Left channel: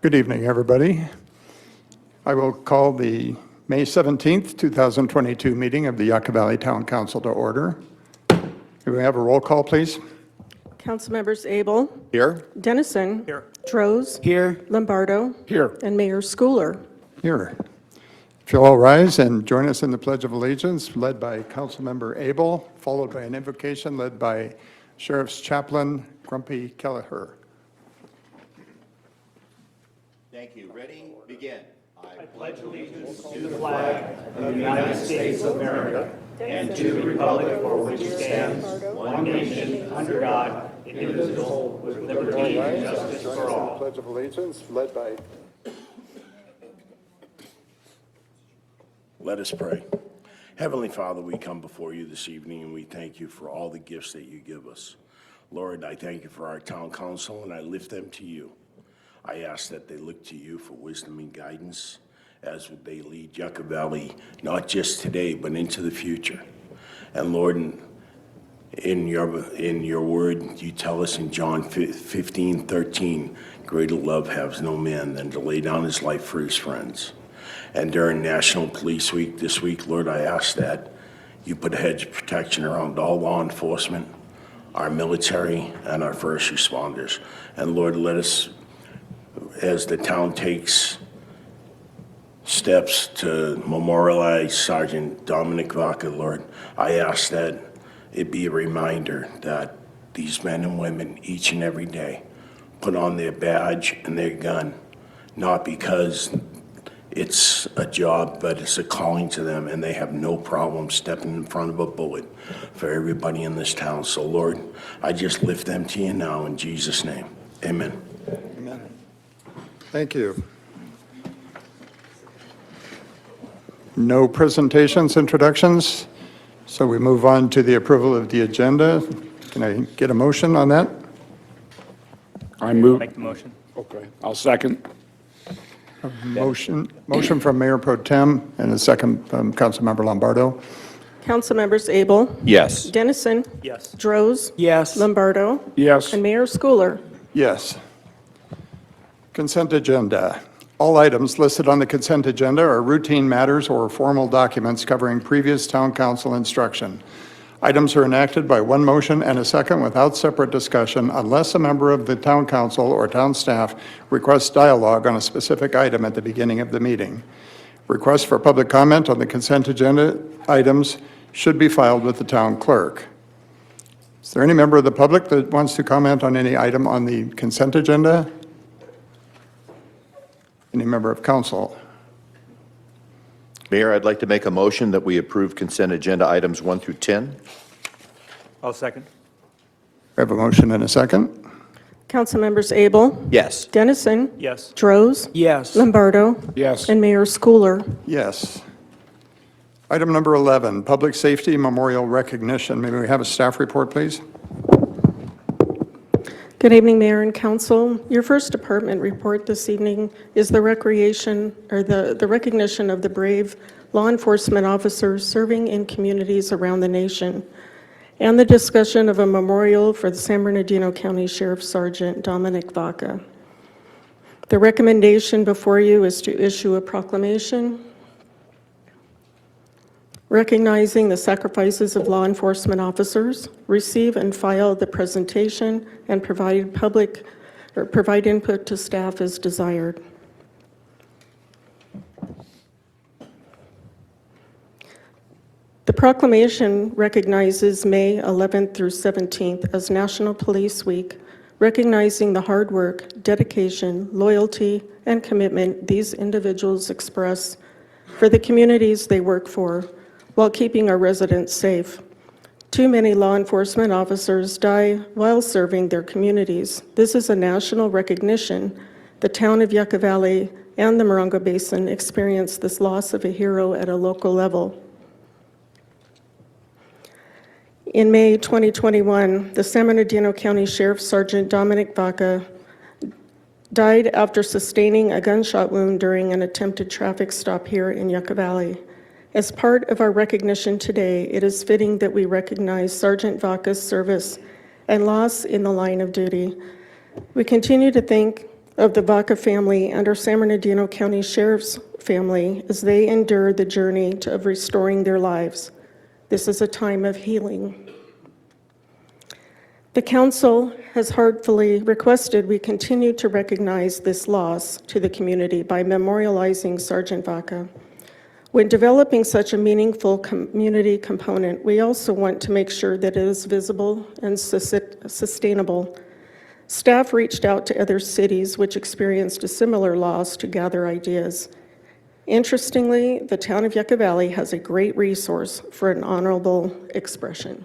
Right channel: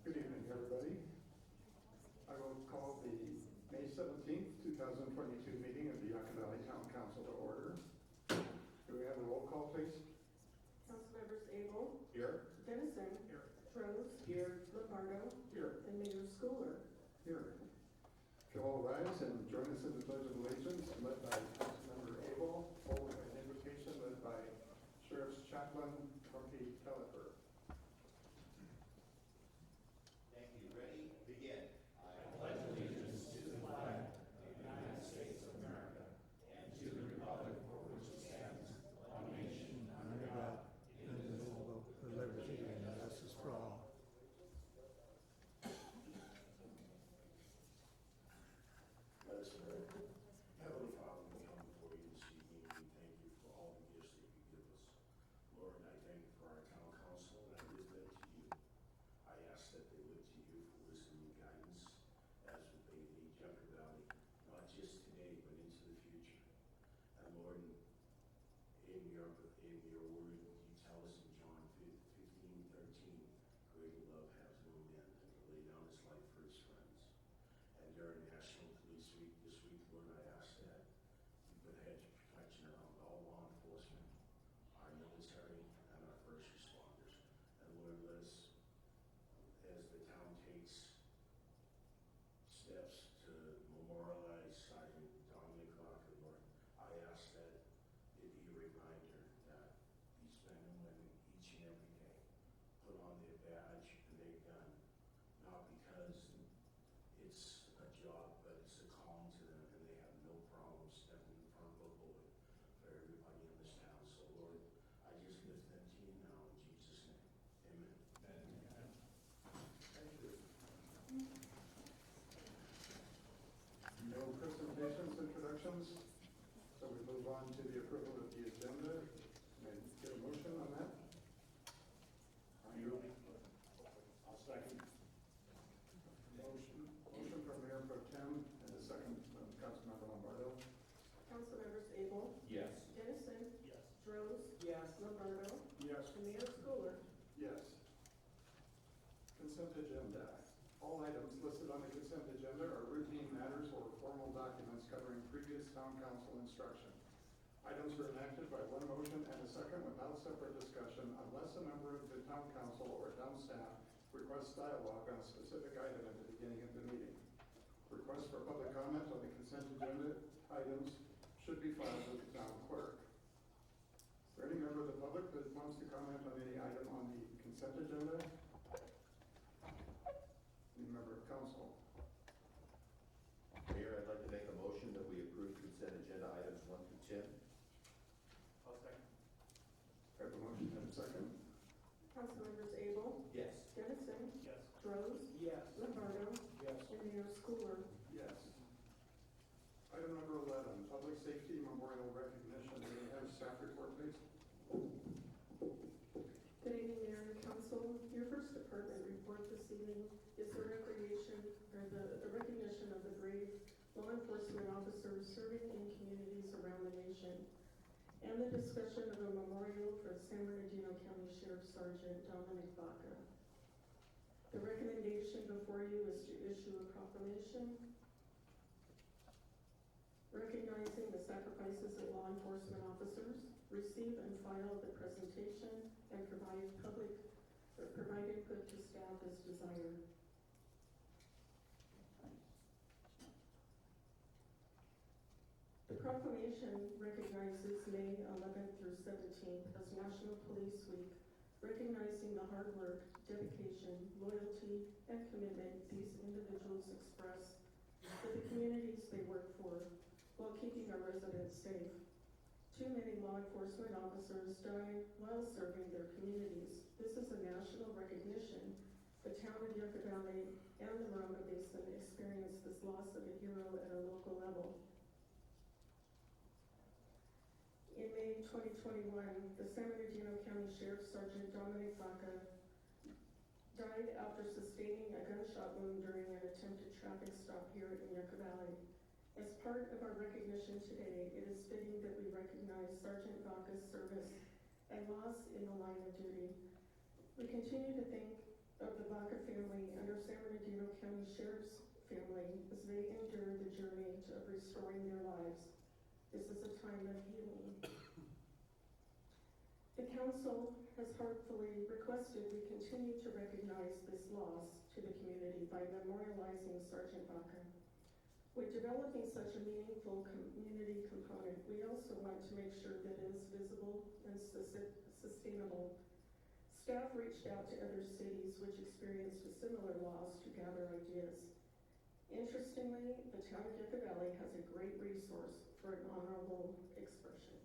Good evening, everybody. I will call the May 17th, 2022 meeting of the Yucca Valley Town Council to order. Do we have a roll call, please? Council members Abel. Here. Dennison. Here. Droz. Here. Lombardo. Here. And Mayor Schooler. Here. If you'll all rise and join us in the Pledge of Allegiance, led by Councilmember Abel, followed by an invocation led by Sheriff's Chaplain Grumpy Kelleher. Thank you. Ready? Begin. I pledge allegiance to the flag of the United States of America and to the republic for which it stands, one nation, under God, indivisible, with liberty and justice for all. Pledge of Allegiance, led by. Let us pray. Heavenly Father, we come before you this evening and we thank you for all the gifts that you give us. Lord, I thank you for our town council and I lift them to you. I ask that they look to you for wisdom and guidance as they lead Yucca Valley, not just today, but into the future. And Lord, in your word, you tell us in John 15:13, greater love has no man than to lay down his life for his friends. And during National Police Week this week, Lord, I ask that you put a hedge of protection around all law enforcement, our military, and our first responders. And Lord, let us, as the town takes steps to memorialize Sergeant Dominic Vaca, Lord, I ask that it be a reminder that these men and women, each and every day, put on their badge and their gun, not because it's a job, but it's a calling to them, and they have no problem stepping in front of a bullet for everybody in this town. So, Lord, I just lift them to you now in Jesus' name. Amen. Amen. Thank you. No presentations, introductions, so we move on to the approval of the agenda. Can I get a motion on that? I move. Make the motion. Okay, I'll second. Motion from Mayor Pro Tem and a second from Councilmember Lombardo. Council members Abel. Yes. Dennison. Yes. Droz. Yes. Lombardo. Yes. And Mayor Schooler. Yes. Consent agenda. All items listed on the consent agenda are routine matters or formal documents covering previous town council instruction. Items are enacted by one motion and a second without separate discussion unless a member of the town council or town staff requests dialogue on a specific item at the beginning of the meeting. Requests for public comment on the consent agenda items should be filed with the town clerk. Is there any member of the public that wants to comment on any item on the consent agenda? Any member of council? Mayor, I'd like to make a motion that we approve consent agenda items 1 through 10. I'll second. We have a motion and a second. Council members Abel. Yes. Dennison. Yes. Droz. Yes. Lombardo. Yes. And Mayor Schooler. Yes. Item number 11, Public Safety Memorial Recognition. May we have a staff report, please? Good evening, Mayor and Council. Your first department report this evening is the recognition of the brave law enforcement officers serving in communities around the nation, and the discussion of a memorial for the San Bernardino County Sheriff Sergeant Dominic Vaca. The recommendation before you is to issue a proclamation recognizing the sacrifices of law enforcement officers, receive and file the presentation, and provide input to staff as desired. The proclamation recognizes May 11th through 17th as National Police Week, recognizing the hard work, dedication, loyalty, and commitment these individuals express for the communities they work for, while keeping our residents safe. Too many law enforcement officers die while serving their communities. This is a national recognition. The town of Yucca Valley and the Morongo Basin experienced this loss of a hero at a local level. In May 2021, the San Bernardino County Sheriff Sergeant Dominic Vaca died after sustaining a gunshot wound during an attempted traffic stop here in Yucca Valley. As part of our recognition today, it is fitting that we recognize Sergeant Vaca's service and loss in the line of duty. We continue to thank of the Vaca family and our San Bernardino County Sheriff's family as they endure the journey of restoring their lives. This is a time of healing. The Council has heartfully requested we continue to recognize this loss to the community by memorializing Sergeant Vaca. When developing such a meaningful community component, we also want to make sure that it is visible and sustainable. Staff reached out to other cities which experienced a similar loss to gather ideas. Interestingly, the town of Yucca Valley has a great resource for an honorable expression.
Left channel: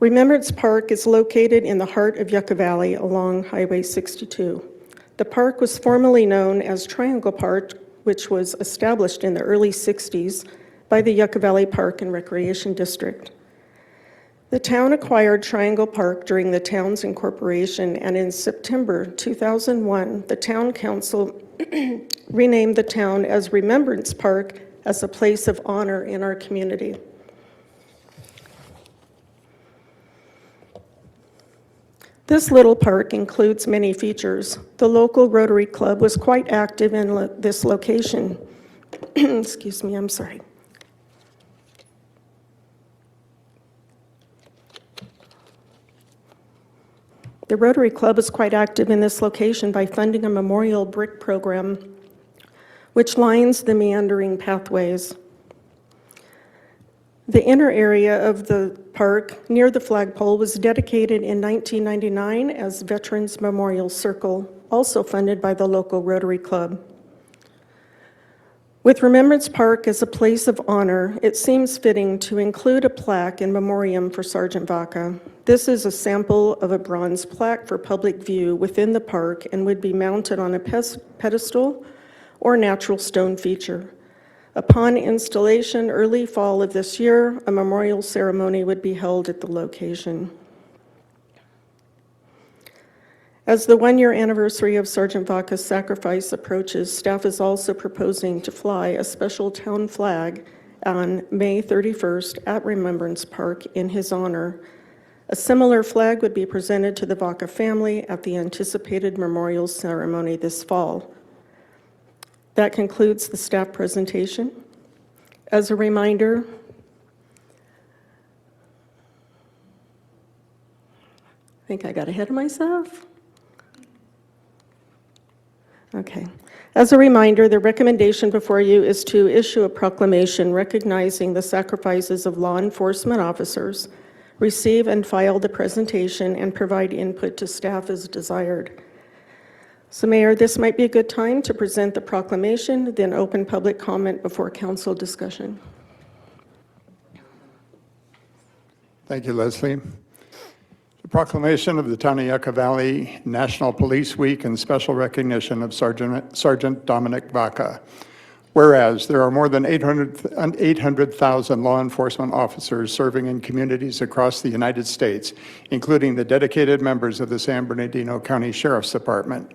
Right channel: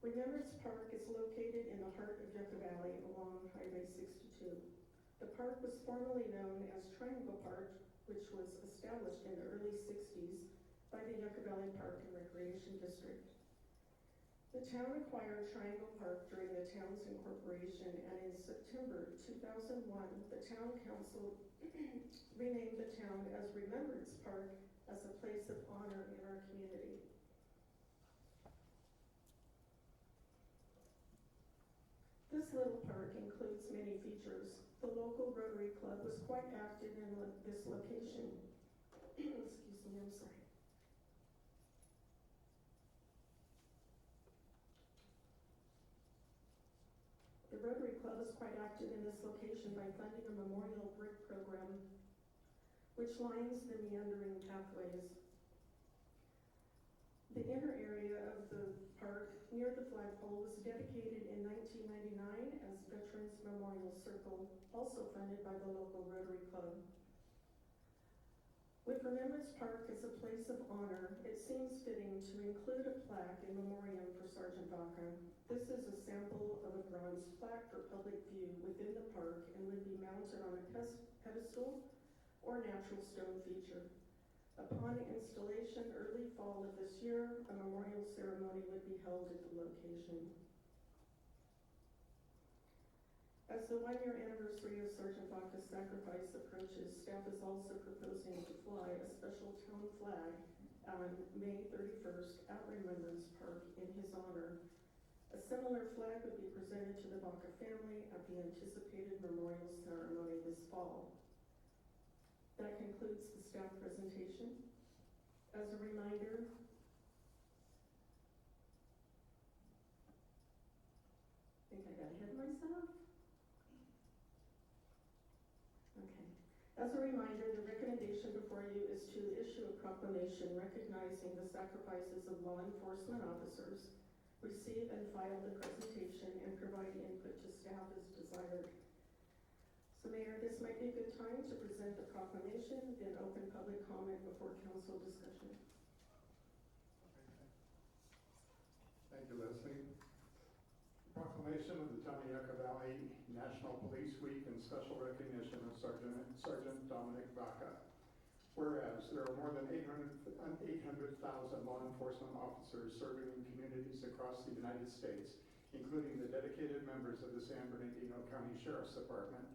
Remembrance Park is located in the heart of Yucca Valley along Highway 62. The park was formerly known as Triangle Park, which was established in the early 60s by the Yucca Valley Park and Recreation District. The town acquired Triangle Park during the town's incorporation, and in September 2001, the town council renamed the town as Remembrance Park as a place of honor in our community. This little park includes many features. The local Rotary Club was quite active in this location. Excuse me, I'm sorry. The Rotary Club is quite active in this location by funding a memorial brick program which lines the meandering pathways. The inner area of the park near the flagpole was dedicated in 1999 as Veterans Memorial Circle, also funded by the local Rotary Club. With Remembrance Park as a place of honor, it seems fitting to include a plaque in memoriam for Sergeant Vaca. This is a sample of a bronze plaque for public view within the park and would be mounted on a pedestal or natural stone feature. Upon installation early fall of this year, a memorial ceremony would be held at the location. As the one-year anniversary of Sergeant Vaca's sacrifice approaches, staff is also proposing to fly a special town flag on May 31st at Remembrance Park in his honor. A similar flag would be presented to the Vaca family at the anticipated memorial ceremony this fall. That concludes the staff presentation. As a reminder, I think I got ahead of myself. Okay. As a reminder, the recommendation before you is to issue a proclamation recognizing the sacrifices of law enforcement officers, receive and file the presentation, and provide input to staff as desired. So, Mayor, this might be a good time to present the proclamation, then open public comment before council discussion. Thank you, Leslie. The proclamation of the Town of Yucca Valley National Police Week and special recognition of Sergeant Dominic Vaca. Whereas there are more than 800,000 law enforcement officers serving in communities across the United States, including the dedicated members of the San Bernardino County Sheriff's Department.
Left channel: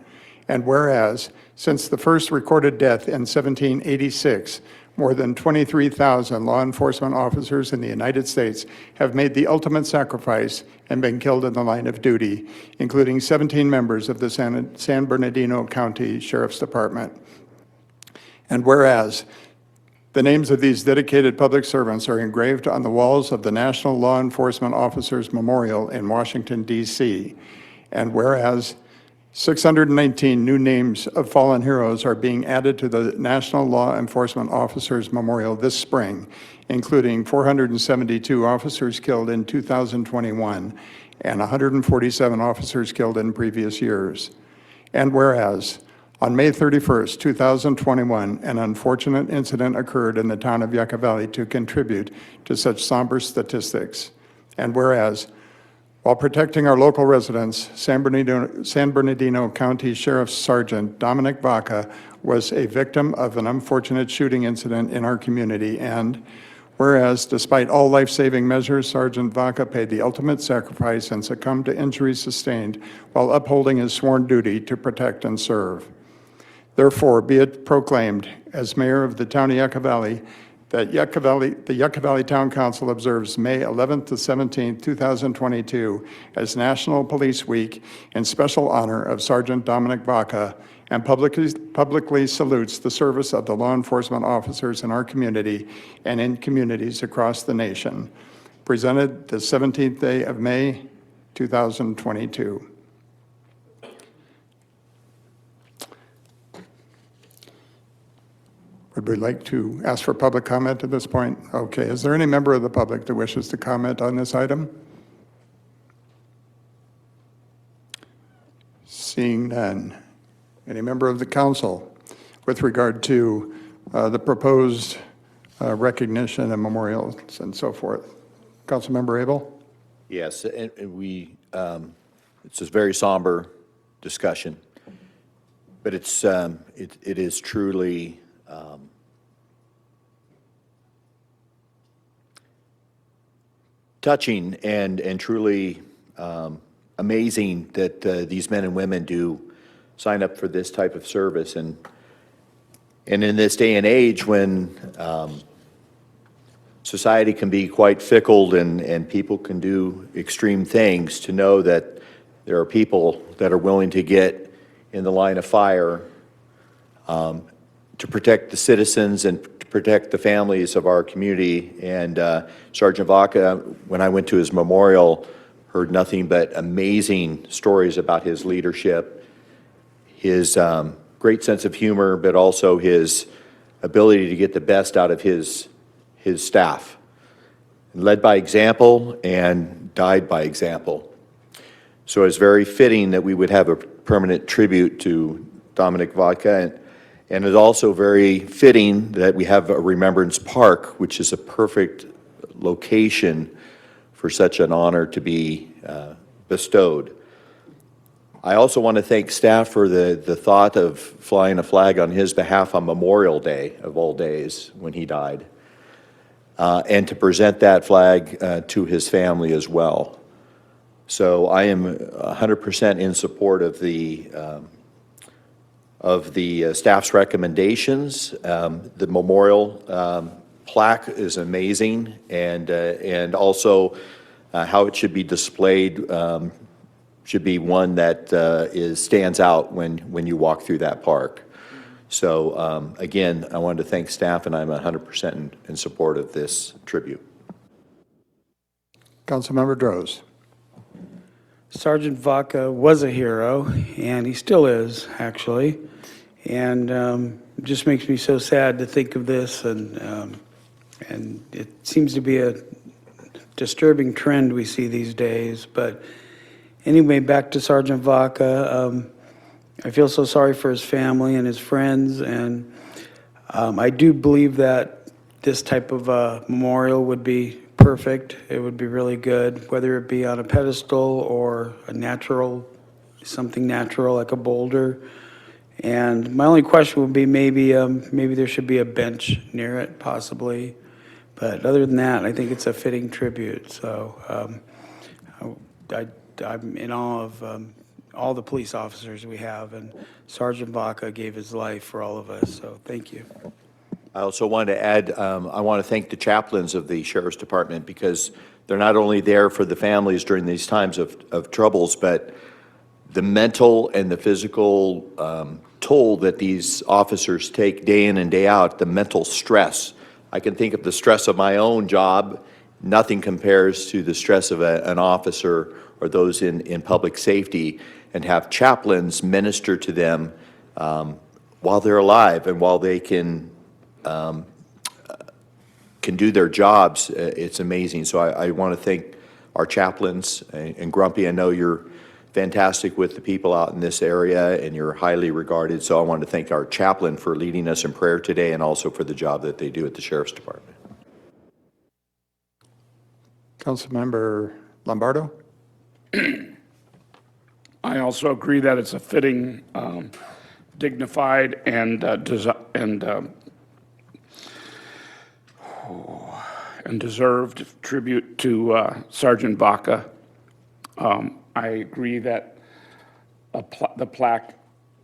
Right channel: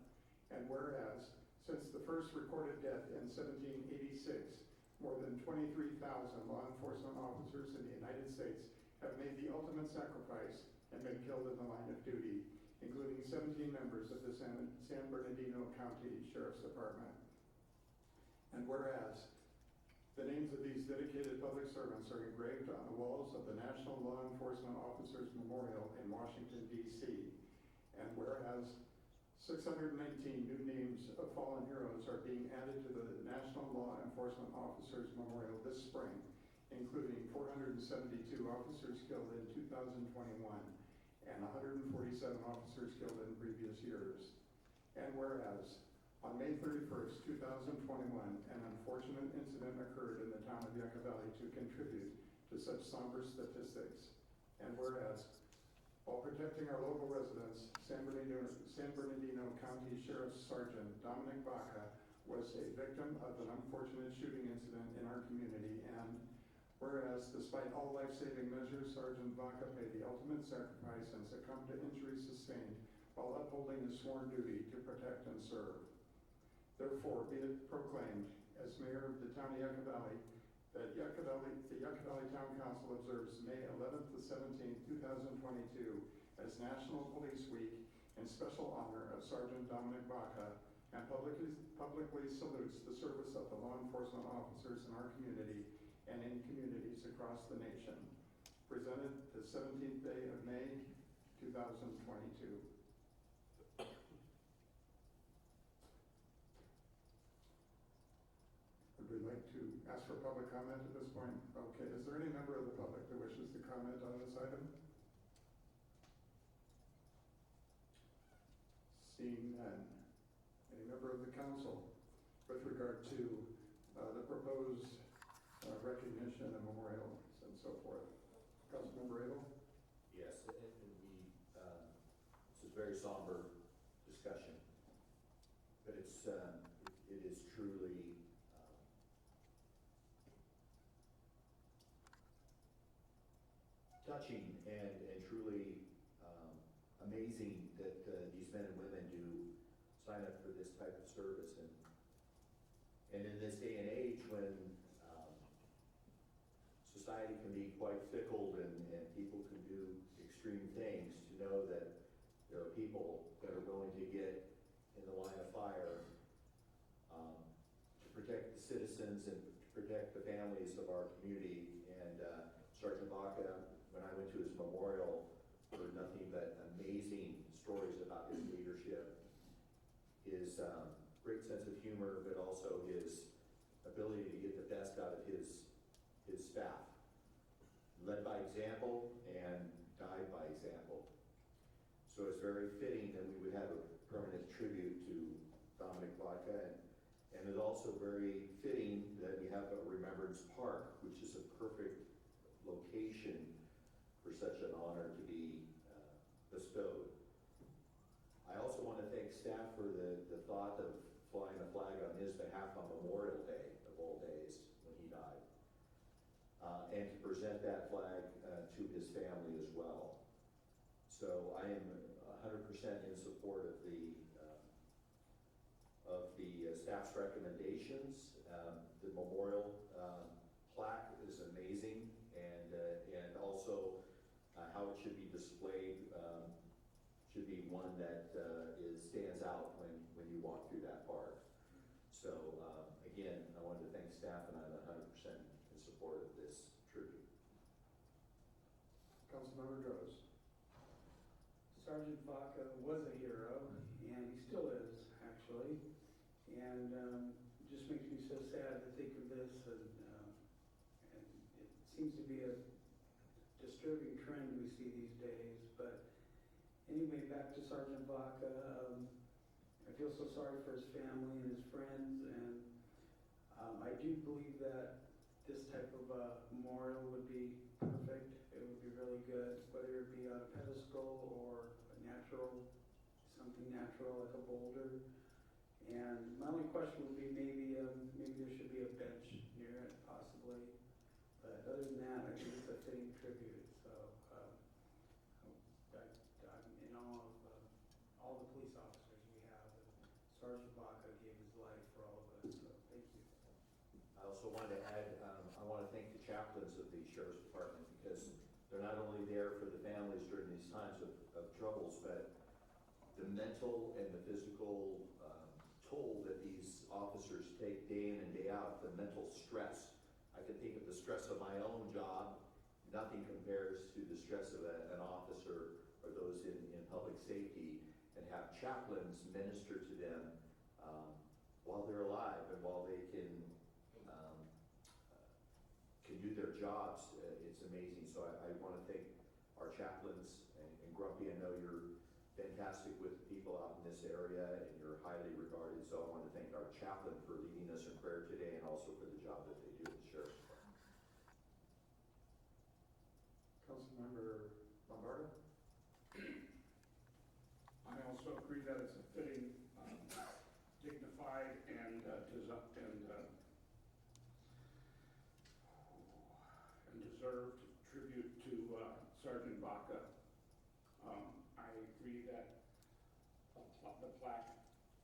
And whereas, since the first recorded death in 1786, more than 23,000 law enforcement officers in the United States have made the ultimate sacrifice and been killed in the line of duty, including 17 members of the San Bernardino County Sheriff's Department. And whereas, the names of these dedicated public servants are engraved on the walls of the National Law Enforcement Officers Memorial in Washington, D.C. And whereas, 619 new names of fallen heroes are being added to the National Law Enforcement Officers Memorial this spring, including 472 officers killed in 2021 and 147 officers killed in previous years. And whereas, on May 31st, 2021, an unfortunate incident occurred in the town of Yucca Valley to contribute to such somber statistics. And whereas, while protecting our local residents, San Bernardino County Sheriff's Sergeant Dominic Vaca was a victim of an unfortunate shooting incident in our community. And whereas, despite all life-saving measures, Sergeant Vaca paid the ultimate sacrifice and succumbed to injuries sustained while upholding his sworn duty to protect and serve. Therefore, be it proclaimed, as mayor of the town of Yucca Valley, that the Yucca Valley Town Council observes May 11th to 17th, 2022 as National Police Week in special honor of Sergeant Dominic Vaca, and publicly salutes the service of the law enforcement officers in our community and in communities across the nation. Presented the 17th day of May, 2022. Would we like to ask for public comment at this point? Okay, is there any member of the public that wishes to comment on this item? Seeing none. Any member of the council with regard to the proposed recognition and memorials and so forth? Councilmember Abel? Yes, and it's a very somber discussion, but it is truly touching and truly amazing that these men and women do sign up for this type of service. And in this day and age when society can be quite fickle and people can do extreme things, to know that there are people that are willing to get in the line of fire to protect the citizens and to protect the families of our community. And Sergeant Vaca, when I went to his memorial, heard nothing but amazing stories about his leadership, his great sense of humor, but also his ability to get the best out of his staff. Led by example and died by example. So it's very fitting that we would have a permanent tribute to Dominic Vaca, and it's also very fitting that we have a Remembrance Park, which is a perfect location for such an honor to be bestowed. I also want to thank staff for the thought of flying a flag on his behalf on Memorial Day, of all days, when he died, and to present that flag to his family as well. So I am 100% in support of the staff's recommendations. The memorial plaque is amazing, and also how it should be displayed should be one that stands out when you walk through that park. So again, I wanted to thank staff, and I'm 100% in support of this tribute. Councilmember Droz. Sergeant Vaca was a hero, and he still is, actually. And it just makes me so sad to think of this, and it seems to be a disturbing trend we see these days. But anyway, back to Sergeant Vaca. I feel so sorry for his family and his friends, and I do believe that this type of memorial would be perfect. It would be really good, whether it be on a pedestal or something natural like a boulder. And my only question would be maybe there should be a bench near it, possibly. But other than that, I think it's a fitting tribute. So I'm in awe of all the police officers we have, and Sergeant Vaca gave his life for all of us. So thank you. I also wanted to add, I want to thank the chaplains of the Sheriff's Department, because they're not only there for the families during these times of troubles, but the mental and the physical toll that these officers take day in and day out, the mental stress. I can think of the stress of my own job. Nothing compares to the stress of an officer or those in public safety, and have chaplains minister to them while they're alive and while they can do their jobs. It's amazing. So I want to thank our chaplains. And Grumpy, I know you're fantastic with the people out in this area, and you're highly regarded. So I want to thank our chaplain for leading us in prayer today, and also for the job that they do at the Sheriff's Department. Councilmember Lombardo. I also agree that it's a fitting, dignified, and deserved tribute to Sergeant Vaca. I agree that the plaque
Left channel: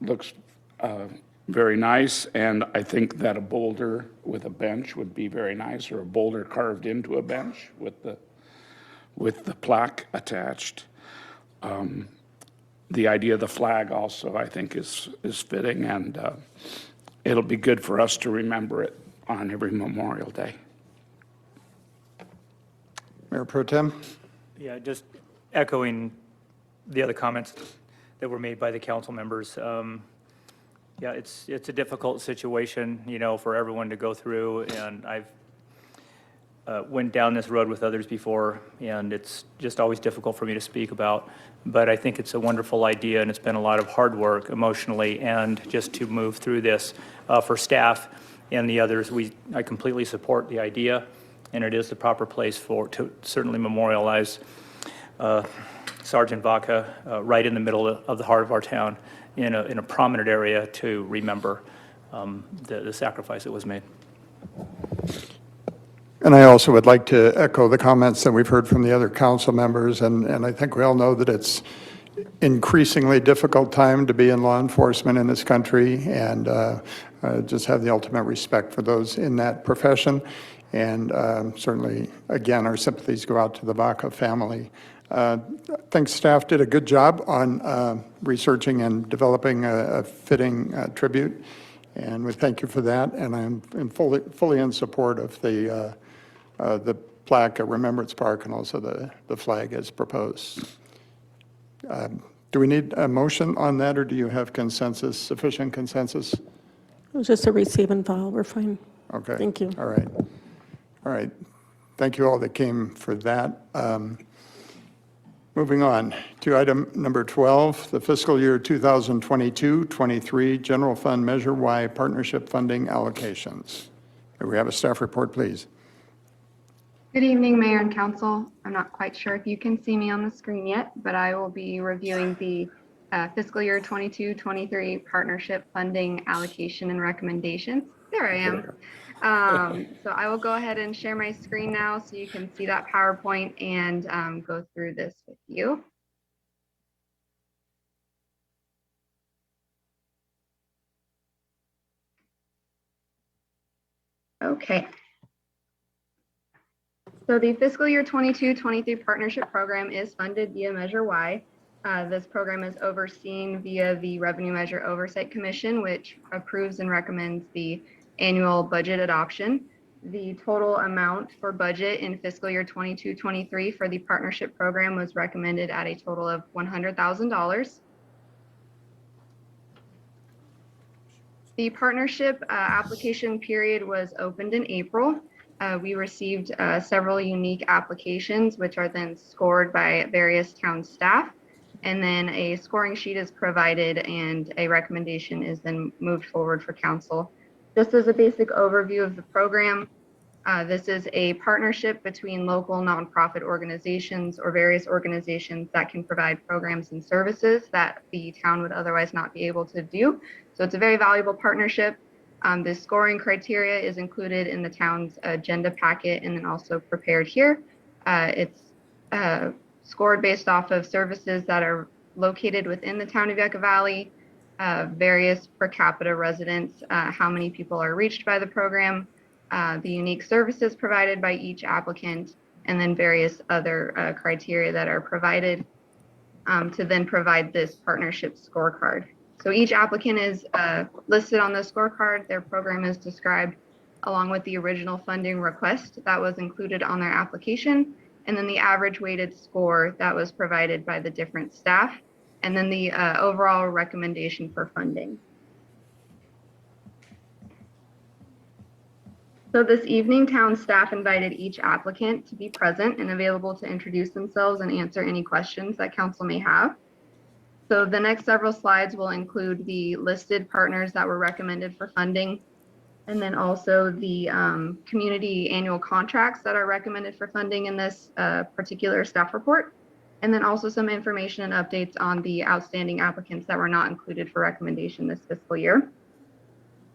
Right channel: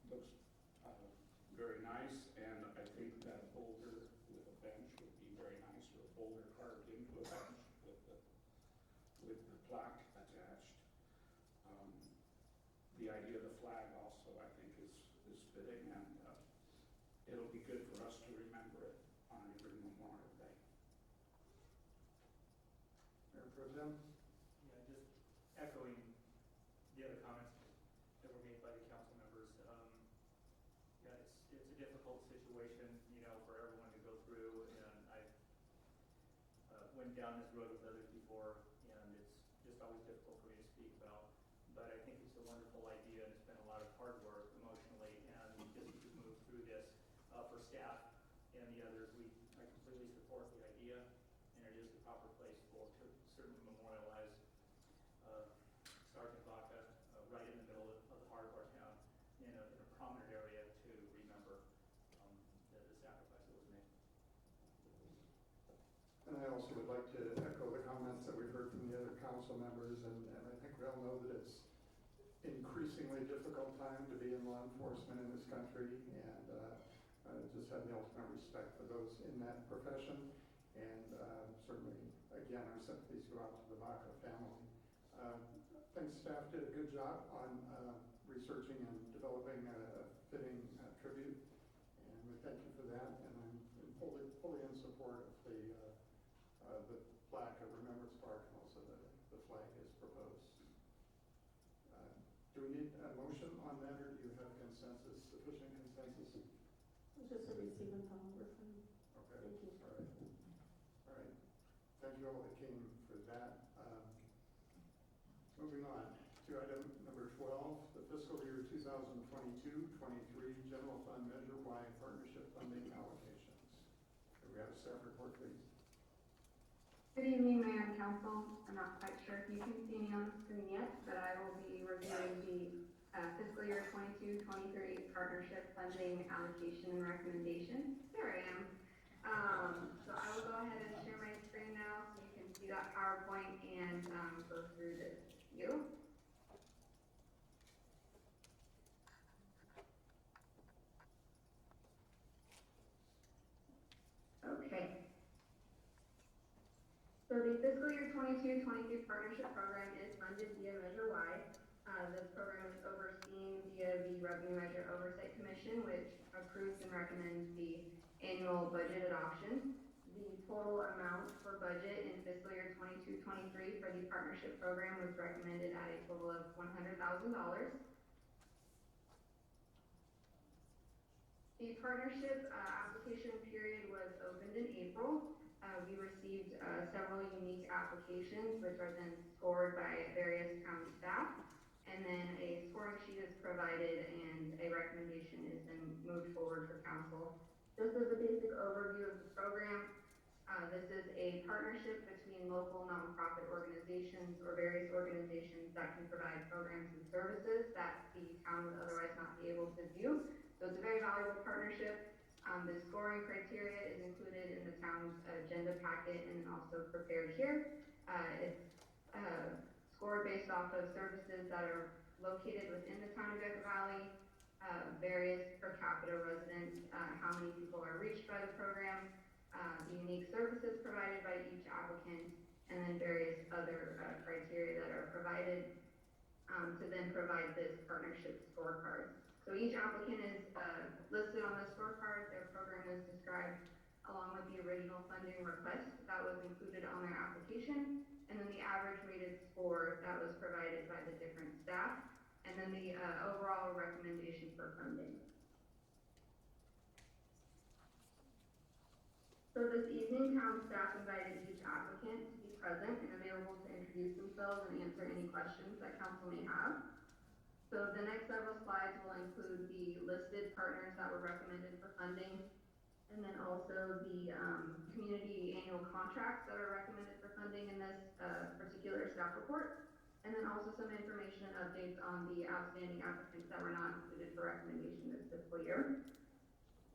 looks very nice, and I think that a boulder with a bench would be very nice, or a boulder carved into a bench with the plaque attached. The idea of the flag also, I think, is fitting, and it'll be good for us to remember it on every Memorial Day. Mayor Pro Tem? Yeah, just echoing the other comments that were made by the council members. Yeah, it's a difficult situation, you know, for everyone to go through, and I've went down this road with others before, and it's just always difficult for me to speak about. But I think it's a wonderful idea, and it's been a lot of hard work emotionally, and just to move through this for staff and the others, I completely support the idea, and it is the proper place to certainly memorialize Sergeant Vaca right in the middle of the heart of our town, in a prominent area to remember the sacrifice that was made. And I also would like to echo the comments that we've heard from the other council members, and I think we all know that it's increasingly difficult time to be in law enforcement in this country, and just have the ultimate respect for those in that profession. And certainly, again, our sympathies go out to the Vaca family. I think staff did a good job on researching and developing a fitting tribute, and we thank you for that. And I'm fully in support of the plaque at Remembrance Park and also the flag as proposed. Do we need a motion on that, or do you have consensus, sufficient consensus? It was just a receive and file. We're fine. Okay. Thank you. All right. All right. Thank you all that came for that. Moving on to item number 12, the fiscal year 2022-23 General Fund Measure Y Partnership Funding Allocations. May we have a staff report, please? Good evening, Mayor and Council. I'm not quite sure if you can see me on the screen yet, but I will be reviewing the fiscal year 22-23 partnership funding allocation and recommendations. There I am. So I will go ahead and share my screen now so you can see that PowerPoint and go through this with you. Okay. So the fiscal year 22-23 partnership program is funded via Measure Y. This program is overseen via the Revenue Measure Oversight Commission, which approves and recommends the annual budget adoption. The total amount for budget in fiscal year 22-23 for the partnership program was recommended at a total of $100,000. The partnership application period was opened in April. We received several unique applications, which are then scored by various town staff. And then a scoring sheet is provided and a recommendation is then moved forward for council. Just as a basic overview of the program, this is a partnership between local nonprofit organizations or various organizations that can provide programs and services that the town would otherwise not be able to do. So it's a very valuable partnership. The scoring criteria is included in the town's agenda packet and then also prepared here. It's scored based off of services that are located within the town of Yucca Valley, various per capita residents, how many people are reached by the program, the unique services provided by each applicant, and then various other criteria that are provided to then provide this partnership scorecard. So each applicant is listed on the scorecard. Their program is described along with the original funding request that was included on their application, and then the average weighted score that was provided by the different staff, and then the overall recommendation for funding. So this evening, town staff invited each applicant to be present and available to introduce themselves and answer any questions that council may have. So the next several slides will include the listed partners that were recommended for funding, and then also the community annual contracts that are recommended for funding in this particular staff report, and then also some information and updates on the outstanding applicants that were not included for recommendation this fiscal year.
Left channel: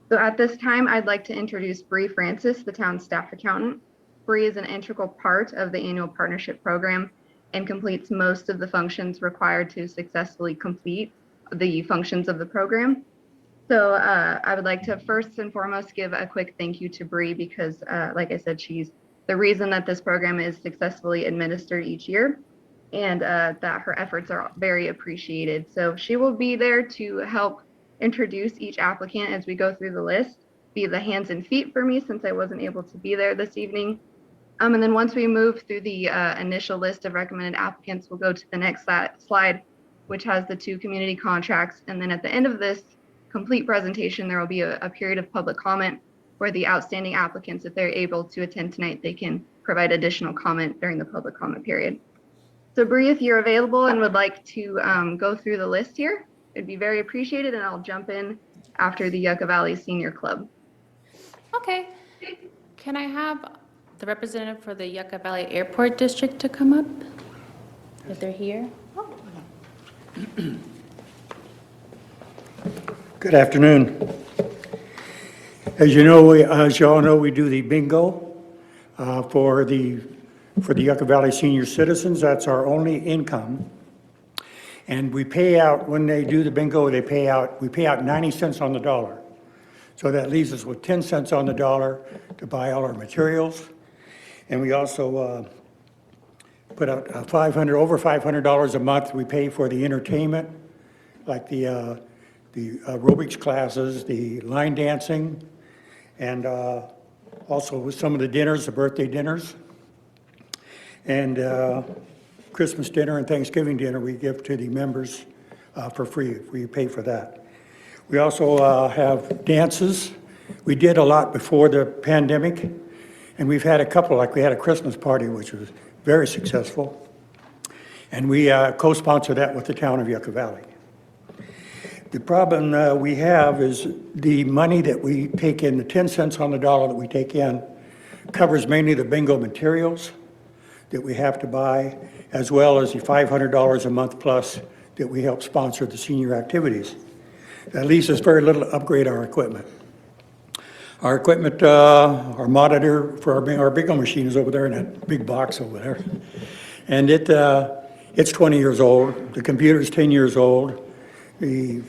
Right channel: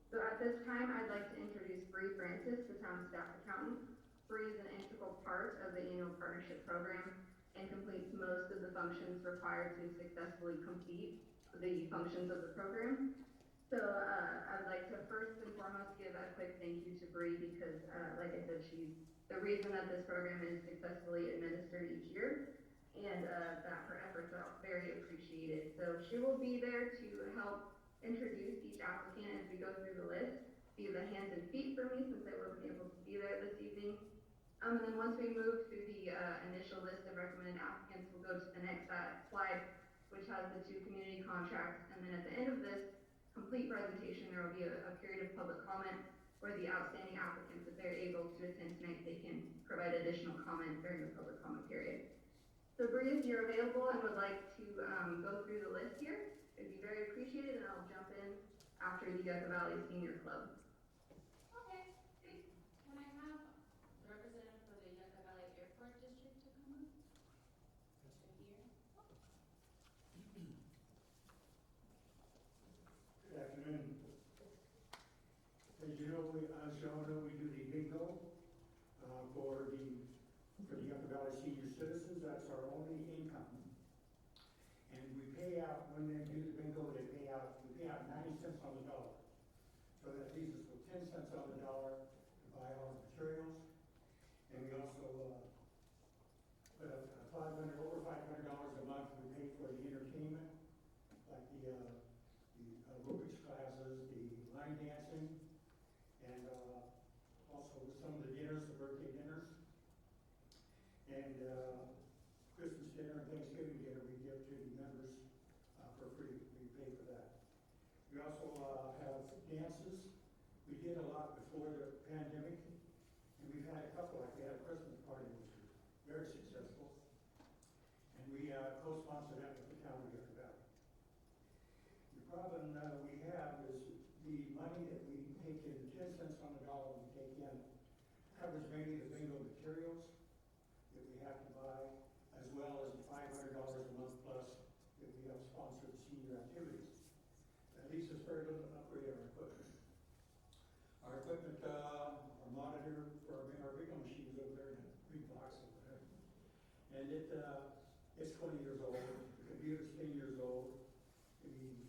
So at this time, I'd like to introduce Bree Francis, the town staff accountant. Bree is an integral part of the annual partnership program and completes most of the functions required to successfully complete the functions of the program. So I would like to first and foremost give a quick thank you to Bree because, like I said, she's the reason that this program is successfully administered each year, and that her efforts are very appreciated. So she will be there to help introduce each applicant as we go through the list, be the hands and feet for me since I wasn't able to be there this evening. And then once we move through the initial list of recommended applicants, we'll go to the next slide, which has the 2 community contracts. And then at the end of this complete presentation, there will be a period of public comment where the outstanding applicants, if they're able to attend tonight, they can provide additional comment during the public comment period. So Bree, if you're available and would like to go through the list here, it'd be very appreciated, and I'll jump in after the Yucca Valley Senior Club. Okay. Can I have the representative for the Yucca Valley Airport District to come up? If they're here? Good afternoon. As you know, as you all know, we do the bingo for the Yucca Valley senior citizens. That's our only income. And we pay out, when they do the bingo, we pay out 90 cents on the dollar. So that leaves us with 10 cents on the dollar to buy all our materials. And we also put out over $500 a month. We pay for the entertainment, like the aerobics classes, the line dancing, and also with some of the dinners, the birthday dinners, and Christmas dinner and Thanksgiving dinner we give to the members for free. We pay for that. We also have dances. We did a lot before the pandemic, and we've had a couple, like we had a Christmas party, which was very successful, and we co-sponsor that with the town of Yucca Valley. The problem we have is the money that we take in, the 10 cents on the dollar that we take in, covers mainly the bingo materials that we have to buy, as well as the $500 a month plus that we help sponsor the senior activities. That leaves us very little to upgrade our equipment. Our equipment, our monitor for our bingo machine is over there in that big box over there. And it's 20 years old. The computer's 10 years old. The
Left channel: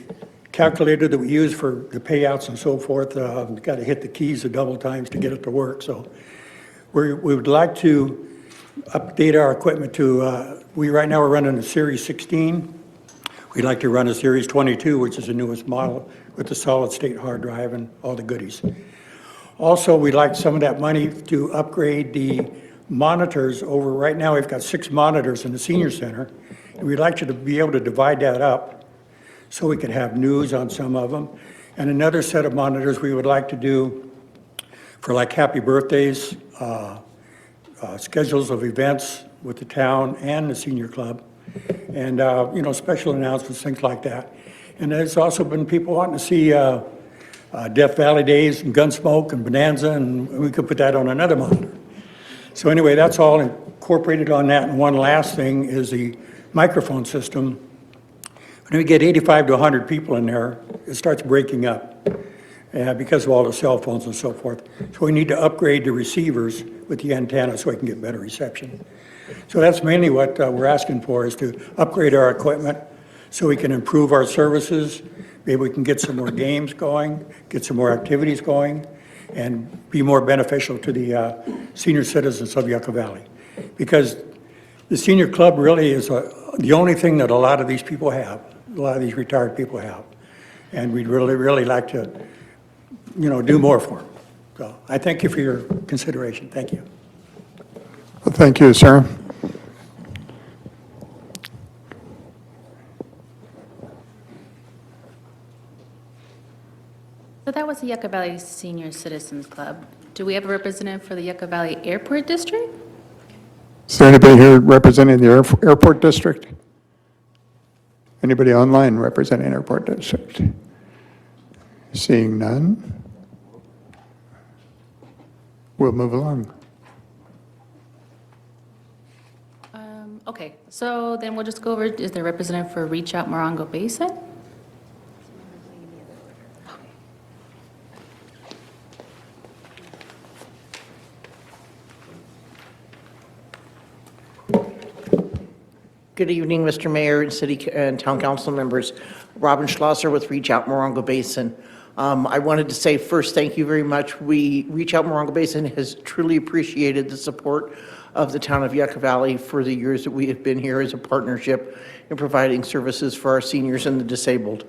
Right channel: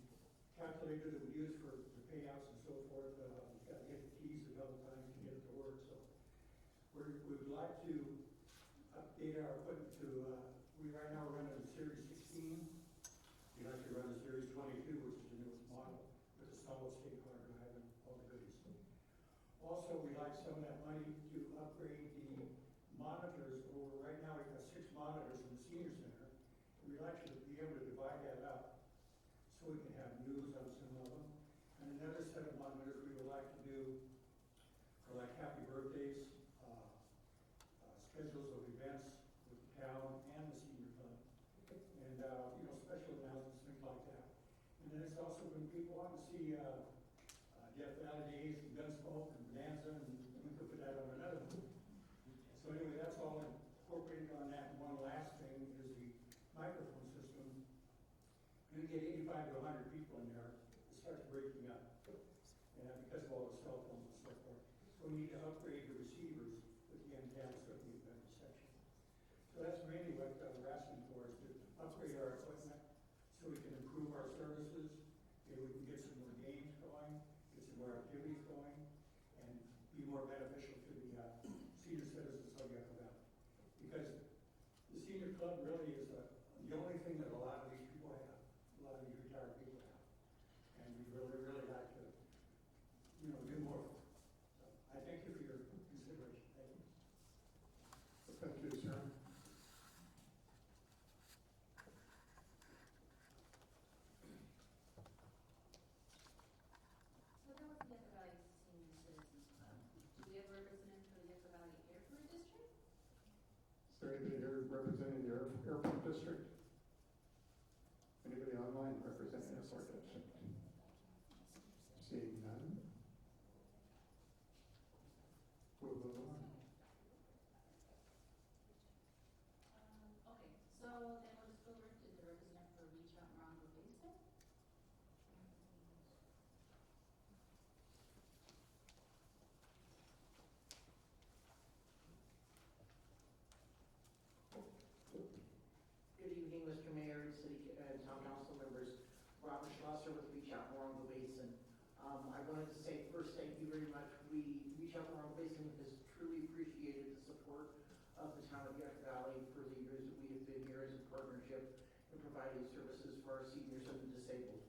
calculator that we use for the payouts and so forth, got to hit the keys a double times to get it to work. So we would like to update our equipment to, right now we're running a Series 16. We'd like to run a Series 22, which is the newest model with the solid state hard drive and all the goodies. Also, we'd like some of that money to upgrade the monitors over. Right now, we've got 6 monitors in the senior center, and we'd like you to be able to divide that up so we could have news on some of them. And another set of monitors we would like to do for like happy birthdays, schedules of events with the town and the senior club, and special announcements, things like that. And there's also been people wanting to see Death Valley Days and Gunsmoke and Bonanza, and we could put that on another monitor. So anyway, that's all incorporated on that. And one last thing is the microphone system. When we get 85 to 100 people in there, it starts breaking up because of all the cell phones and so forth. So we need to upgrade the receivers with the antenna so we can get better reception. So that's mainly what we're asking for, is to upgrade our equipment so we can improve our services. Maybe we can get some more games going, get some more activities going, and be more beneficial to the senior citizens of Yucca Valley. Because the senior club really is the only thing that a lot of these people have, a lot of these retired people have. And we'd really, really like to, do more for them. So I thank you for your consideration. Thank you. Well, thank you, sir. So that was the Yucca Valley Senior Citizens Club. Do we have a representative for the Yucca Valley Airport District? Is there anybody here representing the airport district? Anybody online representing airport district? Seeing none, we'll move along. Okay, so then we'll just go over, is there a representative for Reach Out Morongo Basin? Good evening, Mr. Mayor and City and Town Council members. Robin Schlosser with Reach Out Morongo Basin. I wanted to say first, thank you very much. Reach Out Morongo Basin has truly appreciated the support of the town of Yucca Valley for the years that we have been here as a partnership in providing services for our seniors and the disabled.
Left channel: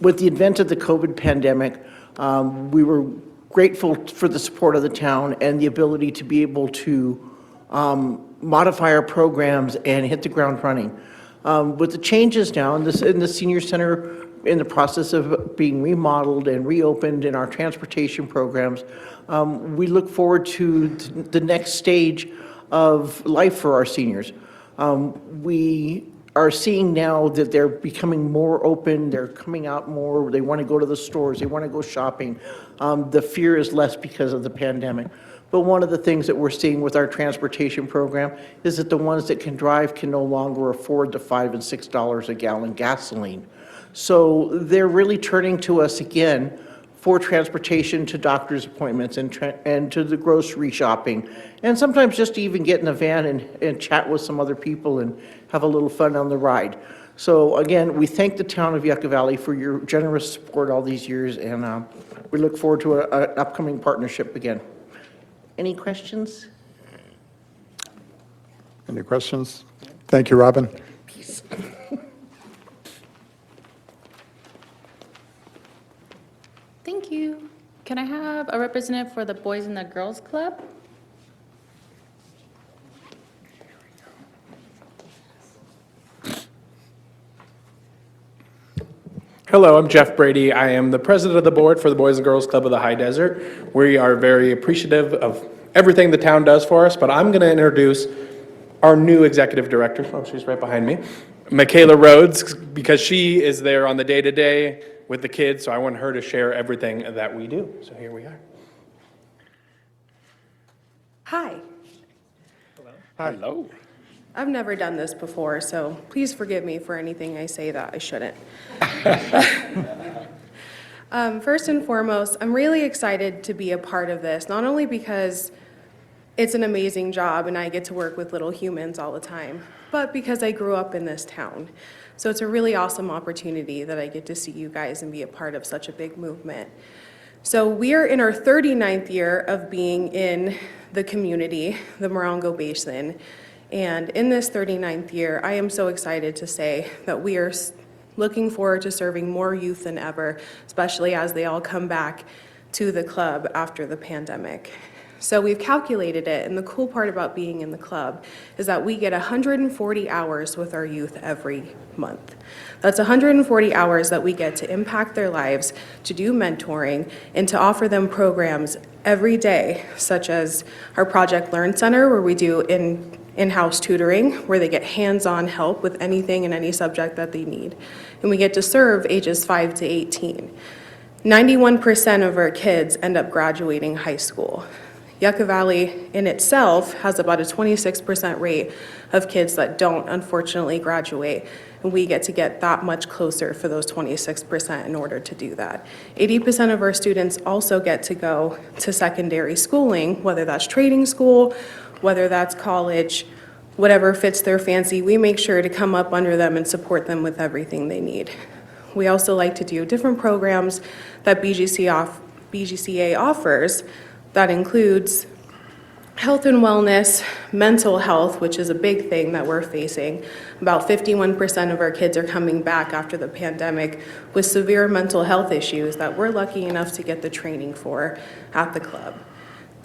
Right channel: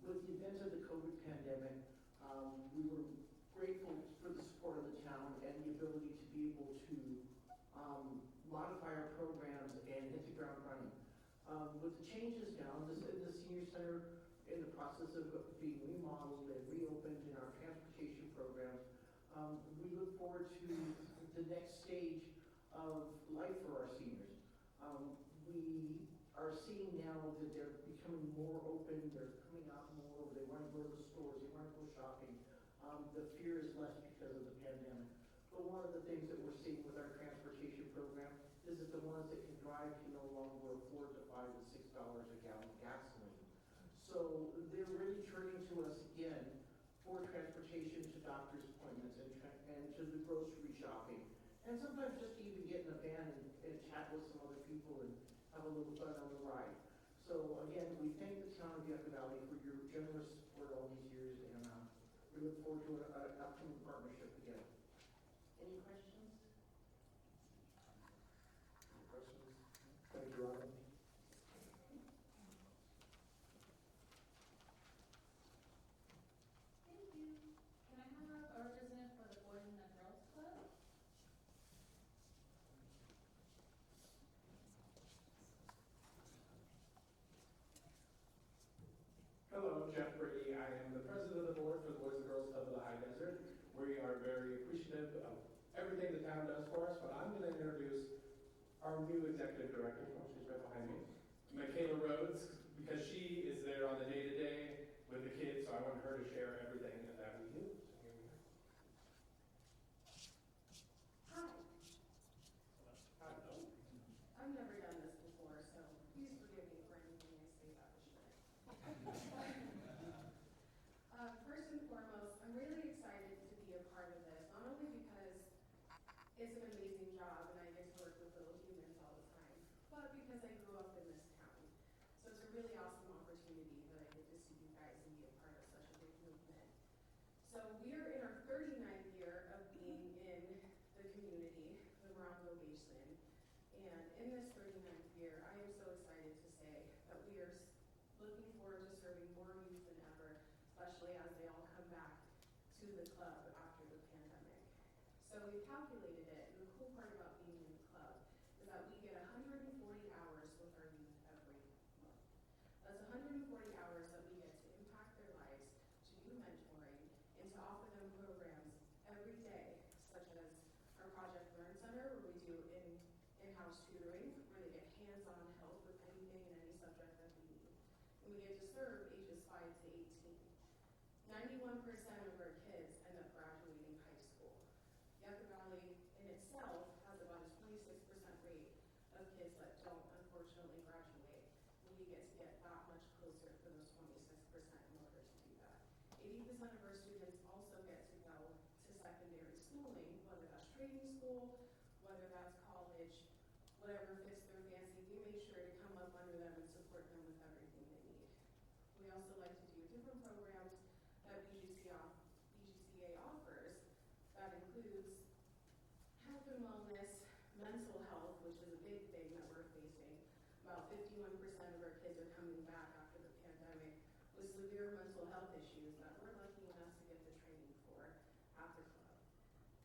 With the advent of the COVID pandemic, we were grateful for the support of the town and the ability to be able to modify our programs and hit the ground running. With the changes now in the senior center in the process of being remodeled and reopened in our transportation programs, we look forward to the next stage of life for our seniors. We are seeing now that they're becoming more open, they're coming out more, they want to go to the stores, they want to go shopping. The fear is less because of the pandemic. But one of the things that we're seeing with our transportation program is that the ones that can drive can no longer afford the $5 and $6 a gallon gasoline. So they're really turning to us again for transportation to doctor's appointments and to the grocery shopping, and sometimes just to even get in a van and chat with some other people and have a little fun on the ride. So again, we thank the town of Yucca Valley for your generous support all these years, and we look forward to an upcoming partnership again. Any questions? Any questions? Thank you, Robin. Thank you. Can I have a representative for the Boys and the Girls Club? Hello, I'm Jeff Brady. I am the president of the board for the Boys and Girls Club of the High Desert. We are very appreciative of everything the town does for us, but I'm going to introduce our new executive director. Oh, she's right behind me. Michaela Rhodes, because she is there on the day-to-day with the kids, so I want her to share everything that we do. So here we are. Hi. Hello. I've never done this before, so please forgive me for anything I say that I shouldn't. First and foremost, I'm really excited to be a part of this, not only because it's an amazing job and I get to work with little humans all the time, but because I grew up in this town. So it's a really awesome opportunity that I get to see you guys and be a part of such a big movement. So we are in our 39th year of being in the community, the Morongo Basin. And in this 39th year, I am so excited to say that we are looking forward to serving more youth than ever, especially as they all come back to the club after the pandemic. So we've calculated it, and the cool part about being in the club is that we get 140 hours with our youth every month. That's 140 hours that we get to impact their lives, to do mentoring, and to offer them programs every day, such as our Project Learn Center, where we do in-house tutoring, where they get hands-on help with anything and any subject that they need. And we get to serve ages 5 to 18. 91% of our kids end up graduating high school. Yucca Valley in itself has about a 26% rate of kids that don't unfortunately graduate, and we get to get that much closer for those 26% in order to do that. 80% of our students also get to go to secondary schooling, whether that's trading school, whether that's college, whatever fits their fancy. We make sure to come up under them and support them with everything they need. We also like to do different programs that BGCA offers. That includes health and wellness, mental health, which is a big thing that we're facing. About 51% of our kids are coming back after the pandemic with severe mental health issues that we're lucky enough to get the training for at the club.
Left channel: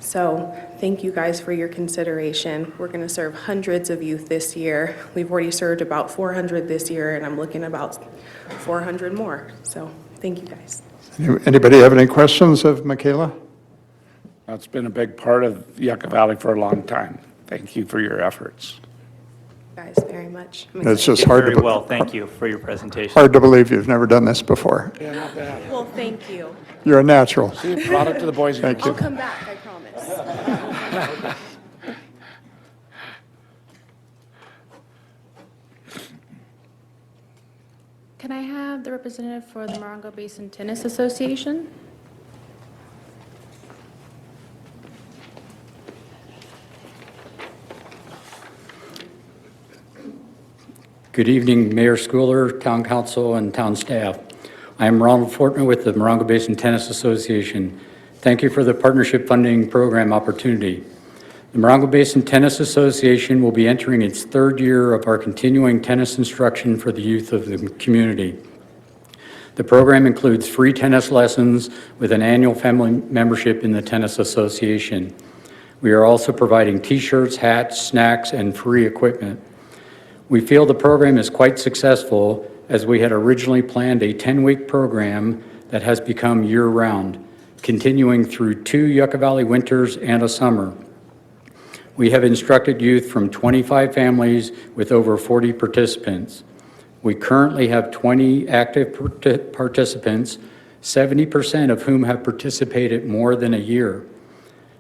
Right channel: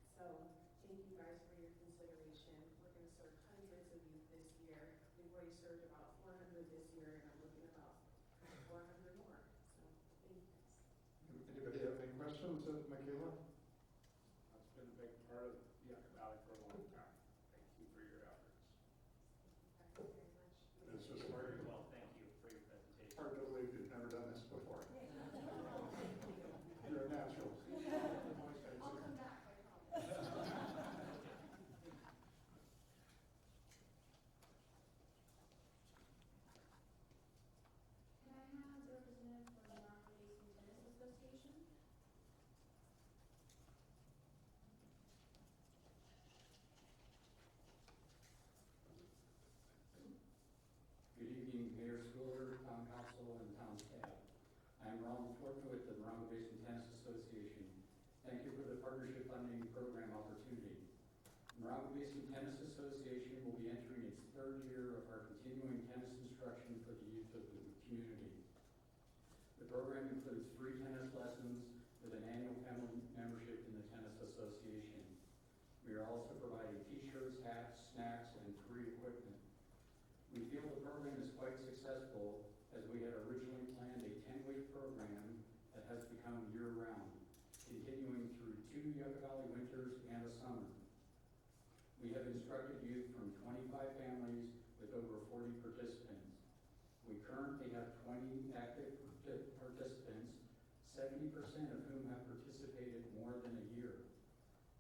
So thank you guys for your consideration. We're going to serve hundreds of youth this year. We've already served about 400 this year, and I'm looking about 400 more. So thank you guys. Anybody have any questions of Michaela? That's been a big part of Yucca Valley for a long time. Thank you for your efforts. Guys, very much. It's just hard Very to, well, thank you for your presentation. hard to believe you've never done this before. Yeah, not bad. Well, thank you. You're a natural. See, product of the Boys and Thank Girls. you. I'll come back, I promise. Can I have the representative for the Morongo Basin Tennis Association? Good evening, Mayor Schooler, Town Council, and Town staff. I am Ronald Fortner with the Morongo Basin Tennis Association. Thank you for the partnership funding program opportunity. The Morongo Basin Tennis Association will be entering its third year of our continuing tennis instruction for the youth of the community. The program includes free tennis lessons with an annual family membership in the Tennis Association. We are also providing t-shirts, hats, snacks, and free equipment. We feel the program is quite successful as we had originally planned a 10-week program that has become year-round, continuing through 2 Yucca Valley winters and a summer. We have instructed youth from 25 families with over 40 participants. We currently have 20 active participants, 70% of whom have participated more than a year.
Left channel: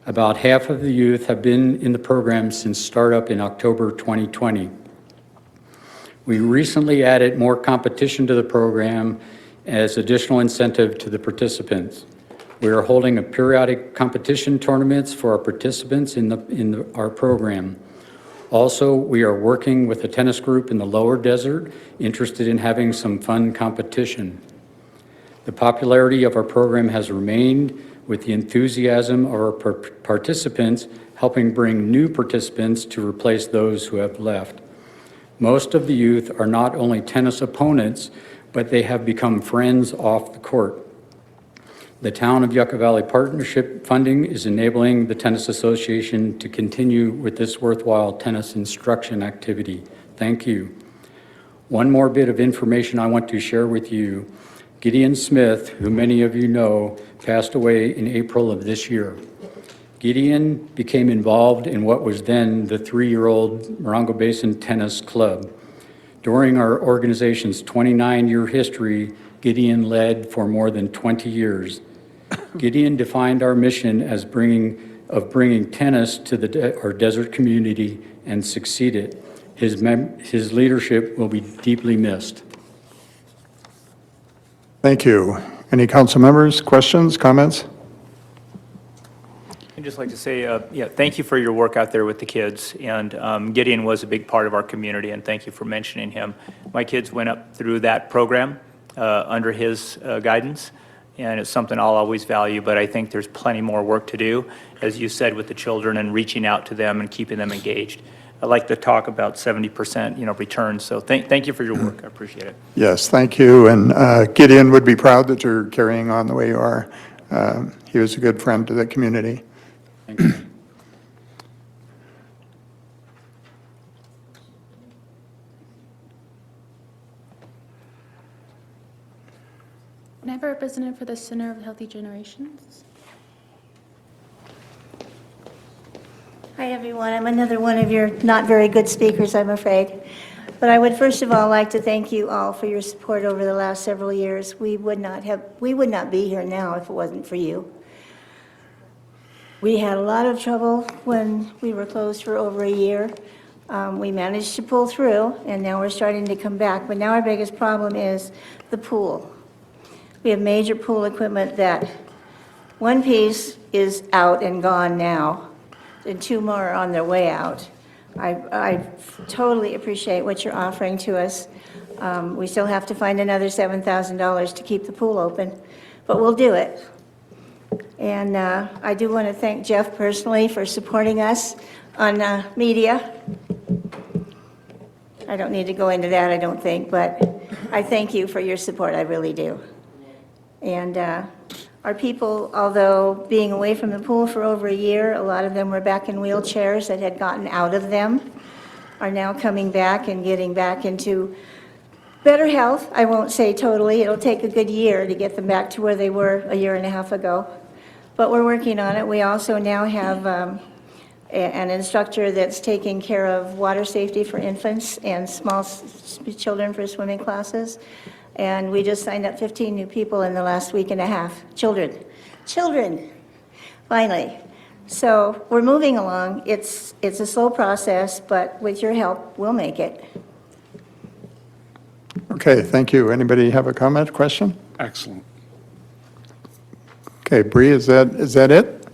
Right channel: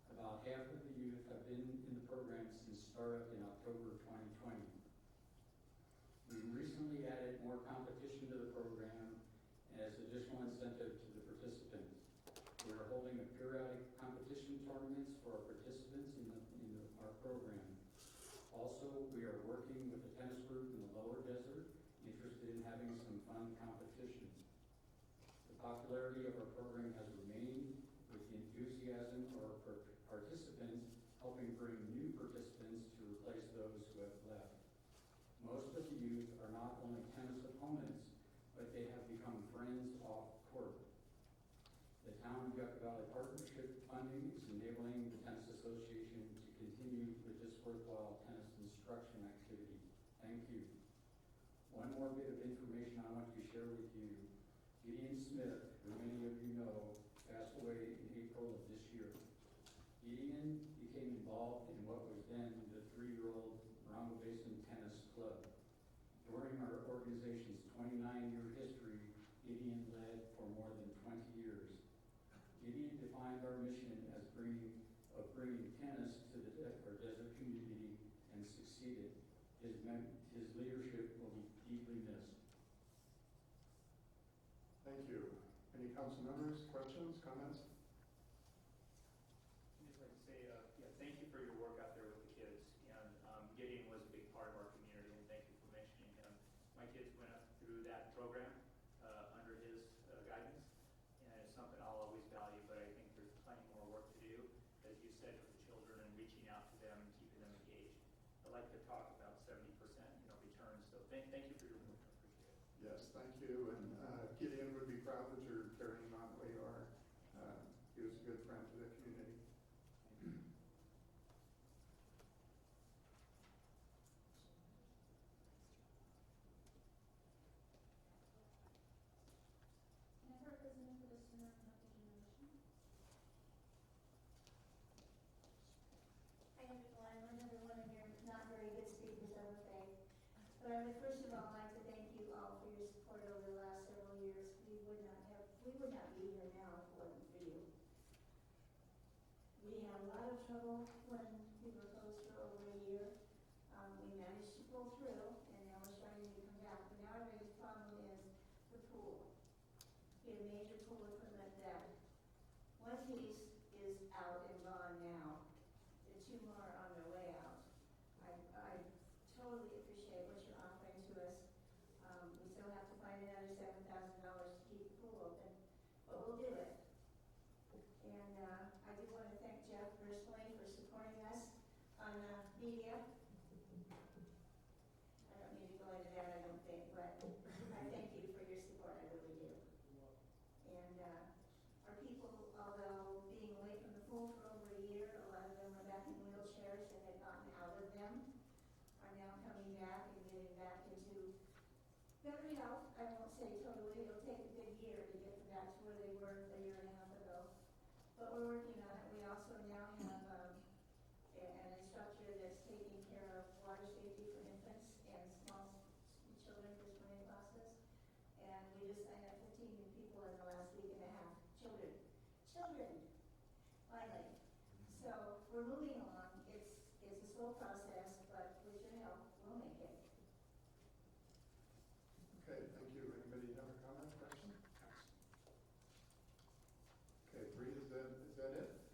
About half of the youth have been in the program since startup in October 2020. We recently added more competition to the program as additional incentive to the participants. We are holding a periodic competition tournaments for our participants in our program. Also, we are working with a tennis group in the lower desert interested in having some fun competition. The popularity of our program has remained with the enthusiasm of our participants helping bring new participants to replace those who have left. Most of the youth are not only tennis opponents, but they have become friends off the court. The Town of Yucca Valley Partnership funding is enabling the Tennis Association to continue with this worthwhile tennis instruction activity. Thank you. One more bit of information I want to share with you. Gideon Smith, who many of you know, passed away in April of this year. Gideon became involved in what was then the 3-year-old Morongo Basin Tennis Club. During our organization's 29-year history, Gideon led for more than 20 years. Gideon defined our mission as bringing tennis to our desert community and succeeded. His leadership will be deeply missed. Thank you. Any council members, questions, comments? I'd just like to say, thank you for your work out there with the kids. And Gideon was a big part of our community, and thank you for mentioning him. My kids went up through that program under his guidance, and it's something I'll always value, but I think there's plenty more work to do, as you said, with the children and reaching out to them and keeping them engaged. I like to talk about 70%, return. So thank you for your work. I appreciate it. Yes, thank you. And Gideon would be proud that you're carrying on the way you are. He was a good friend to the community. Thank you. Can I have a representative for the Center of Healthy Generations? Hi, everyone. I'm another one of your not very good speakers, I'm afraid. But I would first of all like to thank you all for your support over the last several years. We would not be here now if it wasn't for you. We had a lot of trouble when we were closed for over a year. We managed to pull through, and now we're starting to come back. But now our biggest problem is the pool. We have major pool equipment that one piece is out and gone now, and 2 more are on their way out. I totally appreciate what you're offering to us. We still have to find another $7,000 to keep the pool open, but we'll do it. And I do want to thank Jeff personally for supporting us on media. I don't need to go into that, I don't think, but I thank you for your support, I really do. And our people, although being away from the pool for over a year, a lot of them were back in wheelchairs that had gotten out of them, are now coming back and getting back into better health. I won't say totally. It'll take a good year to get them back to where they were a year and a half ago. But we're working on it. We also now have an instructor that's taking care of water safety for infants and small children for swimming classes. And we just signed up 15 new people in the last week and a half. Children, finally. So we're moving along. It's a slow process, but with your help, we'll make it. Okay, thank you. Anybody have a comment, question? Excellent. Okay, Bree, is that it?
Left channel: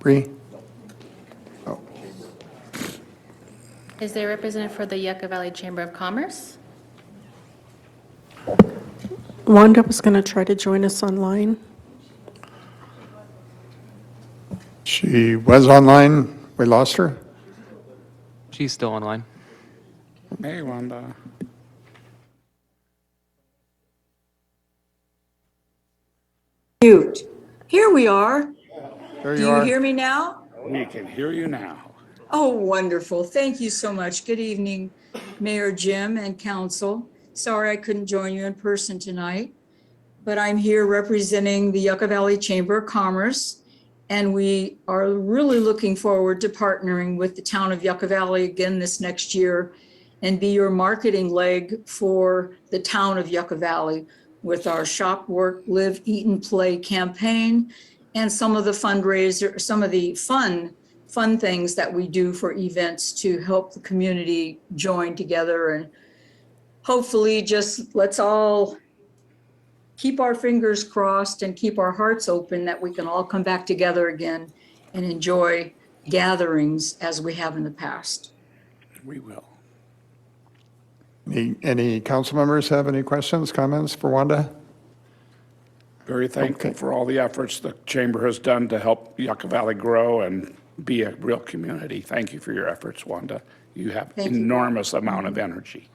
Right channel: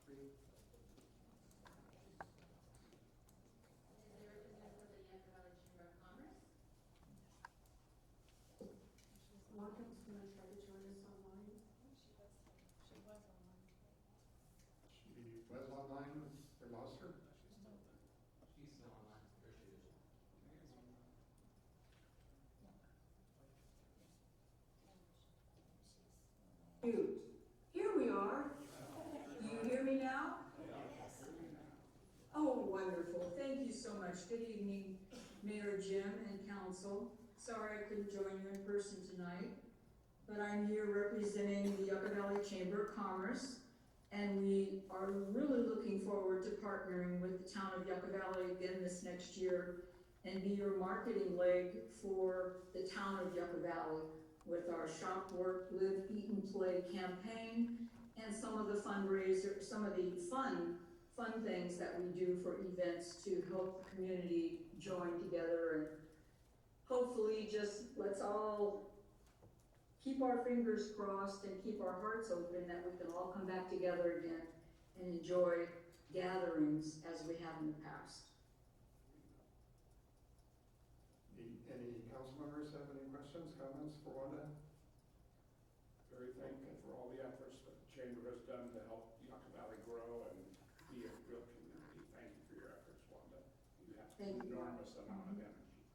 Bree? Oh. Is there a representative for the Yucca Valley Chamber of Commerce? Wanda was going to try to join us online. She was online. We lost her. She's still online. Hey, Wanda. Mute. Here we are. There Do you you are. hear me now? We can hear you now. Oh, wonderful. Thank you so much. Good evening, Mayor Jim and council. Sorry I couldn't join you in person tonight, but I'm here representing the Yucca Valley Chamber of Commerce, and we are really looking forward to partnering with the town of Yucca Valley again this next year and be your marketing leg for the town of Yucca Valley with our Shop, Work, Live, Eat, and Play campaign and some of the fundraiser, some of the fun things that we do for events to help the community join together. And hopefully just let's all keep our fingers crossed and keep our hearts open that we can all come back together again and enjoy gatherings as we have in the past. We will. Any council members have any questions, comments for Wanda? Very thankful for all the efforts the chamber has done to help Yucca Valley grow and be a real community. Thank you for your efforts, Wanda. You have Thank you. enormous amount of energy.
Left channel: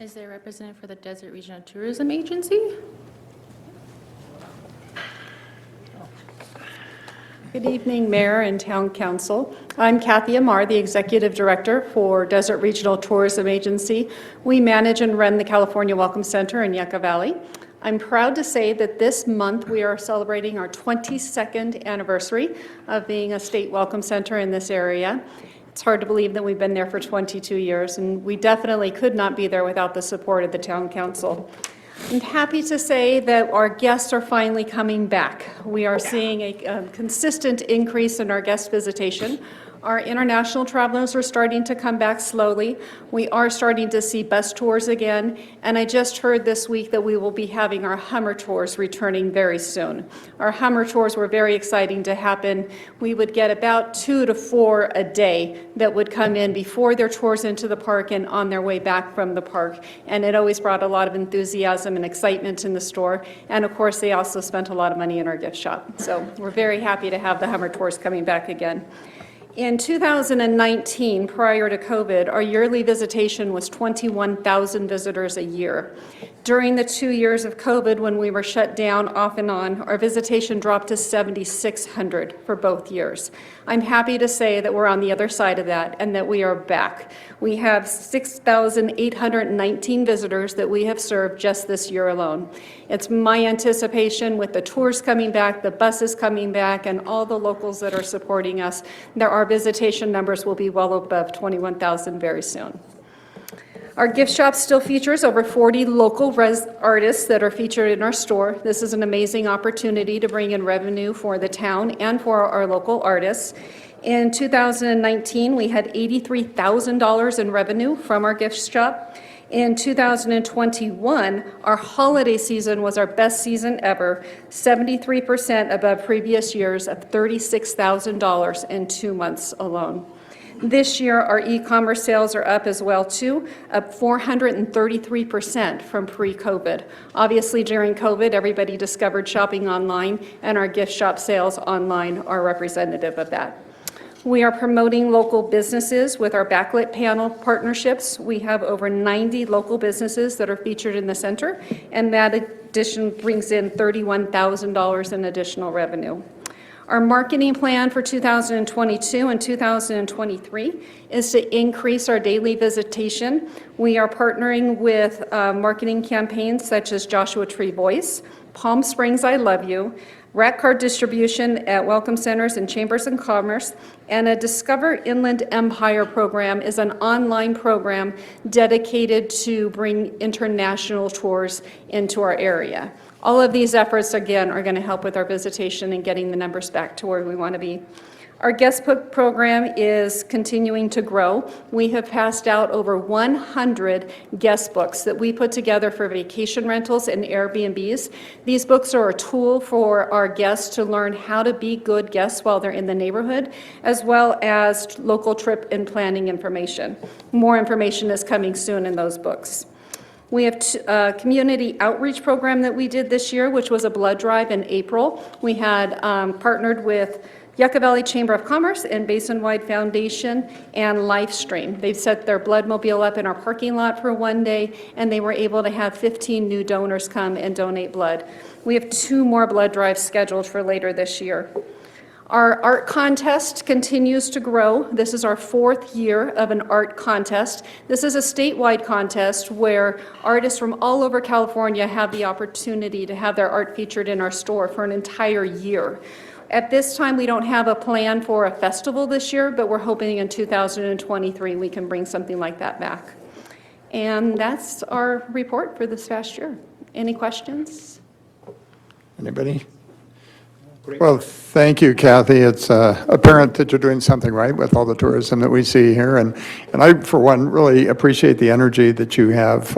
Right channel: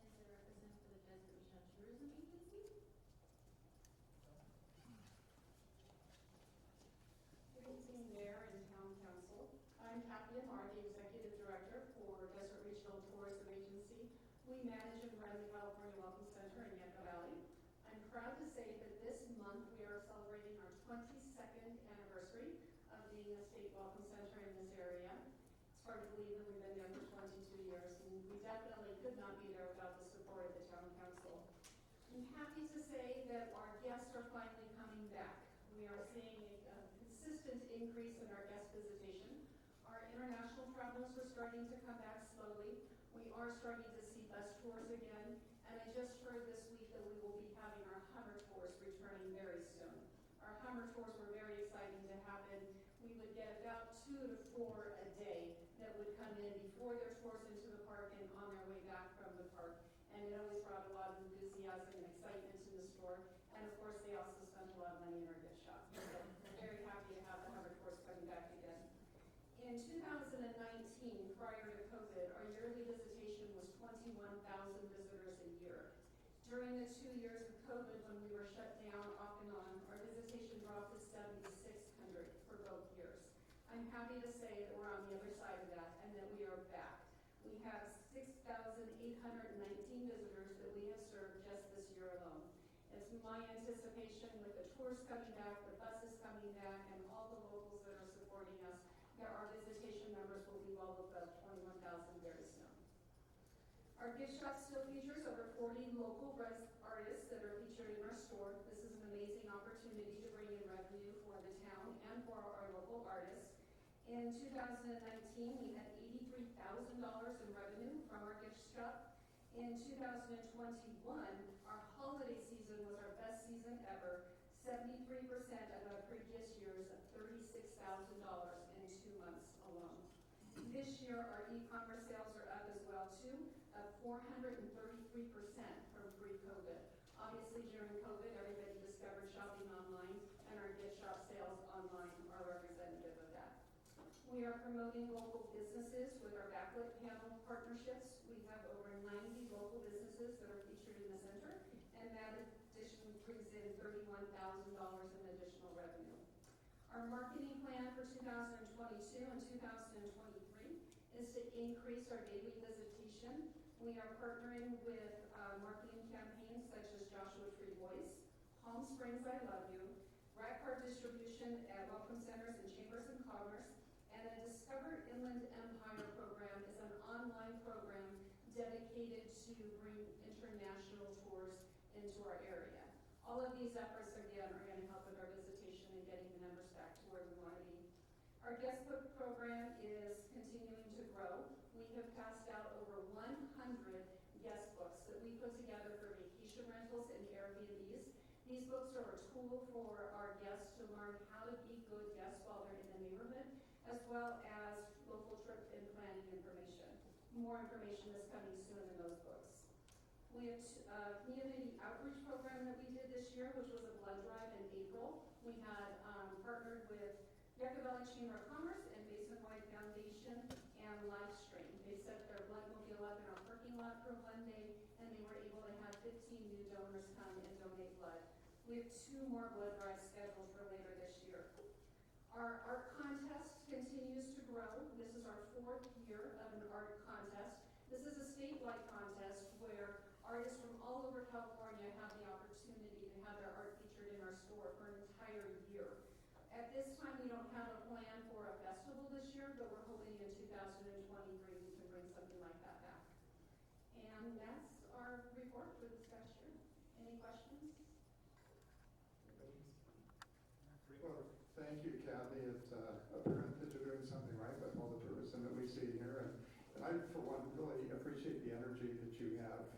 Is there a representative for the Desert Regional Tourism Agency? Good evening, Mayor and Town Council. I'm Kathy Amar, the Executive Director for Desert Regional Tourism Agency. We manage and run the California Welcome Center in Yucca Valley. I'm proud to say that this month we are celebrating our 22nd anniversary of being a state welcome center in this area. It's hard to believe that we've been there for 22 years, and we definitely could not be there without the support of the Town Council. I'm happy to say that our guests are finally coming back. We are seeing a consistent increase in our guest visitation. Our international travelers are starting to come back slowly. We are starting to see bus tours again, and I just heard this week that we will be having our Hummer tours returning very soon. Our Hummer tours were very exciting to happen. We would get about 2 to 4 a day that would come in before their tours into the park and on their way back from the park, and it always brought a lot of enthusiasm and excitement in the store, and of course they also spent a lot of money in our gift shop. So we're very happy to have the Hummer tours coming back again. In 2019, prior to COVID, our yearly visitation was 21,000 visitors a year. During the 2 years of COVID, when we were shut down off and on, our visitation dropped to 7,600 for both years. I'm happy to say that we're on the other side of that and that we are back. We have 6,819 visitors that we have served just this year alone. It's my anticipation with the tours coming back, the buses coming back, and all the locals that are supporting us, that our visitation numbers will be well above 21,000 very soon. Our gift shop still features over 40 local artists that are featured in our store. This is an amazing opportunity to bring in revenue for the town and for our local artists. In 2019, we had $83,000 in revenue from our gift shop. In 2021, our holiday season was our best season ever, 73% above previous years of $36,000 in 2 months alone. This year, our e-commerce sales are up as well, too, up 433% from pre-COVID. Obviously, during COVID, everybody discovered shopping online, and our gift shop sales online are representative of that. We are promoting local businesses with our backlit panel partnerships. We have over 90 local businesses that are featured in the center, and that addition brings in $31,000 in additional revenue. Our marketing plan for 2022 and 2023 is to increase our daily visitation. We are partnering with marketing campaigns such as Joshua Tree Voice, Palm Springs I Love You, Rat Card distribution at Welcome Centers and Chambers of Commerce, and a Discover Inland Empire program is an online program dedicated to bring international tours into our area. All of these efforts, again, are going to help with our visitation and getting the numbers back to where we want to be. Our guest book program is continuing to grow. We have passed out over 100 guest books that we put together for vacation rentals and Airbnbs. These books are a tool for our guests to learn how to be good guests while they're in the neighborhood, as well as local trip and planning information. More information is coming soon in those books. We have a community outreach program that we did this year, which was a blood drive in April. We had partnered with Yucca Valley Chamber of Commerce and Basin-Wide Foundation and Livestream. They've set their blood mobile up in our parking lot for one day, and they were able to have 15 new donors come and donate blood. We have 2 more blood drives scheduled for later this year. Our art contest continues to grow. This is our 4th year of an art contest. This is a statewide contest where artists from all over California have the opportunity to have their art featured in our store for an entire year. At this time, we don't have a plan for a festival this year, but we're hoping in 2023 we can bring something like that back. And that's our report for this past year. Any questions? Anybody? Well, thank you, Kathy. It's apparent that you're doing something right with all the tourism that we see here. And I, for one, really appreciate the energy that you have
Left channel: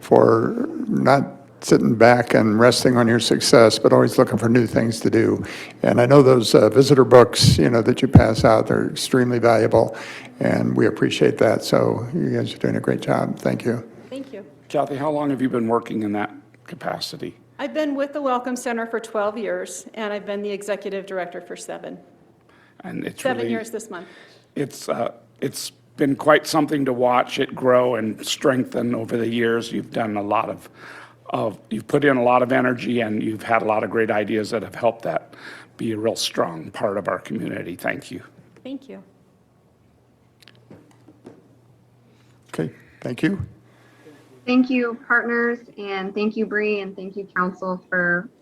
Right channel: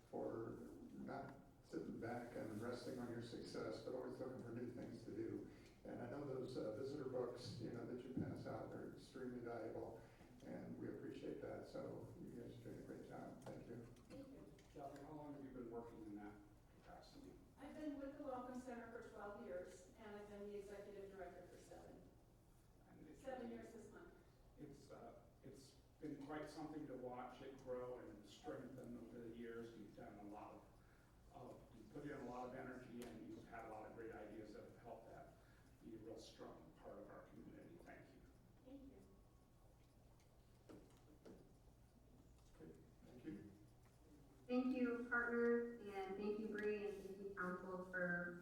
for not sitting back and resting on your success, but always looking for new things to do. And I know those visitor books, that you pass out, they're extremely valuable, and we appreciate that. So you guys are doing a great job. Thank you. Thank you. Kathy, how long have you been working in that capacity? I've been with the Welcome Center for 12 years, and I've been the executive director for 7. And it's 7 really, years this month. it's been quite something to watch it grow and strengthen over the years. You've done a lot of you've put in a lot of energy, and you've had a lot of great ideas that have helped that be a real strong part of our community. Thank you. Thank you. Okay, thank you. Thank you, partners, and thank you, Bree, and thank you, council, for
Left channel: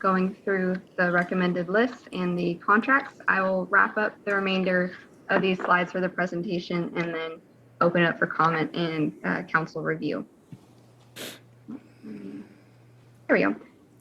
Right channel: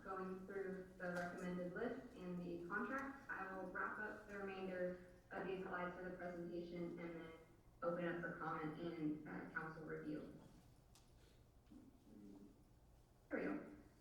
going through the recommended list and the contracts. I will wrap up the remainder of these slides for the presentation and then open it up for comment and council review. There we go.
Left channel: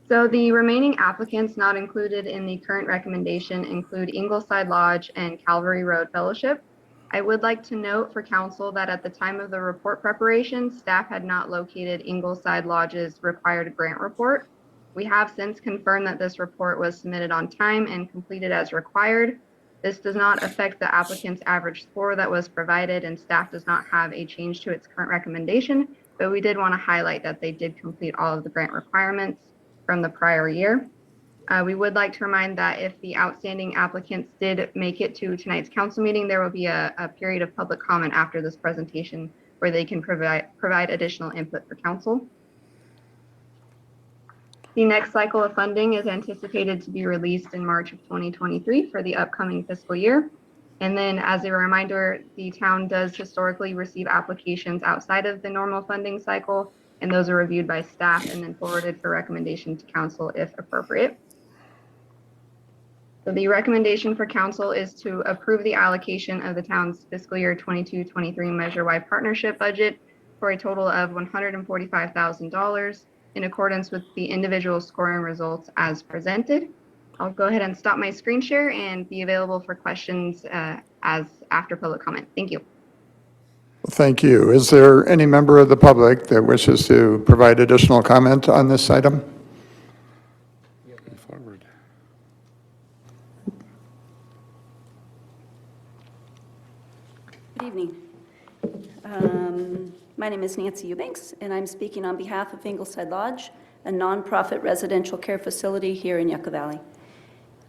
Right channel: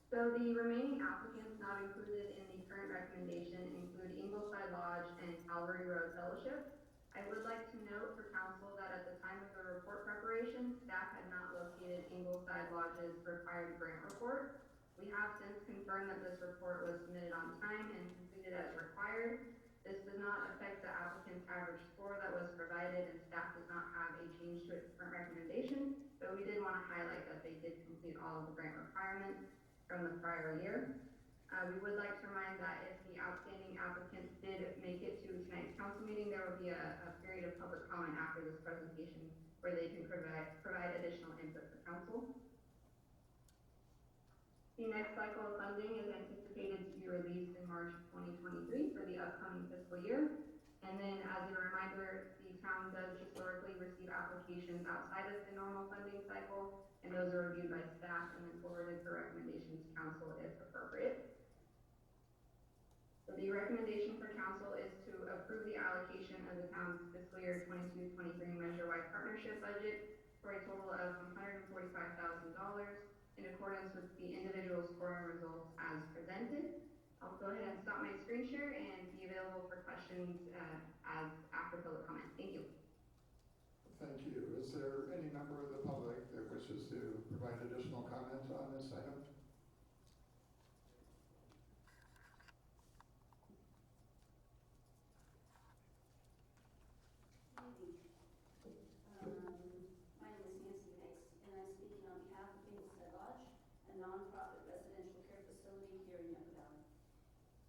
So the remaining applicants not included in the current recommendation include Ingleside Lodge and Calvary Road Fellowship. I would like to note for council that at the time of the report preparation, staff had not located Ingleside Lodge's required grant report. We have since confirmed that this report was submitted on time and completed as required. This does not affect the applicant's average score that was provided, and staff does not have a change to its current recommendation, but we did want to highlight that they did complete all of the grant requirements from the prior year. We would like to remind that if the outstanding applicants did make it to tonight's council meeting, there will be a period of public comment after this presentation where they can provide additional input for council. The next cycle of funding is anticipated to be released in March of 2023 for the upcoming fiscal year. And then as a reminder, the town does historically receive applications outside of the normal funding cycle, and those are reviewed by staff and then forwarded for recommendation to council if appropriate. So the recommendation for council is to approve the allocation of the town's fiscal year 22-23 measure-wide partnership budget for a total of $145,000 in accordance with the individual scoring results as presented. I'll go ahead and stop my screen share and be available for questions as after public comment. Thank you. Thank you. Is there any member of the public that wishes to provide additional comment on this item? Forward. Good evening. My name is Nancy Eubanks, and I'm speaking on behalf of Ingleside Lodge, a nonprofit residential care facility here in Yucca Valley.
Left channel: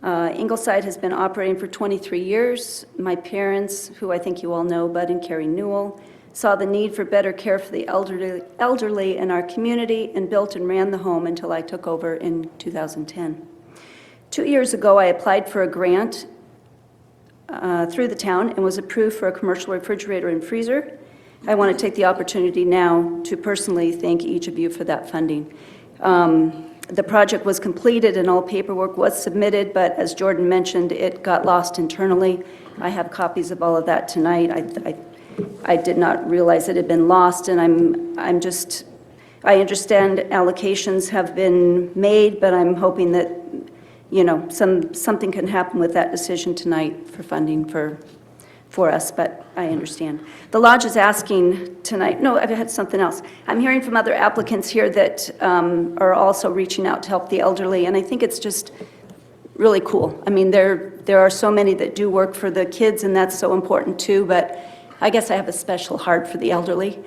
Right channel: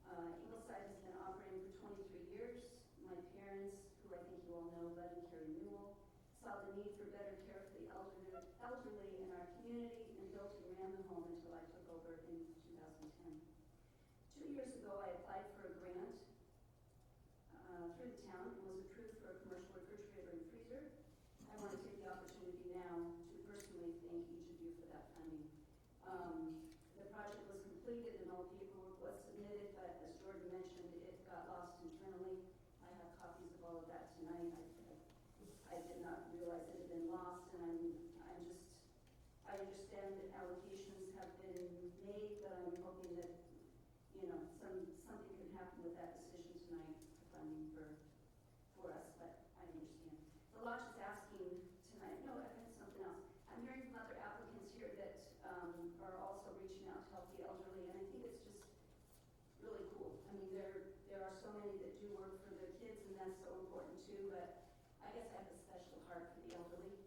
Ingleside has been operating for 23 years. My parents, who I think you all know, Bud and Carrie Newell, saw the need for better care for the elderly in our community and built and ran the home until I took over in 2010. 2 years ago, I applied for a grant through the town and was approved for a commercial refrigerator and freezer. I want to take the opportunity now to personally thank each of you for that funding. The project was completed and all paperwork was submitted, but as Jordan mentioned, it got lost internally. I have copies of all of that tonight. I did not realize it had been lost, and I understand allocations have been made, but I'm hoping that something can happen with that decision tonight for funding for us, but I understand. The lodge is asking tonight, no, I've had something else. I'm hearing from other applicants here that are also reaching out to help the elderly, and I think it's just really cool. I mean, there are so many that do work for the kids, and that's so important too, but I guess I have a special heart for the elderly.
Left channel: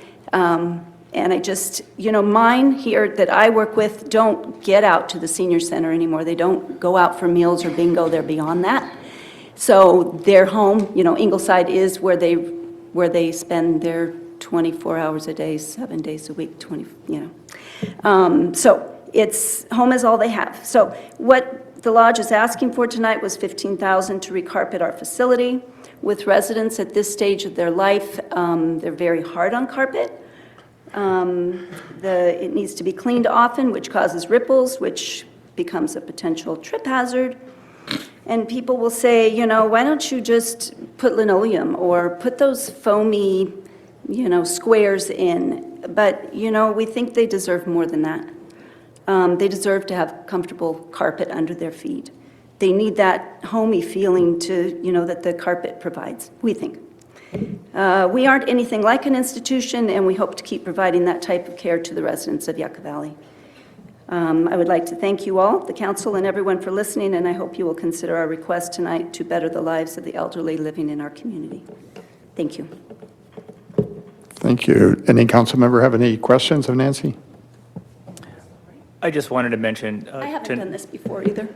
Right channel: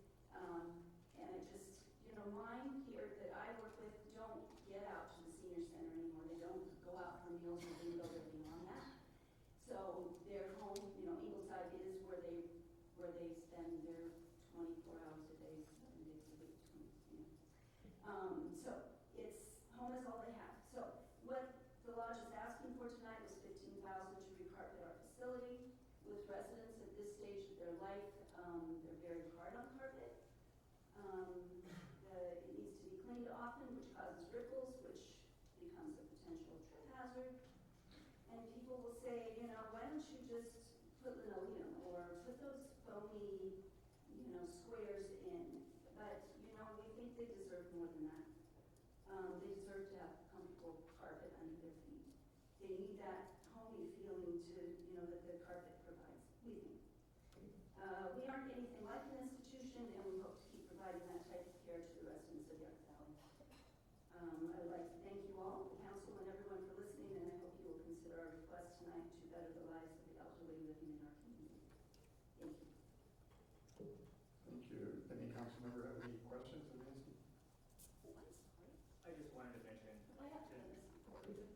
And I just, mine here that I work with don't get out to the senior center anymore. They don't go out for meals or bingo, they're beyond that. So their home, Ingleside is where they spend their 24 hours a day, 7 days a week, So it's, home is all they have. So what the lodge is asking for tonight was $15,000 to recarpet our facility. With residents at this stage of their life, they're very hard on carpet. It needs to be cleaned often, which causes ripples, which becomes a potential trip hazard. And people will say, why don't you just put linoleum or put those foamy, squares in? But, we think they deserve more than that. They deserve to have comfortable carpet under their feet. They need that homey feeling that the carpet provides, we think. We aren't anything like an institution, and we hope to keep providing that type of care to the residents of Yucca Valley. I would like to thank you all, the council, and everyone for listening, and I hope you will consider our request tonight to better the lives of the elderly living in our community. Thank you. Thank you. Any council member have any questions of Nancy? I just wanted to mention I haven't done this before either.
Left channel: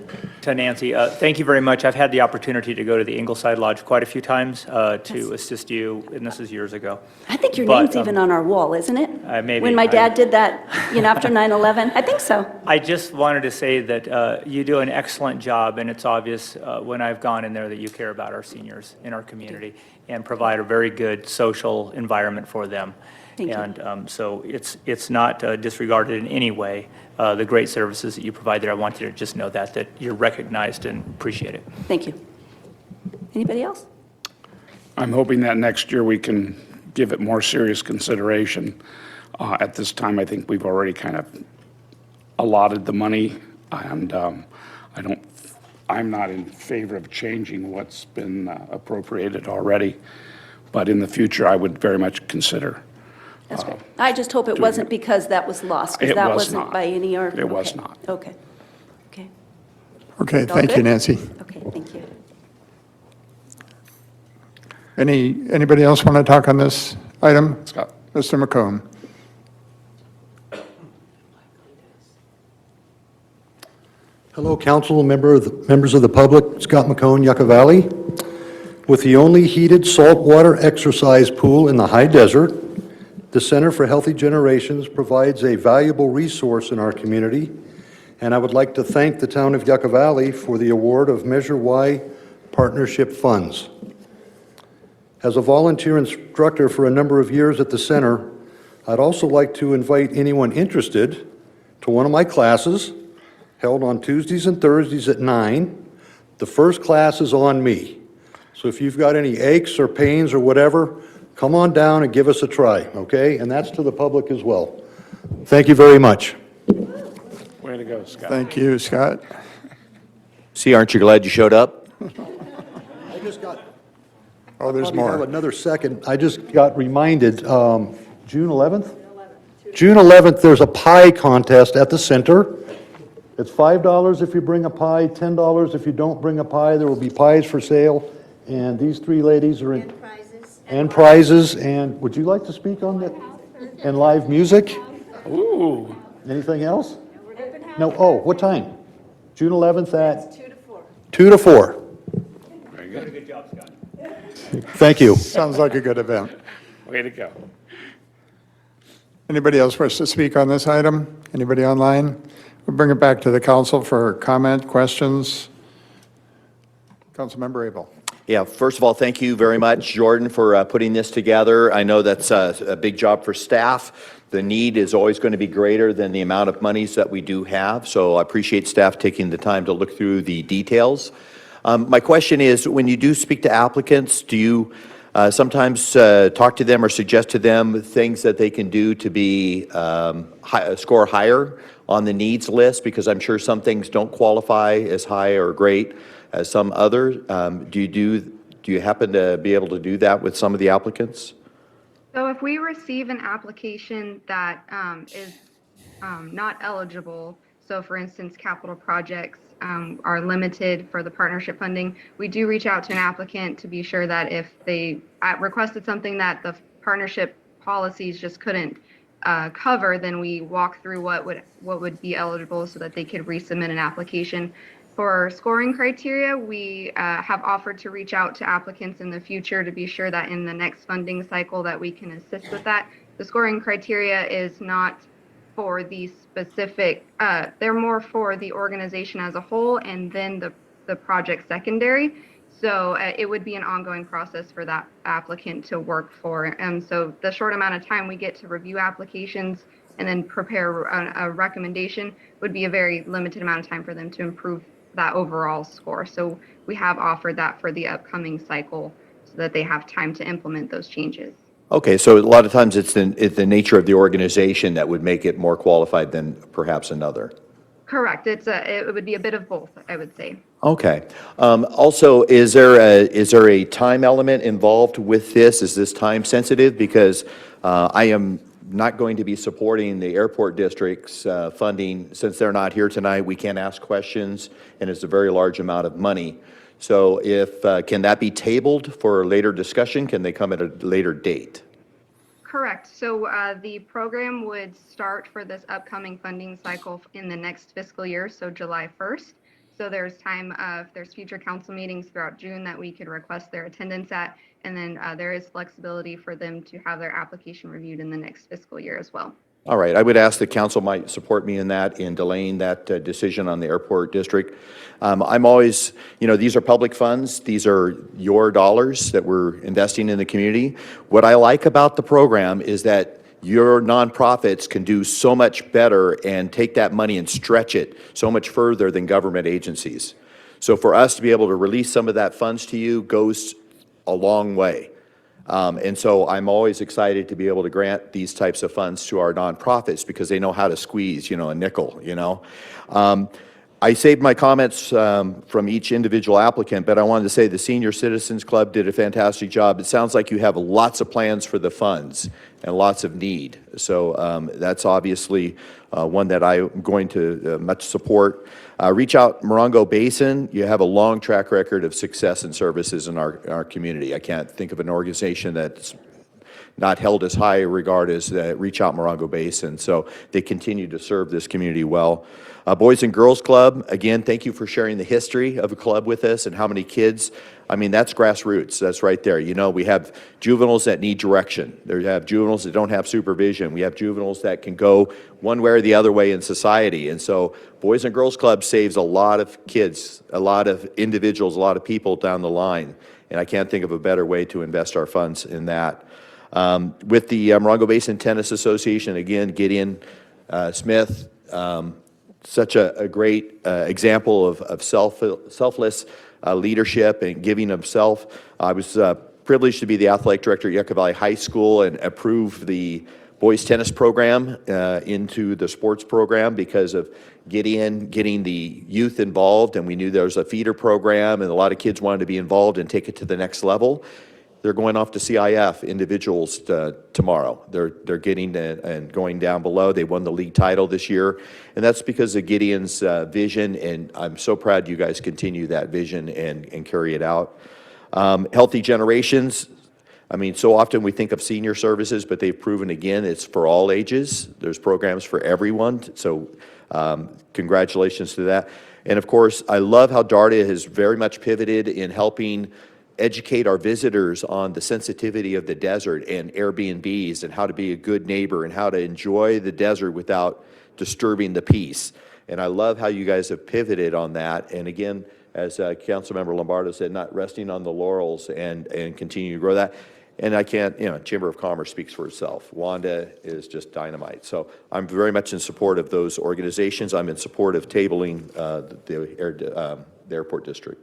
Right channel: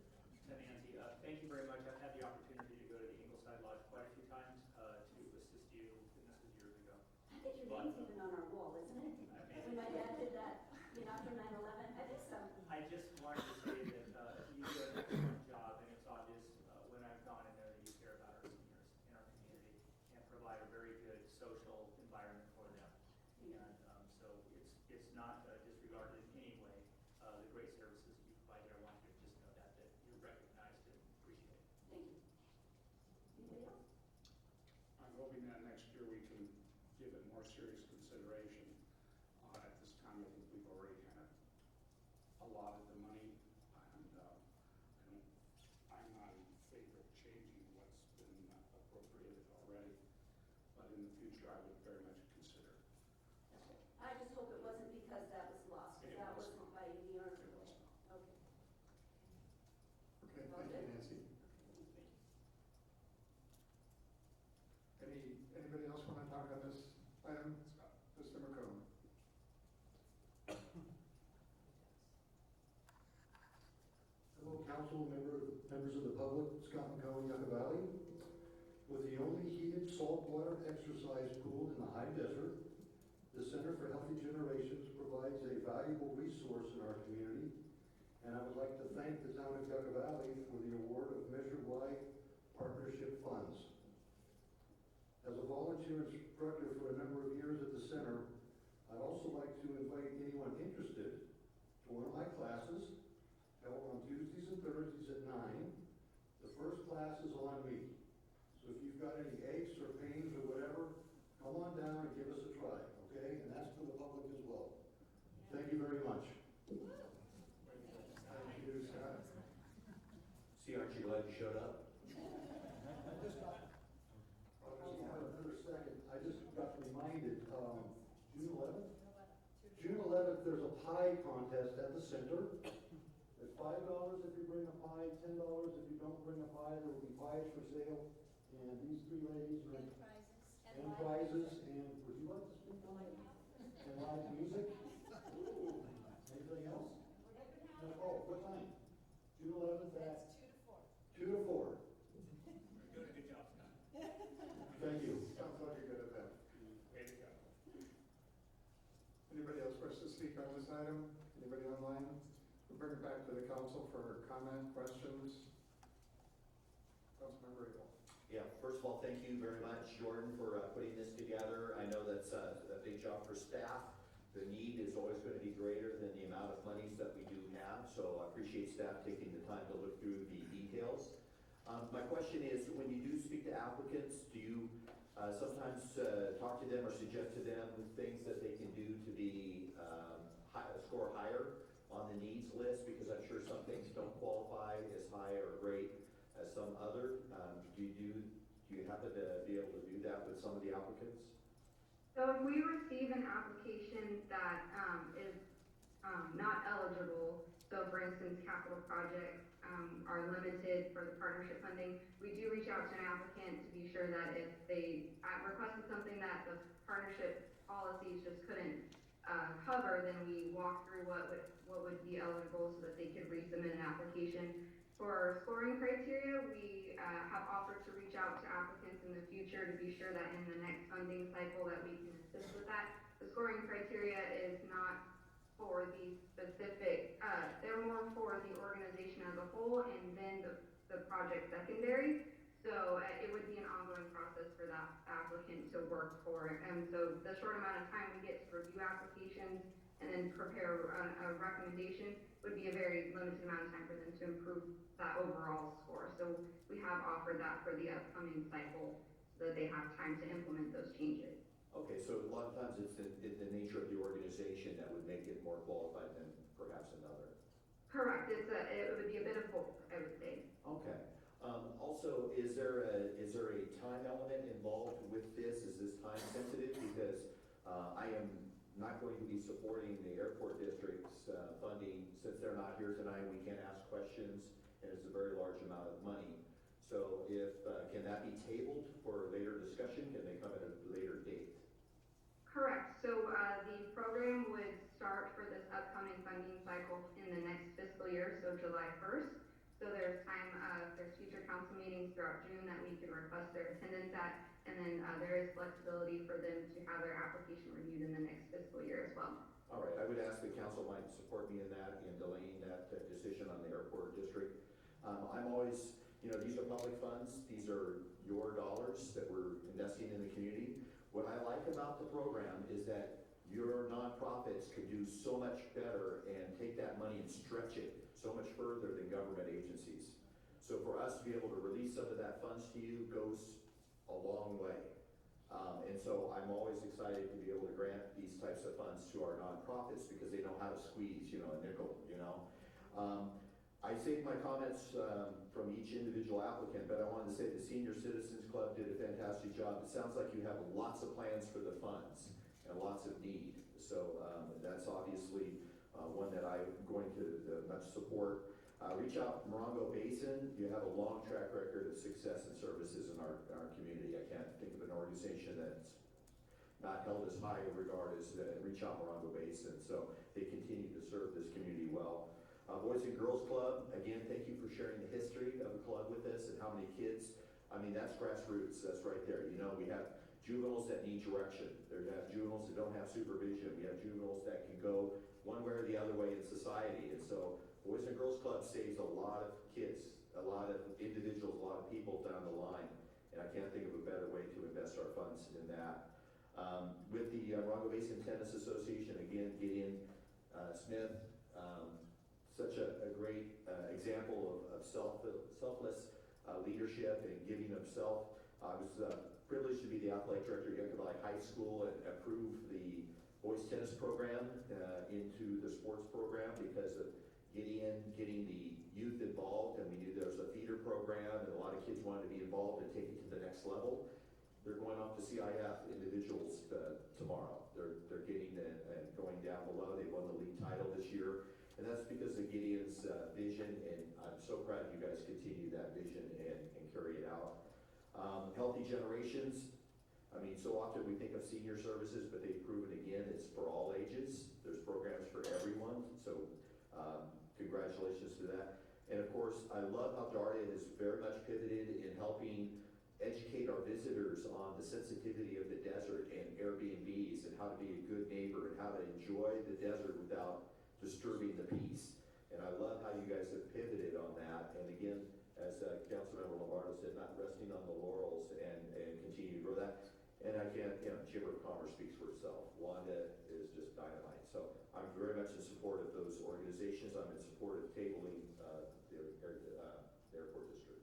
to Nancy, thank you very much. I've had the opportunity to go to the Ingleside Lodge quite a few times to assist you, and this is years ago. I think your But, name's even on our wall, isn't it? Maybe. When my dad did that, after 9/11? I think so. I just wanted to say that you do an excellent job, and it's obvious when I've gone in there that you care about our seniors in our community and provide a very good social environment for them. Thank you. And so it's not disregarded in any way, the great services that you provide there. I want you to just know that you're recognized and appreciate it. Thank you. Anybody else? I'm hoping that next year we can give it more serious consideration. At this time, I think we've already kind of allotted the money, and I'm not in favor of changing what's been appropriated already, but in the future, I would very much consider. That's great. I just hope it wasn't because that was lost, because It that was wasn't not. by any or. It was okay. not. Okay. Okay. Okay, All thank you, good? Nancy. Okay, thank you. Anybody else want to talk on this item? Scott. Mr. McComb. Hello, council, members of the public, Scott McCone, Yucca Valley. With the only heated saltwater exercise pool in the high desert, the Center for Healthy Generations provides a valuable resource in our community, and I would like to thank the town of Yucca Valley for the award of Measure Y partnership funds. As a volunteer instructor for a number of years at the center, I'd also like to invite anyone interested to one of my classes held on Tuesdays and Thursdays at 9. The first class is on me. So if you've got any aches or pains or whatever, come on down and give us a try, okay? And that's to the public as well. Thank you very much. Way to go, Scott. Thank you, Scott. See, aren't you glad you showed up? I just got, Oh, there's probably have more. another second. I just got reminded, June 11th? June 11th, there's a pie contest at the center. It's $5 if you bring a pie, $10 if you don't bring a pie. There will be pies for sale, and these three ladies are in. And prizes, and would you like to speak on that? And live music? Ooh. Anything else? No, oh, what time? June 11th at? 2 to 4. 2 to 4. Very good. Good job, Scott. Thank you. Sounds like a good event. Way to go. Anybody else wish to speak on this item? Anybody online? We'll bring it back to the council for comment, questions. Councilmember Abel. Yeah, first of all, thank you very much, Jordan, for putting this together. I know that's a big job for staff. The need is always going to be greater than the amount of monies that we do have, so I appreciate staff taking the time to look through the details. My question is, when you do speak to applicants, do you sometimes talk to them or suggest to them things that they can do to be score higher on the needs list, because I'm sure some things don't qualify as high or great as some others. Do you happen to be able to do that with some of the applicants? So if we receive an application that is not eligible, so for instance, capital projects are limited for the partnership funding, we do reach out to an applicant to be sure that if they requested something that the partnership policies just couldn't cover, then we walk through what would be eligible so that they could resubmit an application. For scoring criteria, we have offered to reach out to applicants in the future to be sure that in the next funding cycle that we can assist with that. The scoring criteria is not for the specific, they're more for the organization as a whole and then the project secondary. So it would be an ongoing process for that applicant to work for. And so the short amount of time we get to review applications and then prepare a recommendation would be a very limited amount of time for them to improve that overall score. So we have offered that for the upcoming cycle so that they have time to implement those changes. Okay, so a lot of times it's the nature of the organization that would make it more qualified than perhaps another. Correct. It would be a bit of both, I would say. Okay. Also, is there a time element involved with this? Is this time sensitive? Because I am not going to be supporting the airport district's funding. Since they're not here tonight, we can't ask questions, and it's a very large amount of money. So can that be tabled for later discussion? Can they come at a later date? Correct. So the program would start for this upcoming funding cycle in the next fiscal year, so July 1st. So there's time, if there's future council meetings throughout June that we could request their attendance at, and then there is flexibility for them to have their application reviewed in the next fiscal year as well. All right, I would ask the council might support me in that, in delaying that decision on the airport district. I'm always, these are public funds. These are your dollars that we're investing in the community. What I like about the program is that your nonprofits can do so much better and take that money and stretch it so much further than government agencies. So for us to be able to release some of that funds to you goes a long way. And so I'm always excited to be able to grant these types of funds to our nonprofits because they know how to squeeze, a nickel, I saved my comments from each individual applicant, but I wanted to say the Senior Citizens Club did a fantastic job. It sounds like you have lots of plans for the funds and lots of need. So that's obviously one that I'm going to much support. Reach Out Morongo Basin, you have a long track record of success and services in our community. I can't think of an organization that's not held as high a regard as Reach Out Morongo Basin. So they continue to serve this community well. Boys and Girls Club, again, thank you for sharing the history of a club with us and how many kids. I mean, that's grassroots. That's right there. We have juveniles that need direction. We have juveniles that don't have supervision. We have juveniles that can go one way or the other way in society. And so Boys and Girls Club saves a lot of kids, a lot of individuals, a lot of people down the line. And I can't think of a better way to invest our funds in that. With the Morongo Basin Tennis Association, again, Gideon Smith, such a great example of selfless leadership and giving himself. I was privileged to be the athletic director at Yucca Valley High School and approve the boys tennis program into the sports program because of Gideon getting the youth involved, and we knew there was a feeder program and a lot of kids wanted to be involved and take it to the next level. They're going off to CIF individuals tomorrow. They're getting and going down below. They won the league title this year, and that's because of Gideon's vision, and I'm so proud you guys continue that vision and carry it out. Healthy Generations, I mean, so often we think of senior services, but they've proven again it's for all ages. There's programs for everyone, so congratulations to that. And of course, I love how DARTA has very much pivoted in helping educate our visitors on the sensitivity of the desert and Airbnbs and how to be a good neighbor and how to enjoy the desert without disturbing the peace. And I love how you guys have pivoted on that. And again, as Councilmember Lombardo said, not resting on the laurels and continue to grow that. And I can't, Chamber of Commerce speaks for itself. Wanda is just dynamite. So I'm very much in support of those organizations. I'm in support of tabling the airport district.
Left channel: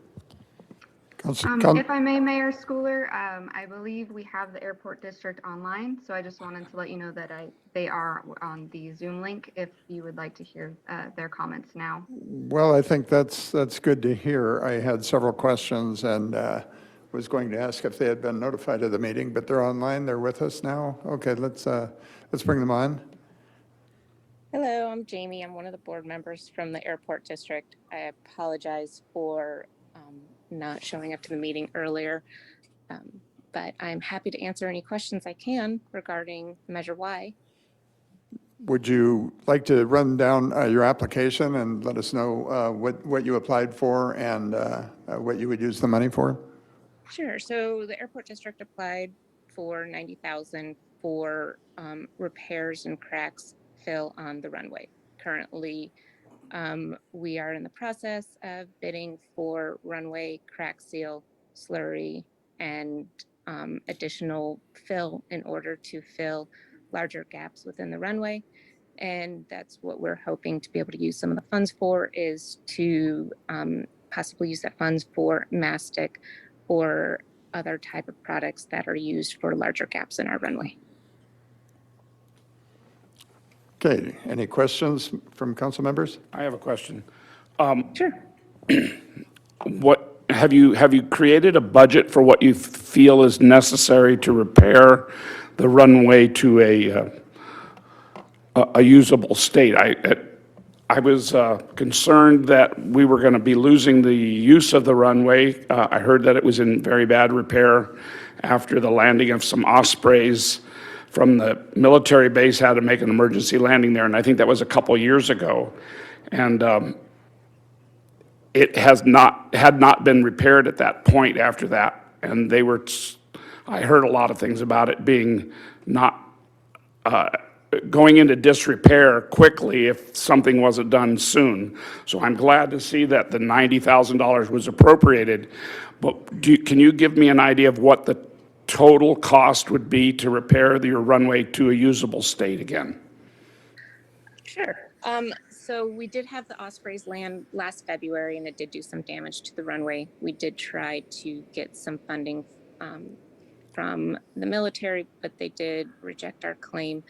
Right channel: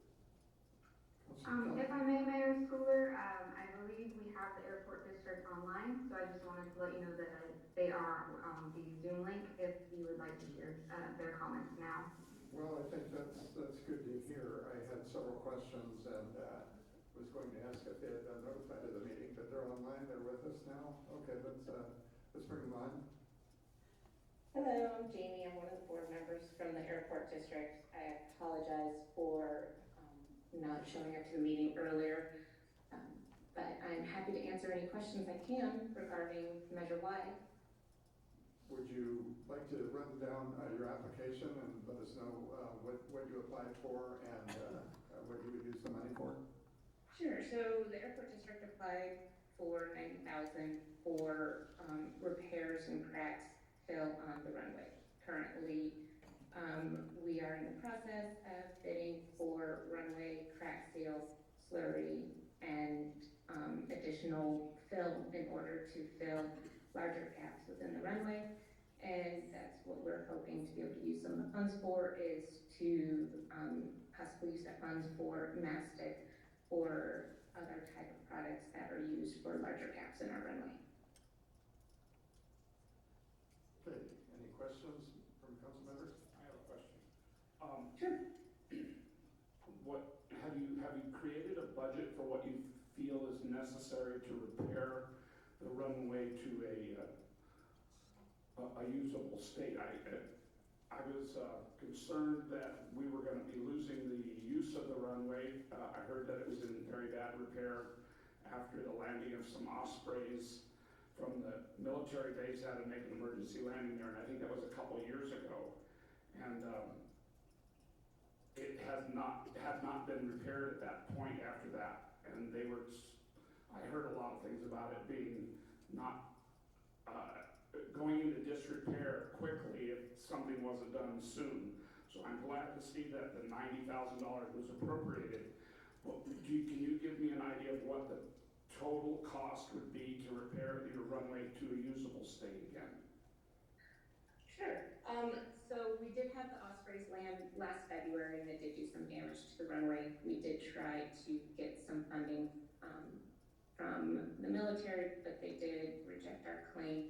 If I may, Mayor Schooler, I believe we have the airport district online, so I just wanted to let you know that they are on the Zoom link if you would like to hear their comments now. Well, I think that's good to hear. I had several questions and was going to ask if they had been notified of the meeting, but they're online, they're with us now. Okay, let's bring them on. Hello, I'm Jamie. I'm one of the board members from the airport district. I apologize for not showing up to the meeting earlier, but I'm happy to answer any questions I can regarding Measure Y. Would you like to run down your application and let us know what you applied for and what you would use the money for? Sure. So the airport district applied for $90,000 for repairs and cracks fill on the runway. Currently, we are in the process of bidding for runway crack seal, slurry, and additional fill in order to fill larger gaps within the runway. And that's what we're hoping to be able to use some of the funds for, is to possibly use that funds for mastic or other type of products that are used for larger gaps in our runway. Okay, any questions from council members? I have a question. Sure. What, have you created a budget for what you feel is necessary to repair the runway to a usable state? I was concerned that we were going to be losing the use of the runway. I heard that it was in very bad repair after the landing of some Ospreys from the military base had to make an emergency landing there, and I think that was a couple years ago. And it had not been repaired at that point after that. And I heard a lot of things about it being not going into disrepair quickly if something wasn't done soon. So I'm glad to see that the $90,000 was appropriated. But can you give me an idea of what the total cost would be to repair your runway to a usable state again? Sure. So we did have the Ospreys land last February, and it did do some damage to the runway. We did try to get some funding from the military, but they did reject our claim.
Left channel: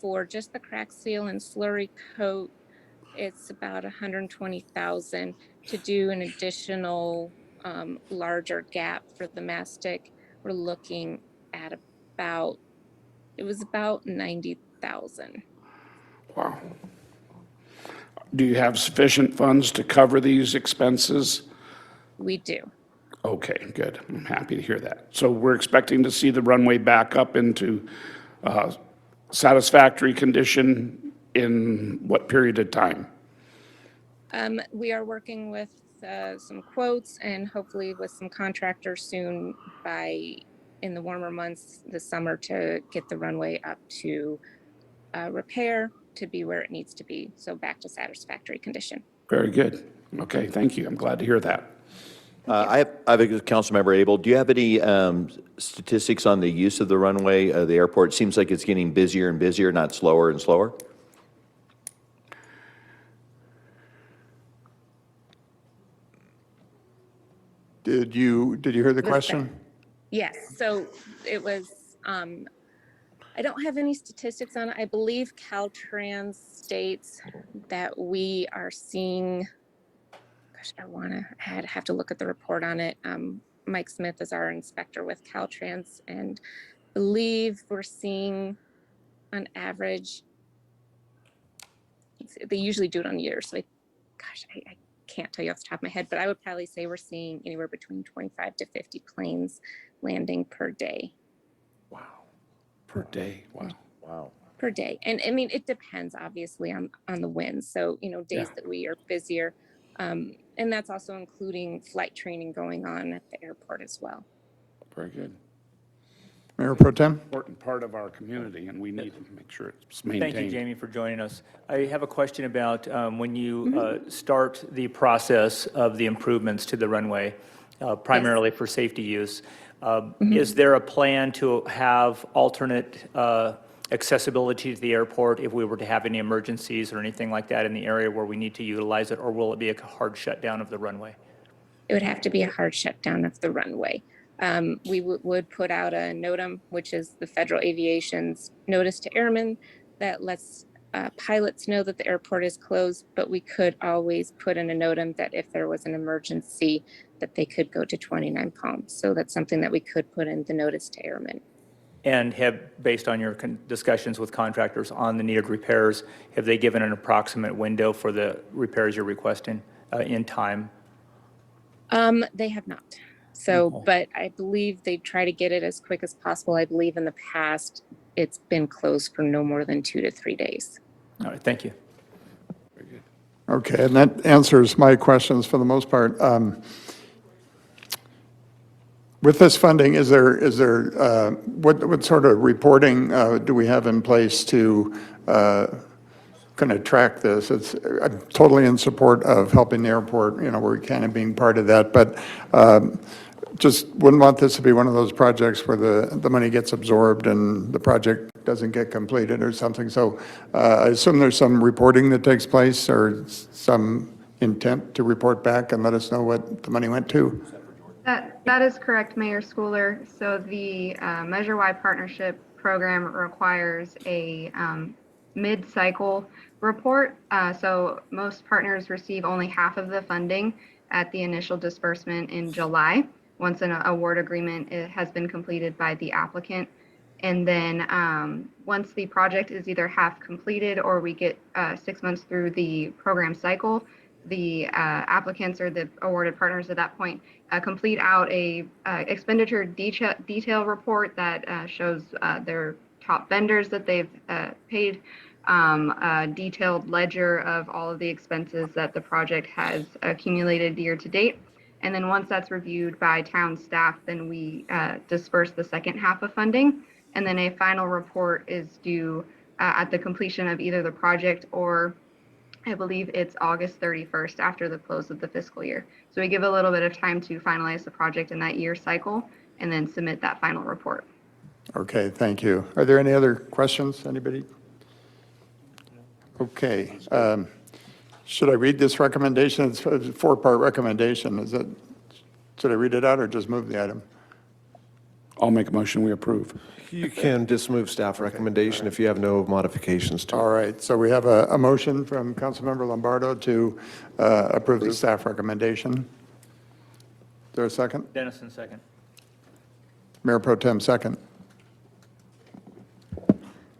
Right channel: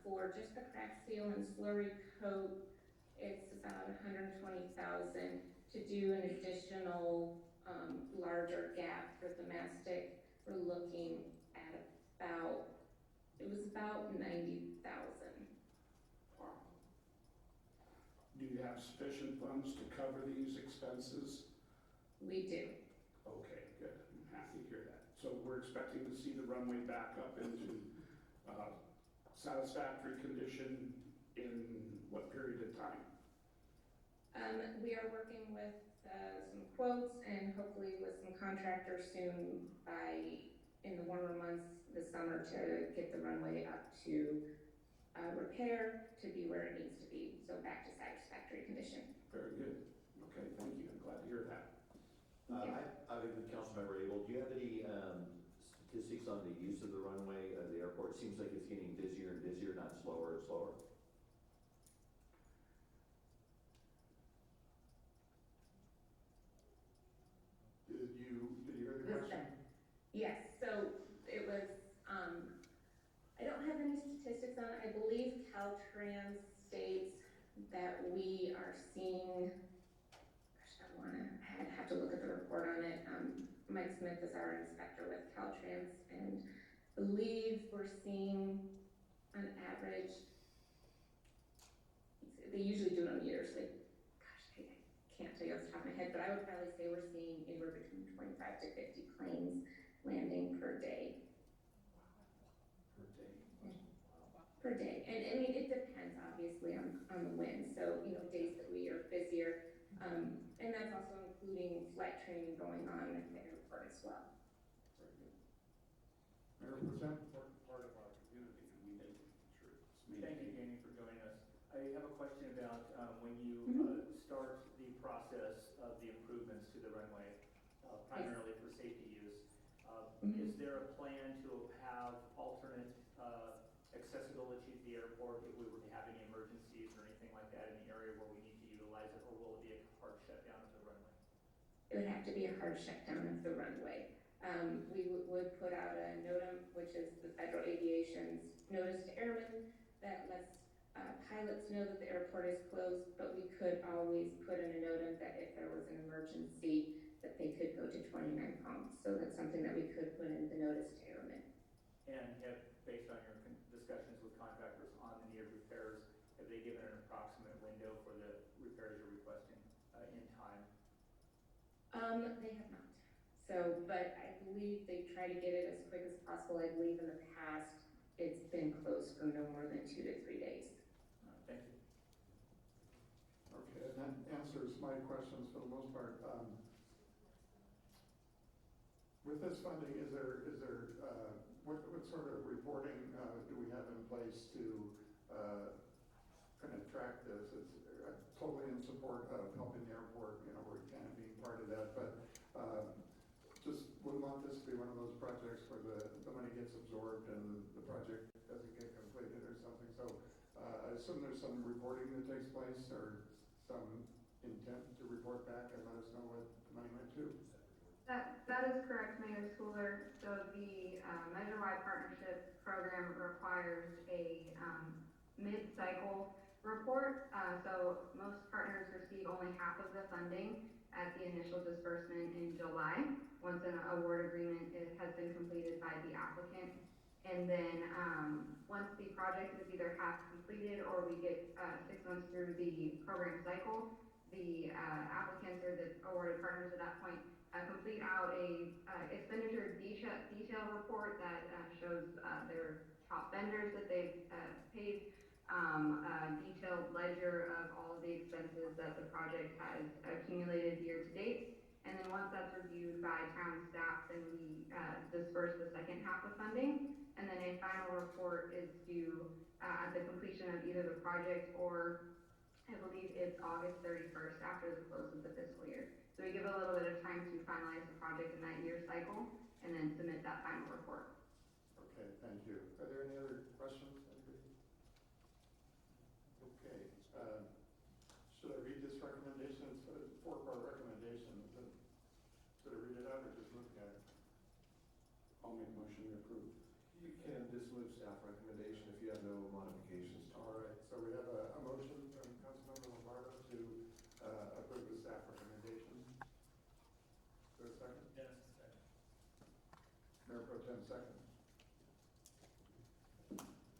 For just the crack seal and slurry coat, it's about $120,000. To do an additional larger gap for the mastic, we're looking at about $90,000. Wow. Do you have sufficient funds to cover these expenses? We do. Okay, good. I'm happy to hear that. So we're expecting to see the runway back up into satisfactory condition in what period of time? We are working with some quotes and hopefully with some contractors soon in the warmer months this summer to get the runway up to repair to be where it needs to be. So back to satisfactory condition. Very good. Okay, thank you. I'm glad to hear that. I have a council member, Abel. Do you have any statistics on the use of the runway, the airport? It seems like it's getting busier and busier, not slower and slower. Did you hear the question? Yes, so it was, I don't have any statistics on it. I believe Caltrans states that we are seeing, gosh, I'd have to look at the report on it. Mike Smith is our inspector with Caltrans, and I believe we're seeing on average, they usually do it on years, so I can't tell you off the top of my head, but I would probably say we're seeing anywhere between 25 to 50 planes landing per day. Wow. Per day. Wow. Wow. Per day. And I mean, it depends obviously on the winds. So, days that we are busier. And that's also including flight training going on at the airport as well. Very good. Mayor Pro Tem? Important part of our community, and we need to make sure it's maintained. Thank you, Jamie, for joining us. I have a question about when you start the process of the improvements to the runway, primarily for safety use. Is there a plan to have alternate accessibility to the airport if we were to have any emergencies or anything like that in the area where we need to utilize it, or will it be a hard shutdown of the runway? it would have to be a hard shutdown of the runway. We would put out a NOTAM, which is the Federal Aviation's notice to airmen that lets pilots know that the airport is closed, but we could always put in a NOTAM that if there was an emergency, that they could go to 29 Palms. So that's something that we could put in the notice to airmen. And have, based on your discussions with contractors on the needed repairs, have they given an approximate window for the repairs you're requesting in time? They have not. So, but I believe they try to get it as quick as possible. I believe in the past, it's been closed for no more than 2 to 3 days. All right, thank you. Okay, and that answers my questions for the most part. With this funding, what sort of reporting do we have in place to kind of track this? I'm totally in support of helping the airport, we're kind of being part of that, but just wouldn't want this to be one of those projects where the money gets absorbed and the project doesn't get completed or something. So I assume there's some reporting that takes place or some intent to report back and let us know what the money went to. That is correct, Mayor Schooler. So the Measure Y Partnership Program requires a mid-cycle report. So most partners receive only half of the funding at the initial disbursement in July, once an award agreement has been completed by the applicant. And then once the project is either half completed or we get 6 months through the program cycle, the applicants or the awarded partners at that point complete out a expenditure detail report that shows their top vendors that they've paid, a detailed ledger of all of the expenses that the project has accumulated year to date. And then once that's reviewed by town staff, then we disperse the second half of funding. And then a final report is due at the completion of either the project or I believe it's August 31st after the close of the fiscal year. So we give a little bit of time to finalize the project in that year cycle and then submit that final report. Okay, thank you. Are there any other questions, anybody? Okay. Should I read this recommendation? It's a 4-part recommendation. Should I read it out or just move the item? I'll make a motion, we approve. You can just move staff recommendation if you have no modifications to it. All right, so we have a motion from Councilmember Lombardo to approve the staff recommendation. Is there a second? Dennison, second. Mayor Pro Tem, second.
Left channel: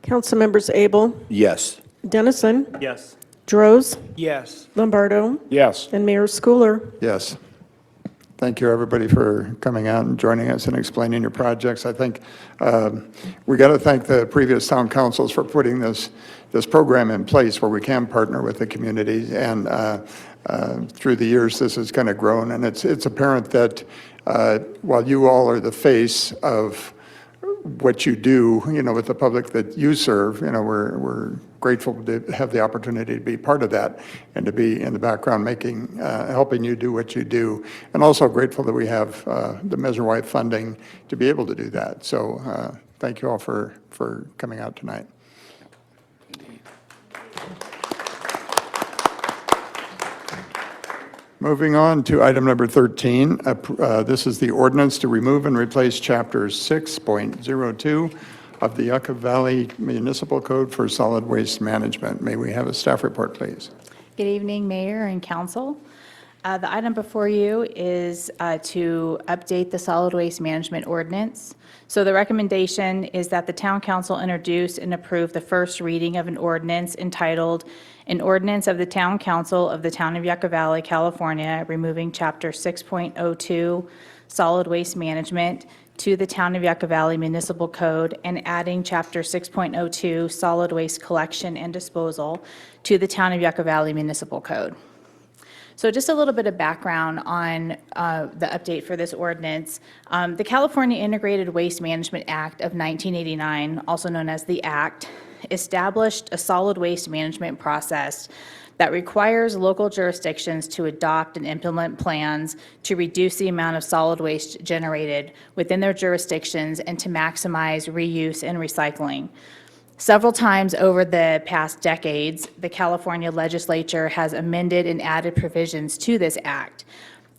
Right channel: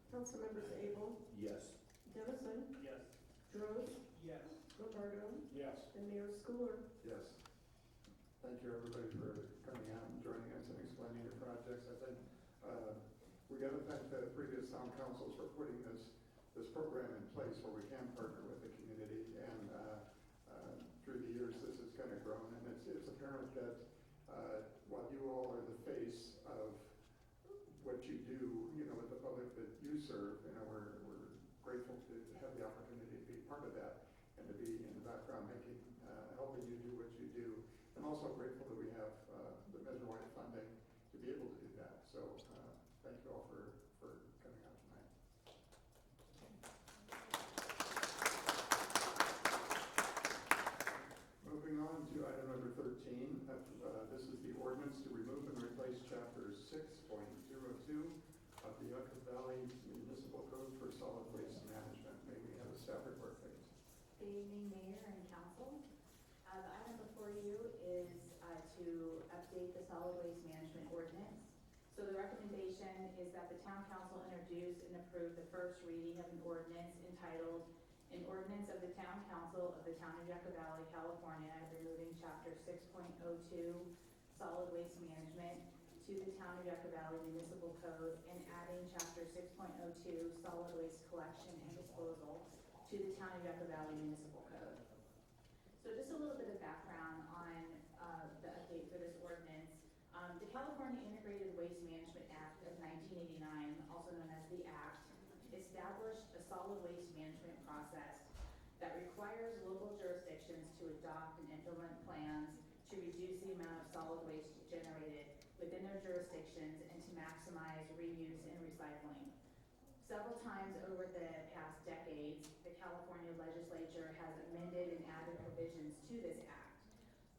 Councilmembers Abel, Yes. Dennison, Yes. Droz, Yes. Lombardo, Yes. and Mayor Schooler. Yes. Thank you, everybody, for coming out and joining us and explaining your projects. I think we got to thank the previous town councils for putting this program in place where we can partner with the community. And through the years, this has kind of grown. And it's apparent that while you all are the face of what you do, with the public that you serve, we're grateful to have the opportunity to be part of that and to be in the background helping you do what you do. And also grateful that we have the Measure Y funding to be able to do that. So thank you all for coming out tonight. Moving on to item number 13. This is the ordinance to remove and replace chapter 6.02 of the Yucca Valley Municipal Code for Solid Waste Management. May we have a staff report, please? Good evening, Mayor and Council. The item before you is to update the solid waste management ordinance. So the recommendation is that the Town Council introduce and approve the first reading of an ordinance entitled, "An Ordinance of the Town Council of the Town of Yucca Valley, California, removing Chapter 6.02 Solid Waste Management to the Town of Yucca Valley Municipal Code and adding Chapter 6.02 Solid Waste Collection and Disposal to the Town of Yucca Valley Municipal Code." So just a little bit of background on the update for this ordinance. The California Integrated Waste Management Act of 1989, also known as the Act, established a solid waste management process that requires local jurisdictions to adopt and implement plans to reduce the amount of solid waste generated within their jurisdictions and to maximize reuse and recycling. Several times over the past decades, the California legislature has amended and added provisions to this act.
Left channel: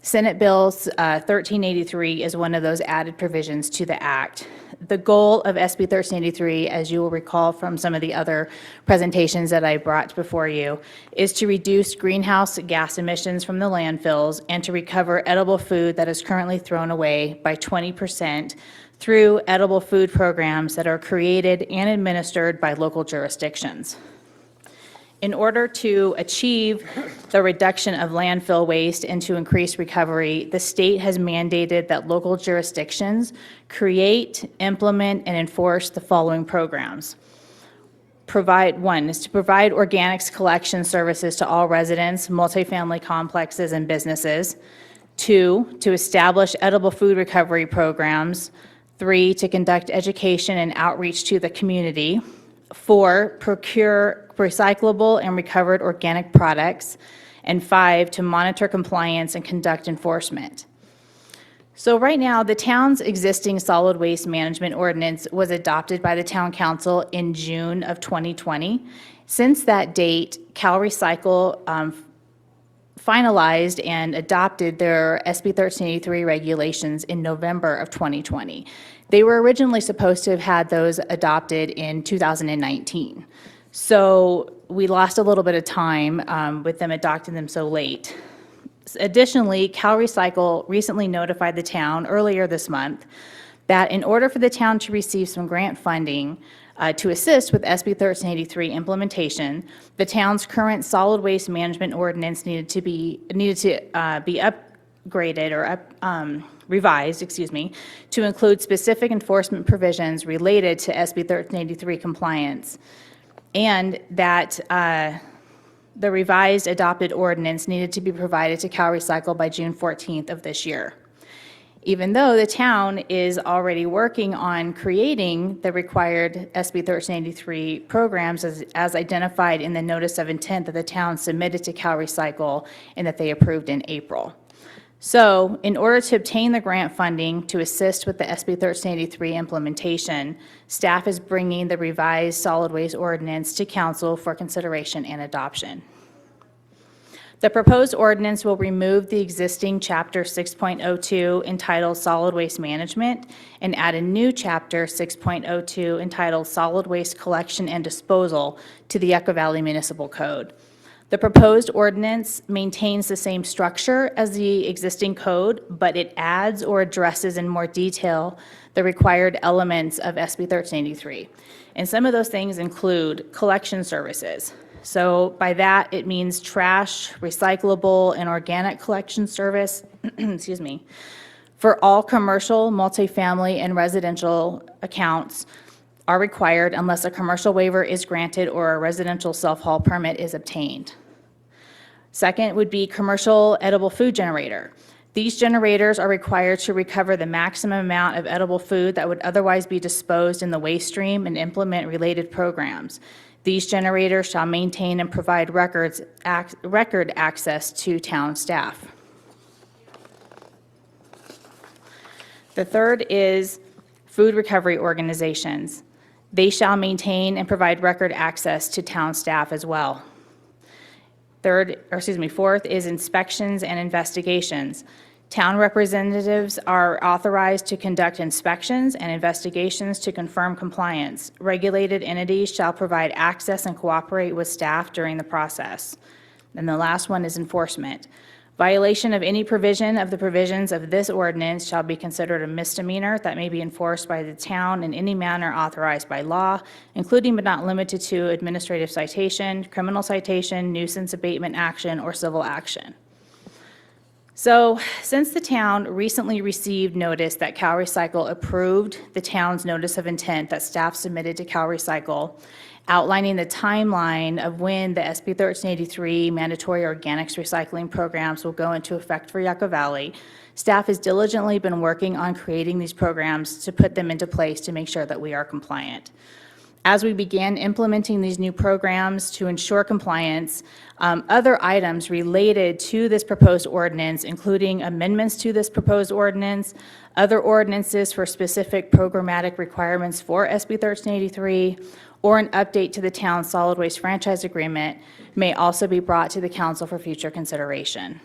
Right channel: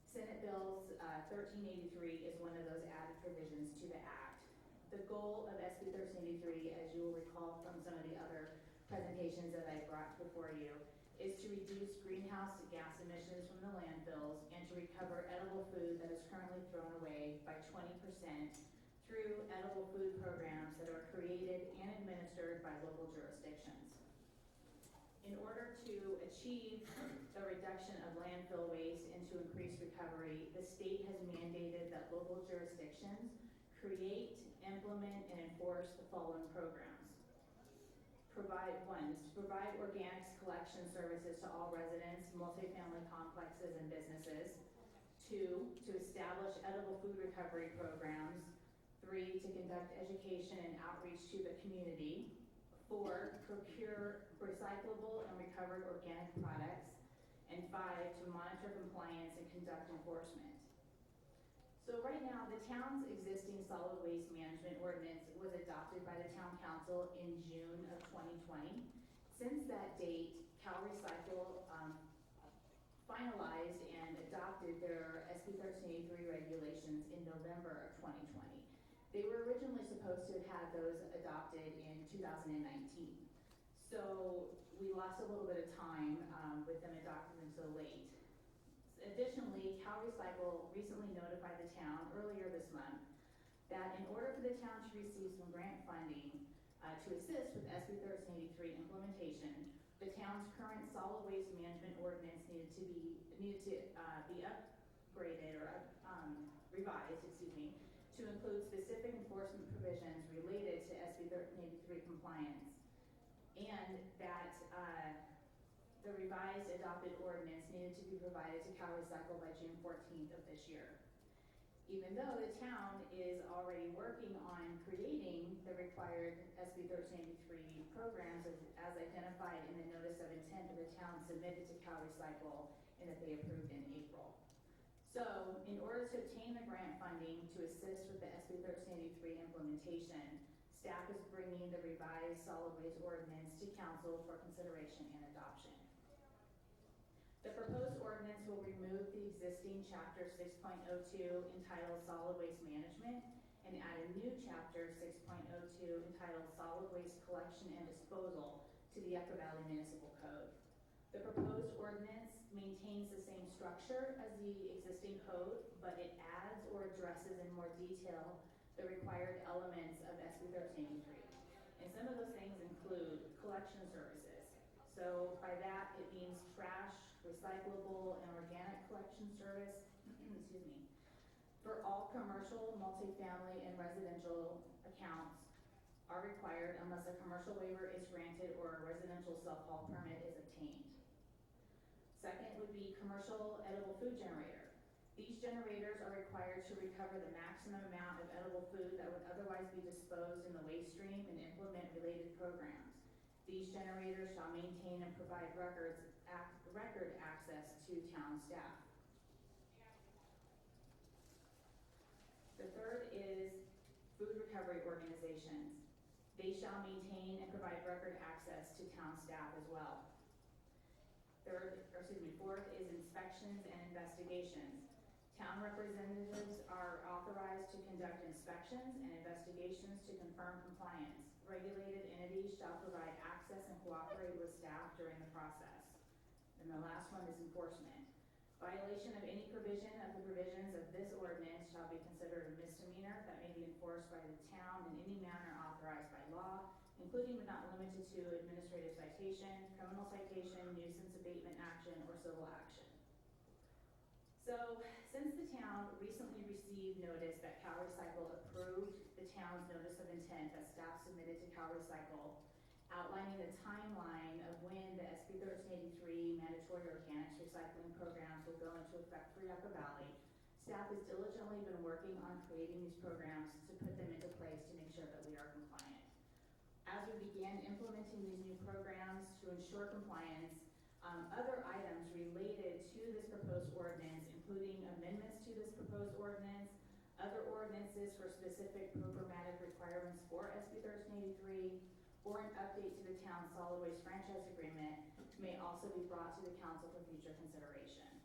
Senate Bill 1383 is one of those added provisions to the act. The goal of SB 1383, as you will recall from some of the other presentations that I brought before you, is to reduce greenhouse gas emissions from the landfills and to recover edible food that is currently thrown away by 20% through edible food programs that are created and administered by local jurisdictions. In order to achieve the reduction of landfill waste and to increase recovery, the state has mandated that local jurisdictions create, implement, and enforce the following programs. One is to provide organics collection services to all residents, multifamily complexes, and businesses. 2, to establish edible food recovery programs. 3, to conduct education and outreach to the community. 4, procure recyclable and recovered organic products. And 5, to monitor compliance and conduct enforcement. So right now, the town's existing solid waste management ordinance was adopted by the town council in June of 2020. Since that date, Cal Recycle finalized and adopted their SB 1383 regulations in November of 2020. They were originally supposed to have had those adopted in 2019. So we lost a little bit of time with them adopting them so late. Additionally, Cal Recycle recently notified the town earlier this month that in order for the town to receive some grant funding to assist with SB 1383 implementation, the town's current solid waste management ordinance needed to be upgraded or revised, to include specific enforcement provisions related to SB 1383 compliance, and that the revised adopted ordinance needed to be provided to Cal Recycle by June 14th of this year. Even though the town is already working on creating the required SB 1383 programs as identified in the notice of intent that the town submitted to Cal Recycle and that they approved in April. So in order to obtain the grant funding to assist with the SB 1383 implementation, staff is bringing the revised solid waste ordinance to council for consideration and adoption. The proposed ordinance will remove the existing Chapter 6.02 entitled Solid Waste Management and add a new Chapter 6.02 entitled Solid Waste Collection and Disposal to the Yucca Valley Municipal Code. The proposed ordinance maintains the same structure as the existing code, but it adds or addresses in more detail the required elements of SB 1383. And some of those things include collection services. So by that, it means trash, recyclable, and organic collection service, for all commercial, multifamily, and residential accounts are required unless a commercial waiver is granted or a residential self-haul permit is obtained. Second would be commercial edible food generator. These generators are required to recover the maximum amount of edible food that would otherwise be disposed in the waste stream and implement related programs. These generators shall maintain and provide record access to town staff. The third is food recovery organizations. They shall maintain and provide record access to town staff as well. Fourth is inspections and investigations. Town representatives are authorized to conduct inspections and investigations to confirm compliance. Regulated entities shall provide access and cooperate with staff during the process. And the last one is enforcement. Violation of any provision of the provisions of this ordinance shall be considered a misdemeanor that may be enforced by the town in any manner authorized by law, including but not limited to administrative citation, criminal citation, nuisance abatement action, or civil action. So, since the town recently received notice that Cal Recycle approved the town's notice of intent that staff submitted to Cal Recycle, outlining the timeline of when the SB 1383 mandatory organics recycling programs will go into effect for Yucca Valley, staff has diligently been working on creating these programs to put them into place to make sure that we are compliant. As we began implementing these new programs to ensure compliance, other items related to this proposed ordinance, including amendments to this proposed ordinance, other ordinances for specific programmatic requirements for SB 1383, or an update to the town's solid waste franchise agreement may also be brought to the council for future consideration.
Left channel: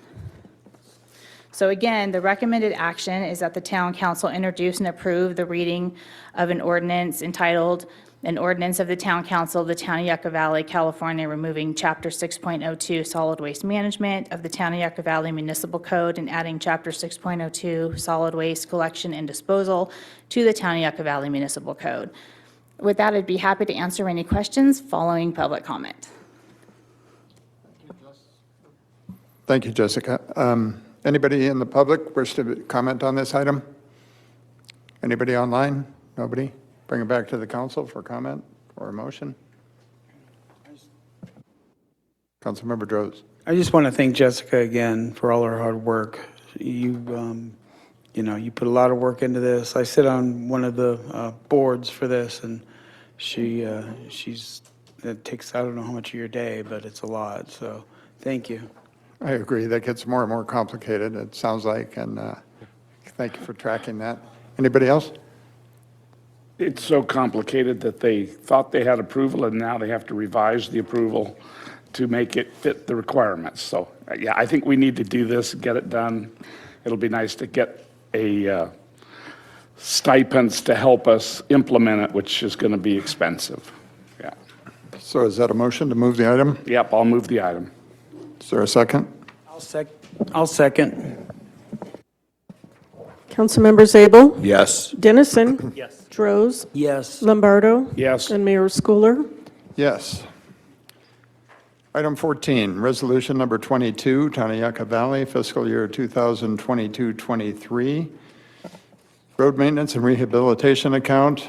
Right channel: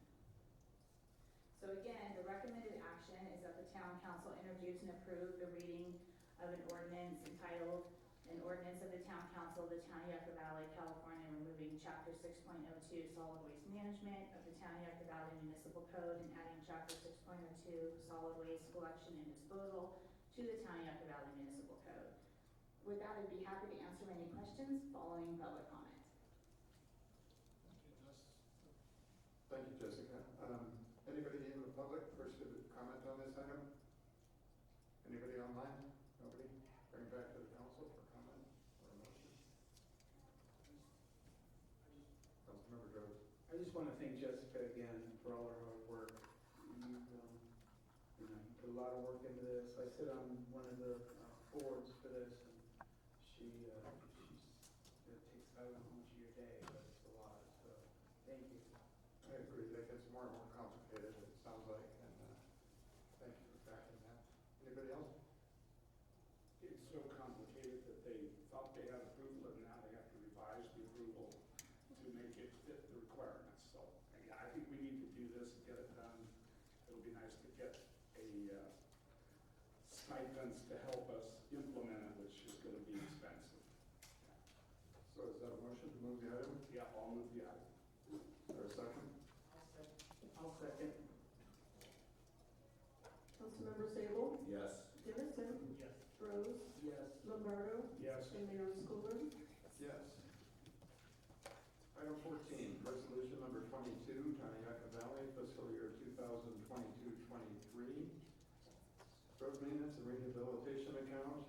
So again, the recommended action is that the town council introduce and approve the reading of an ordinance entitled, "An Ordinance of the Town Council of the Town of Yucca Valley, California, removing Chapter 6.02 Solid Waste Management of the Town of Yucca Valley Municipal Code and adding Chapter 6.02 Solid Waste Collection and Disposal to the Town of Yucca Valley Municipal Code." With that, I'd be happy to answer any questions following public comment. Thank you, Jessica. Anybody in the public wish to comment on this item? Anybody online? Nobody? Bring it back to the council for comment or a motion. Councilmember Droz. I just want to thank Jessica again for all her hard work. You put a lot of work into this. I sit on one of the boards for this, and it takes, I don't know how much of your day, but it's a lot. So thank you. I agree. That gets more and more complicated, it sounds like, and thank you for tracking that. Anybody else? It's so complicated that they thought they had approval, and now they have to revise the approval to make it fit the requirements. So, yeah, I think we need to do this, get it done. It'll be nice to get a stipends to help us implement it, which is going to be expensive. Yeah. So is that a motion to move the item? Yep, I'll move the item. Is there a second? I'll second. Councilmember Zabel? Yes. Dennison? Yes. Droz? Yes. Lombardo? Yes. And Mayor Schooler? Yes. Item 14, resolution number 22, Town of Yucca Valley, fiscal year 2022-23. Road maintenance and rehabilitation account,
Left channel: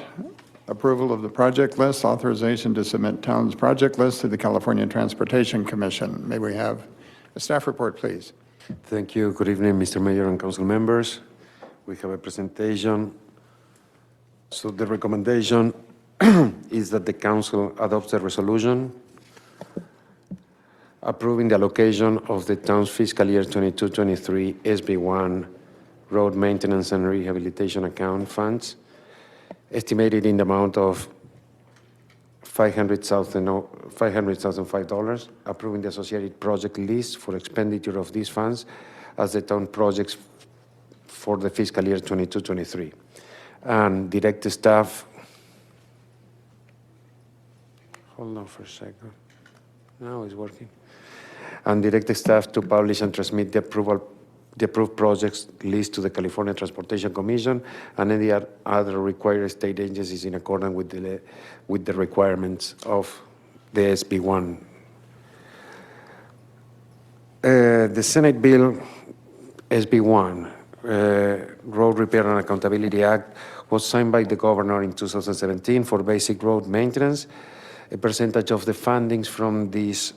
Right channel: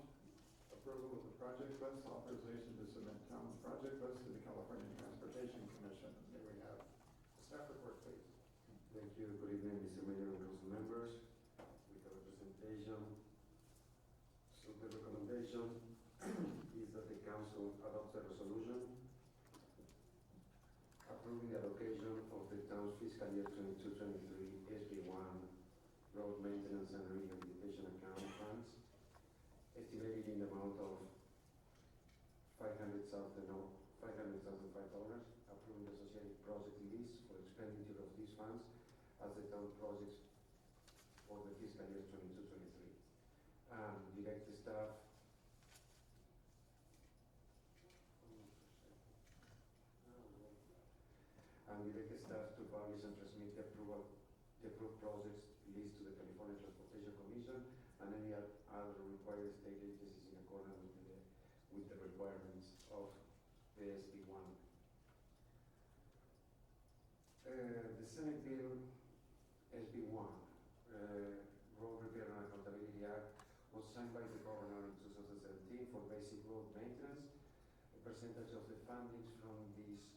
approval of the project list, authorization to submit town's project list to the California Transportation Commission. May we have a staff report, please? Thank you. Good evening, Mr. Mayor and council members. We have a presentation. So the recommendation is that the council adopts a resolution approving the allocation of the town's fiscal year 22-23 SB1 road maintenance and rehabilitation account funds, estimated in the amount of $500,005, approving the associated project list for expenditure of these funds as the town projects for the fiscal year 22-23. And direct staff, hold on for a second. Now it's working. And direct staff to publish and transmit the approved projects list to the California Transportation Commission and any other required state agencies in accordance with the requirements of the SB1. The Senate Bill SB1, Road Repair and Accountability Act, was signed by the governor in 2017 for basic road maintenance. A percentage of the fundings from this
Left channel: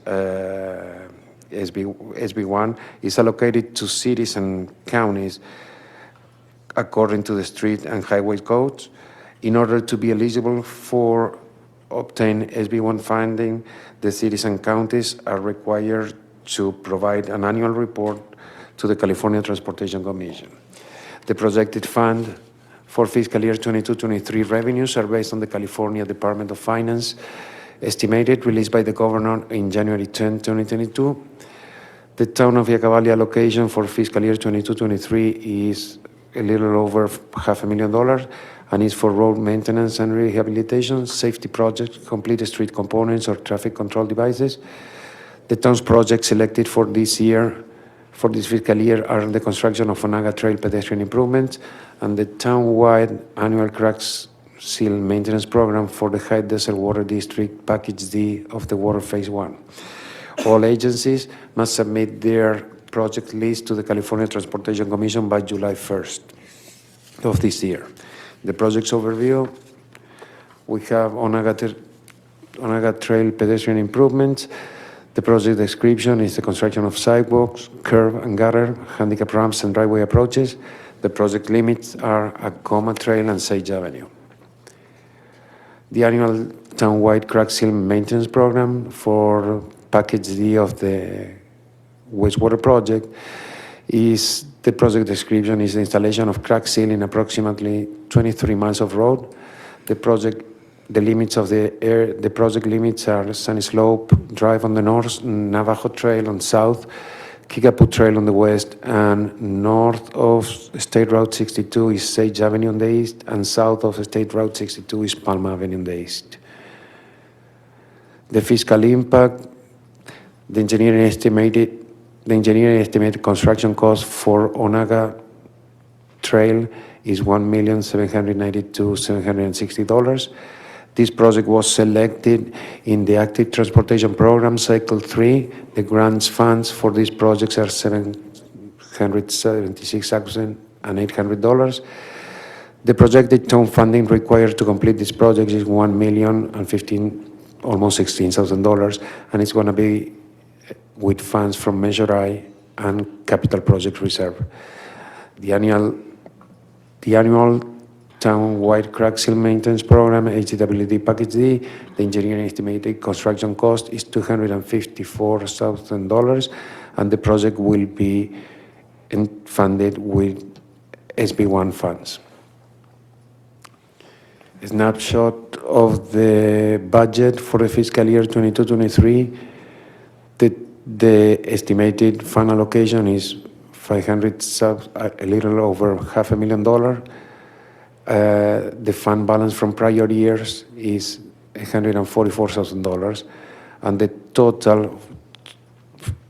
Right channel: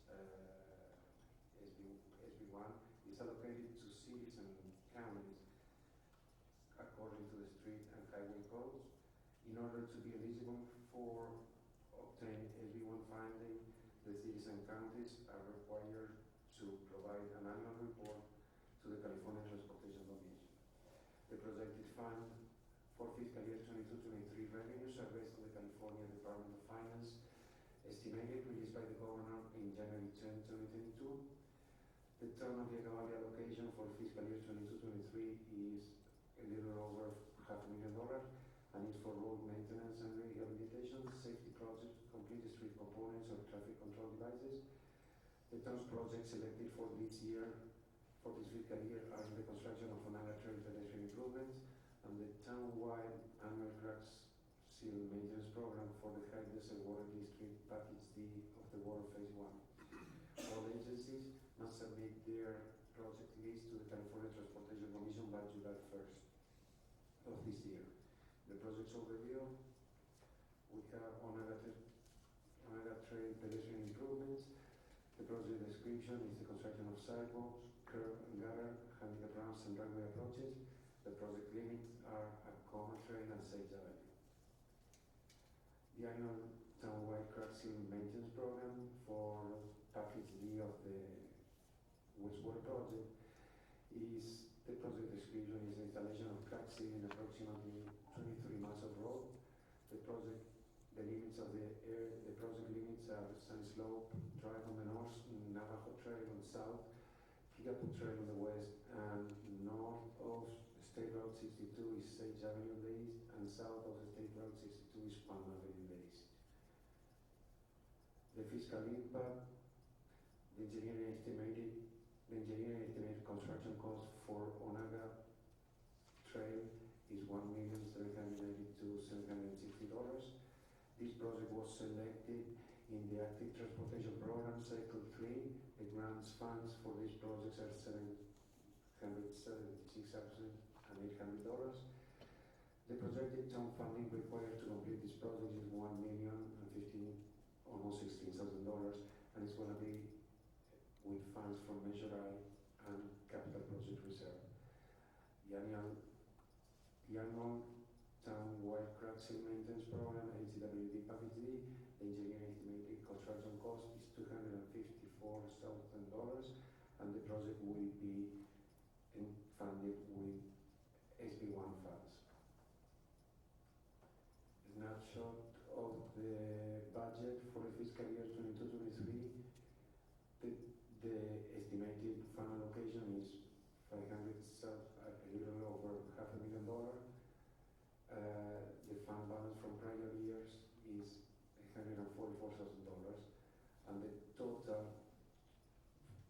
SB1 is allocated to cities and counties according to the street and highway codes. In order to be eligible for obtain SB1 funding, the cities and counties are required to provide an annual report to the California Transportation Commission. The projected fund for fiscal year 22-23 revenues are based on the California Department of Finance estimated released by the governor in January 10, 2022. The town of Yucca Valley allocation for fiscal year 22-23 is a little over $500,000 and is for road maintenance and rehabilitation, safety projects, complete street components, or traffic control devices. The town's projects selected for this fiscal year are the construction of Onaga Trail pedestrian improvements and the town-wide annual crack seal maintenance program for the High Desert Water District Package D of the Water Phase 1. All agencies must submit their project list to the California Transportation Commission by July 1st of this year. The project's overview, we have Onaga Trail pedestrian improvements. The project description is the construction of sidewalks, curb and gutter, handicap ramps, and driveway approaches. The project limits are Acoma Trail and Sage Avenue. The annual town-wide crack seal maintenance program for Package D of the wastewater project is the project description is the installation of crack seal in approximately 23 miles of road. The project limits are Sunny Slope Drive on the north, Navajo Trail on south, Kickapoo Trail on the west, and north of State Route 62 is Sage Avenue on the east, and south of State Route 62 is Palm Avenue on the east. The fiscal impact, the engineering estimated construction cost for Onaga Trail is $1,792,760. This project was selected in the Active Transportation Program Cycle 3. The grants funds for these projects are $776,800. The projected town funding required to complete this project is almost $16,000, and it's going to be with funds from Measure I and Capital Project Reserve. The annual town-wide crack seal maintenance program, HCWD Package D, the engineering estimated construction cost is $254,000, and the project will be funded with SB1 funds. A snapshot of the budget for the fiscal year 22-23. The estimated fund allocation is a little over $500,000. The fund balance from prior years is $144,000, and the total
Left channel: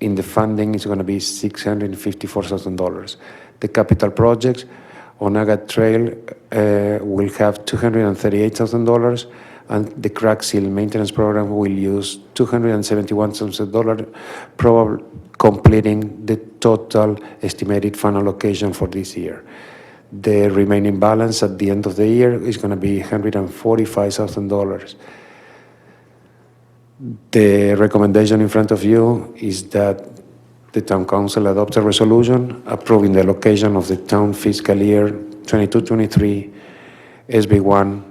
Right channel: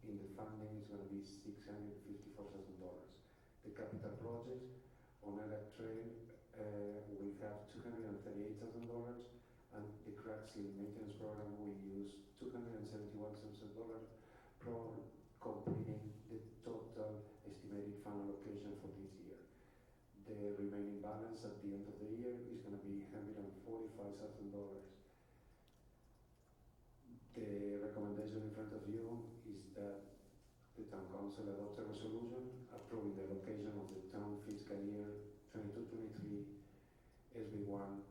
in the funding is going to be $654,000. The capital projects, Onaga Trail will have $238,000, and the crack seal maintenance program will use $271,000, probably completing the total estimated fund allocation for this year. The remaining balance at the end of the year is going to be $145,000. The recommendation in front of you is that the Town Council adopt a resolution approving the allocation of the town fiscal year 22-23 SB1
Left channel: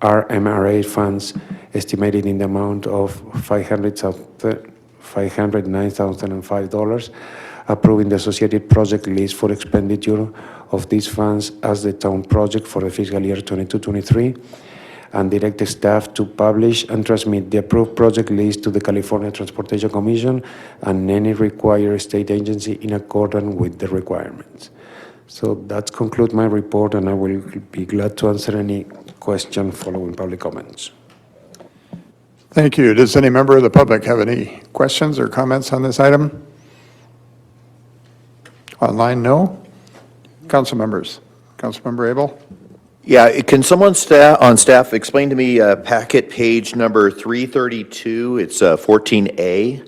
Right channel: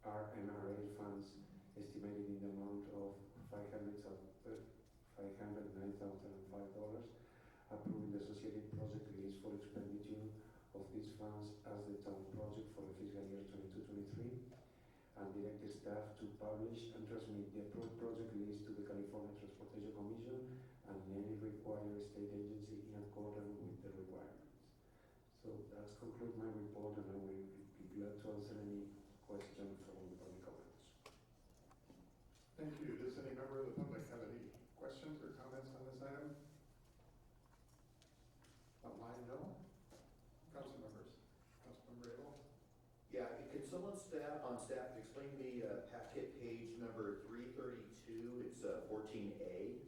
RMRA funds estimated in the amount of $509,005, approving the associated project list for expenditure of these funds as the town project for the fiscal year 22-23, and direct the staff to publish and transmit the approved project list to the California Transportation Commission and any required state agency in accordance with the requirements. So that concludes my report, and I will be glad to answer any question following public comments. Thank you. Does any member of the public have any questions or comments on this item? Online, no. Council members. Councilmember Abel? Yeah, can someone on staff explain to me packet page number 332? It's 14A,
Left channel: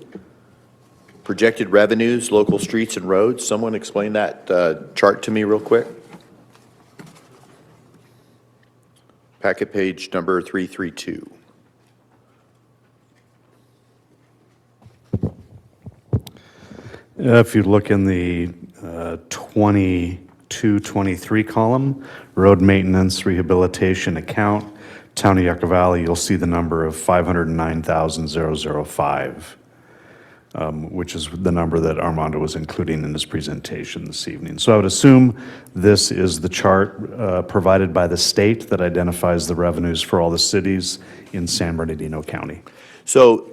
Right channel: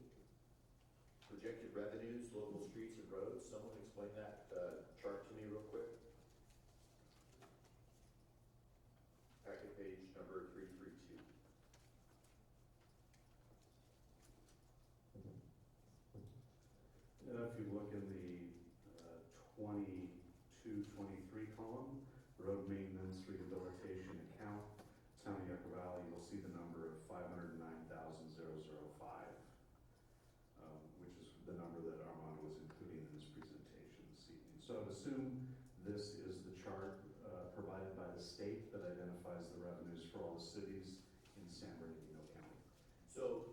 projected revenues, local streets and roads. Someone explain that chart to me real quick. Packet page number 332. If you look in the 22-23 column, road maintenance rehabilitation account, Town of Yucca Valley, you'll see the number of 509,005, which is the number that Armando was including in his presentation this evening. So I would assume this is the chart provided by the state that identifies the revenues for all the cities in San Bernardino County. So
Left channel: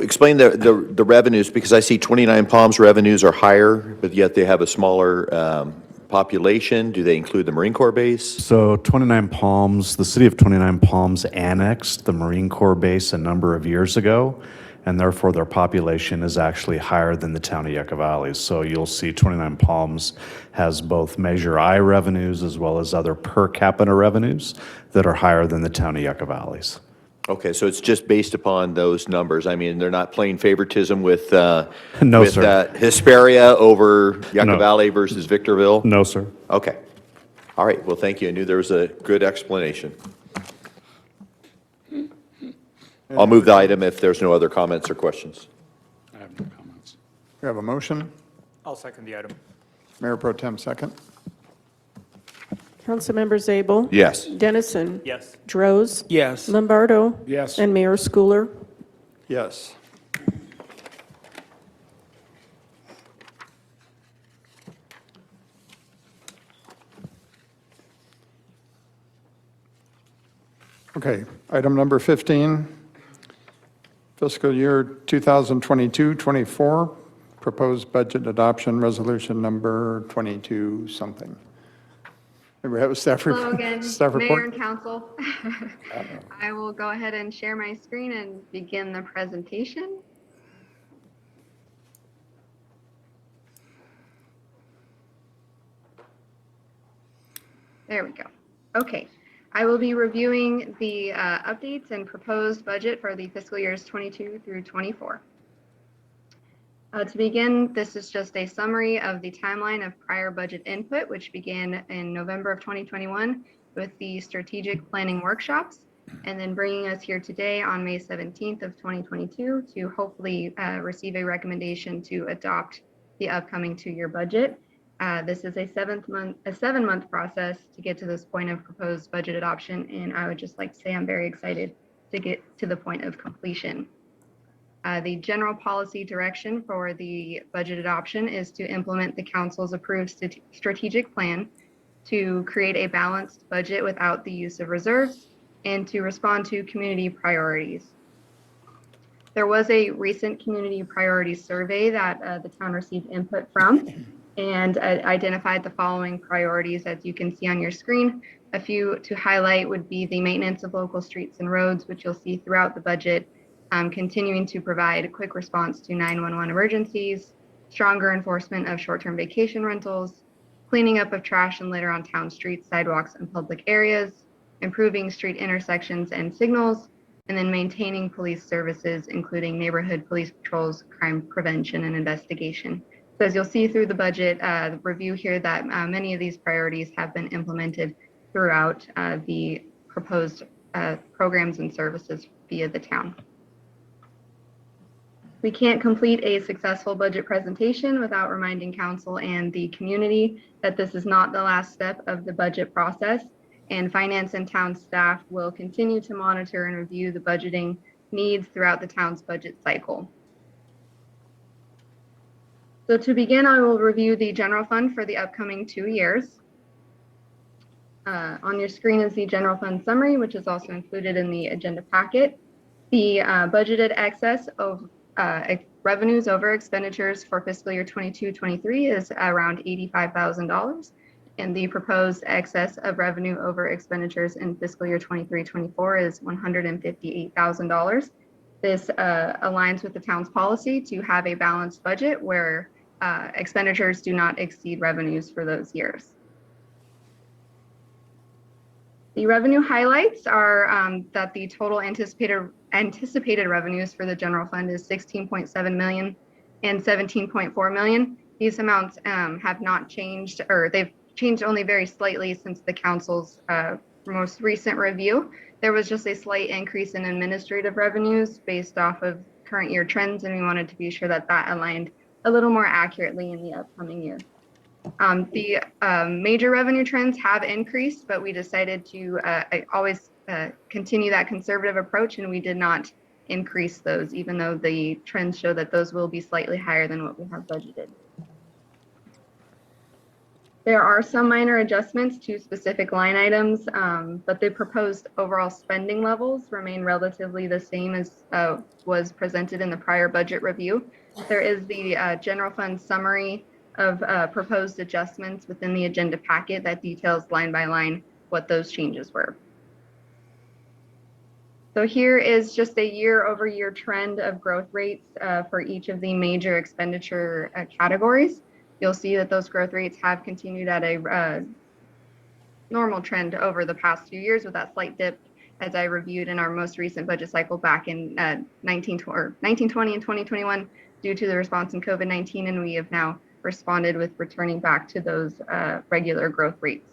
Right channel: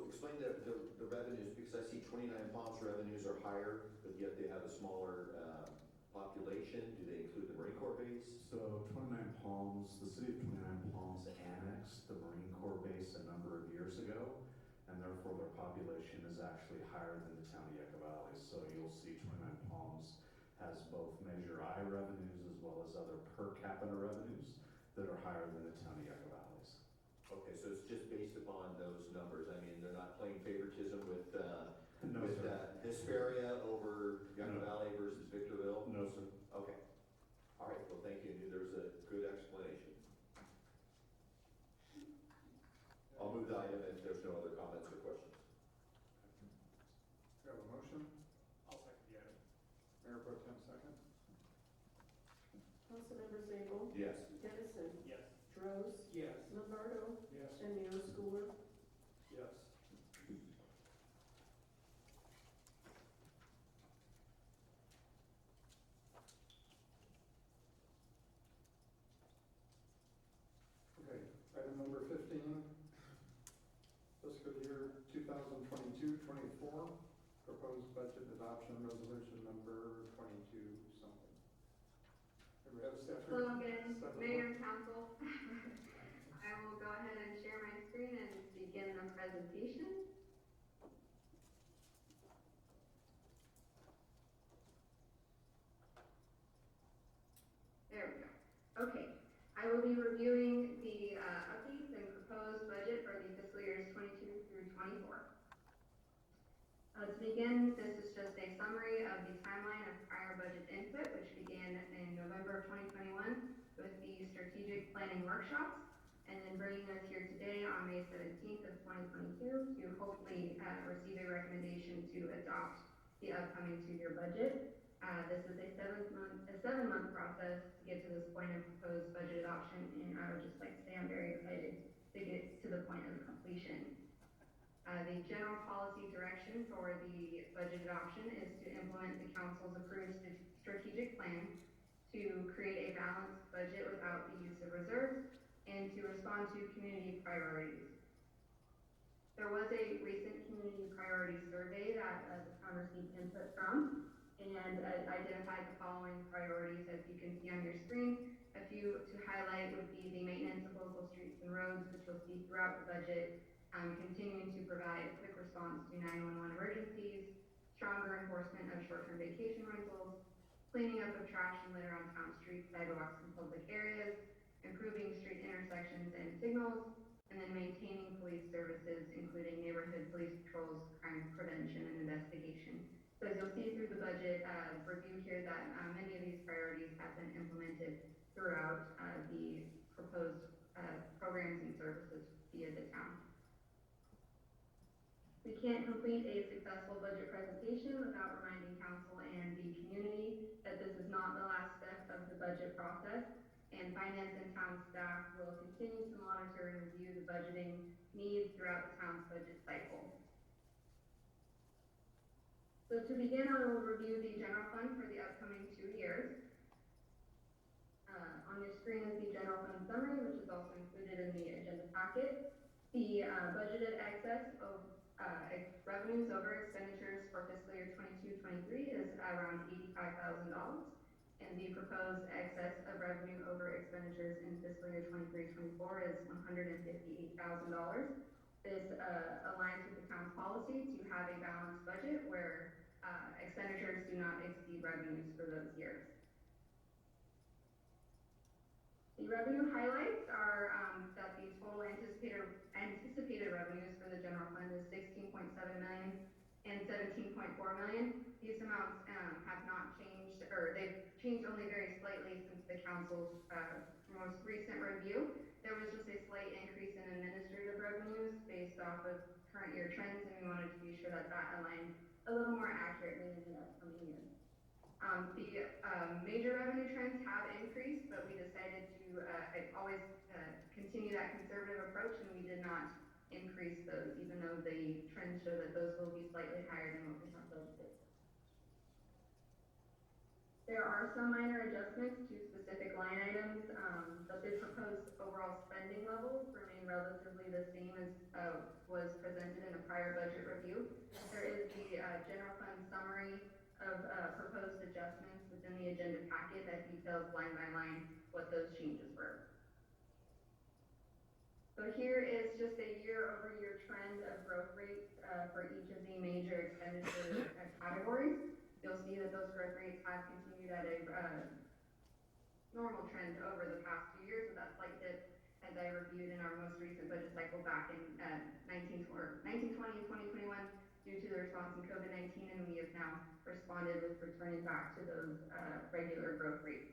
explain the revenues, because I see 29 Palms revenues are higher, but yet they have a smaller population. Do they include the Marine Corps base? So 29 Palms, the city of 29 Palms annexed the Marine Corps base a number of years ago, and therefore their population is actually higher than the town of Yucca Valley. So you'll see 29 Palms has both Measure I revenues as well as other per capita revenues that are higher than the town of Yucca Valley's. Okay, so it's just based upon those numbers. I mean, they're not playing favoritism with No, sir. Hesperia over Yucca No. Valley versus Victorville? No, sir. Okay. All right, well, thank you. I knew there was a good explanation. I'll move the item if there's no other comments or questions. I have no comments. We have a motion. I'll second the item. Mayor Pro Tem second. Councilmembers Abel? Yes. Dennison? Yes. Droz? Yes. Lombardo? Yes. And Mayor Schooler? Yes. Okay, item number 15, fiscal year 2022-24 proposed budget adoption resolution number 22 something. Maybe we have a staff Hello report. again, Staff Mayor report. and Council. I will go ahead and share my screen and begin the presentation. There we go. Okay, I will be reviewing the updates and proposed budget for the fiscal years 22 through 24. To begin, this is just a summary of the timeline of prior budget input, which began in November of 2021 with the strategic planning workshops, and then bringing us here today on May 17th of 2022 to hopefully receive a recommendation to adopt the upcoming 2-year budget. This is a 7-month process to get to this point of proposed budget adoption, and I would just like to say I'm very excited to get to the point of completion. The general policy direction for the budget adoption is to implement the council's approved strategic plan, to create a balanced budget without the use of reserves, and to respond to community priorities. There was a recent community priorities survey that the town received input from and identified the following priorities, as you can see on your screen. A few to highlight would be the maintenance of local streets and roads, which you'll see throughout the budget, continuing to provide a quick response to 911 emergencies, stronger enforcement of short-term vacation rentals, cleaning up of trash and litter on town streets, sidewalks, and public areas, improving street intersections and signals, and then maintaining police services, including neighborhood police patrols, crime prevention, and investigation. So as you'll see through the budget review here, that many of these priorities have been implemented throughout the proposed programs and services via the town. We can't complete a successful budget presentation without reminding council and the community that this is not the last step of the budget process, and finance and town staff will continue to monitor and review the budgeting needs throughout the town's budget cycle. So to begin, I will review the general fund for the upcoming 2 years. On your screen is the general fund summary, which is also included in the agenda packet. The budgeted excess of revenues over expenditures for fiscal year 22-23 is around $85,000, and the proposed excess of revenue over expenditures in fiscal year 23-24 is $158,000. This aligns with the town's policy to have a balanced budget where expenditures do not exceed revenues for those years. The revenue highlights are that the total anticipated revenues for the general fund is $16.7 million and $17.4 million. These amounts have not changed, or they've changed only very slightly since the council's most recent review. There was just a slight increase in administrative revenues based off of current year trends, and we wanted to be sure that that aligned a little more accurately in the upcoming year. The major revenue trends have increased, but we decided to always continue that conservative approach, and we did not increase those, even though the trends show that those will be slightly higher than what we have budgeted. There are some minor adjustments to specific line items, but the proposed overall spending levels remain relatively the same as was presented in the prior budget review. There is the general fund summary of proposed adjustments within the agenda packet that details line by line what those changes were. So here is just a year-over-year trend of growth rates for each of the major expenditure categories. You'll see that those growth rates have continued at a normal trend over the past few years, with that slight dip, as I reviewed in our most recent budget cycle back in 1920 and 2021 due to the response in COVID-19, and we have now responded with returning back to those regular growth rates.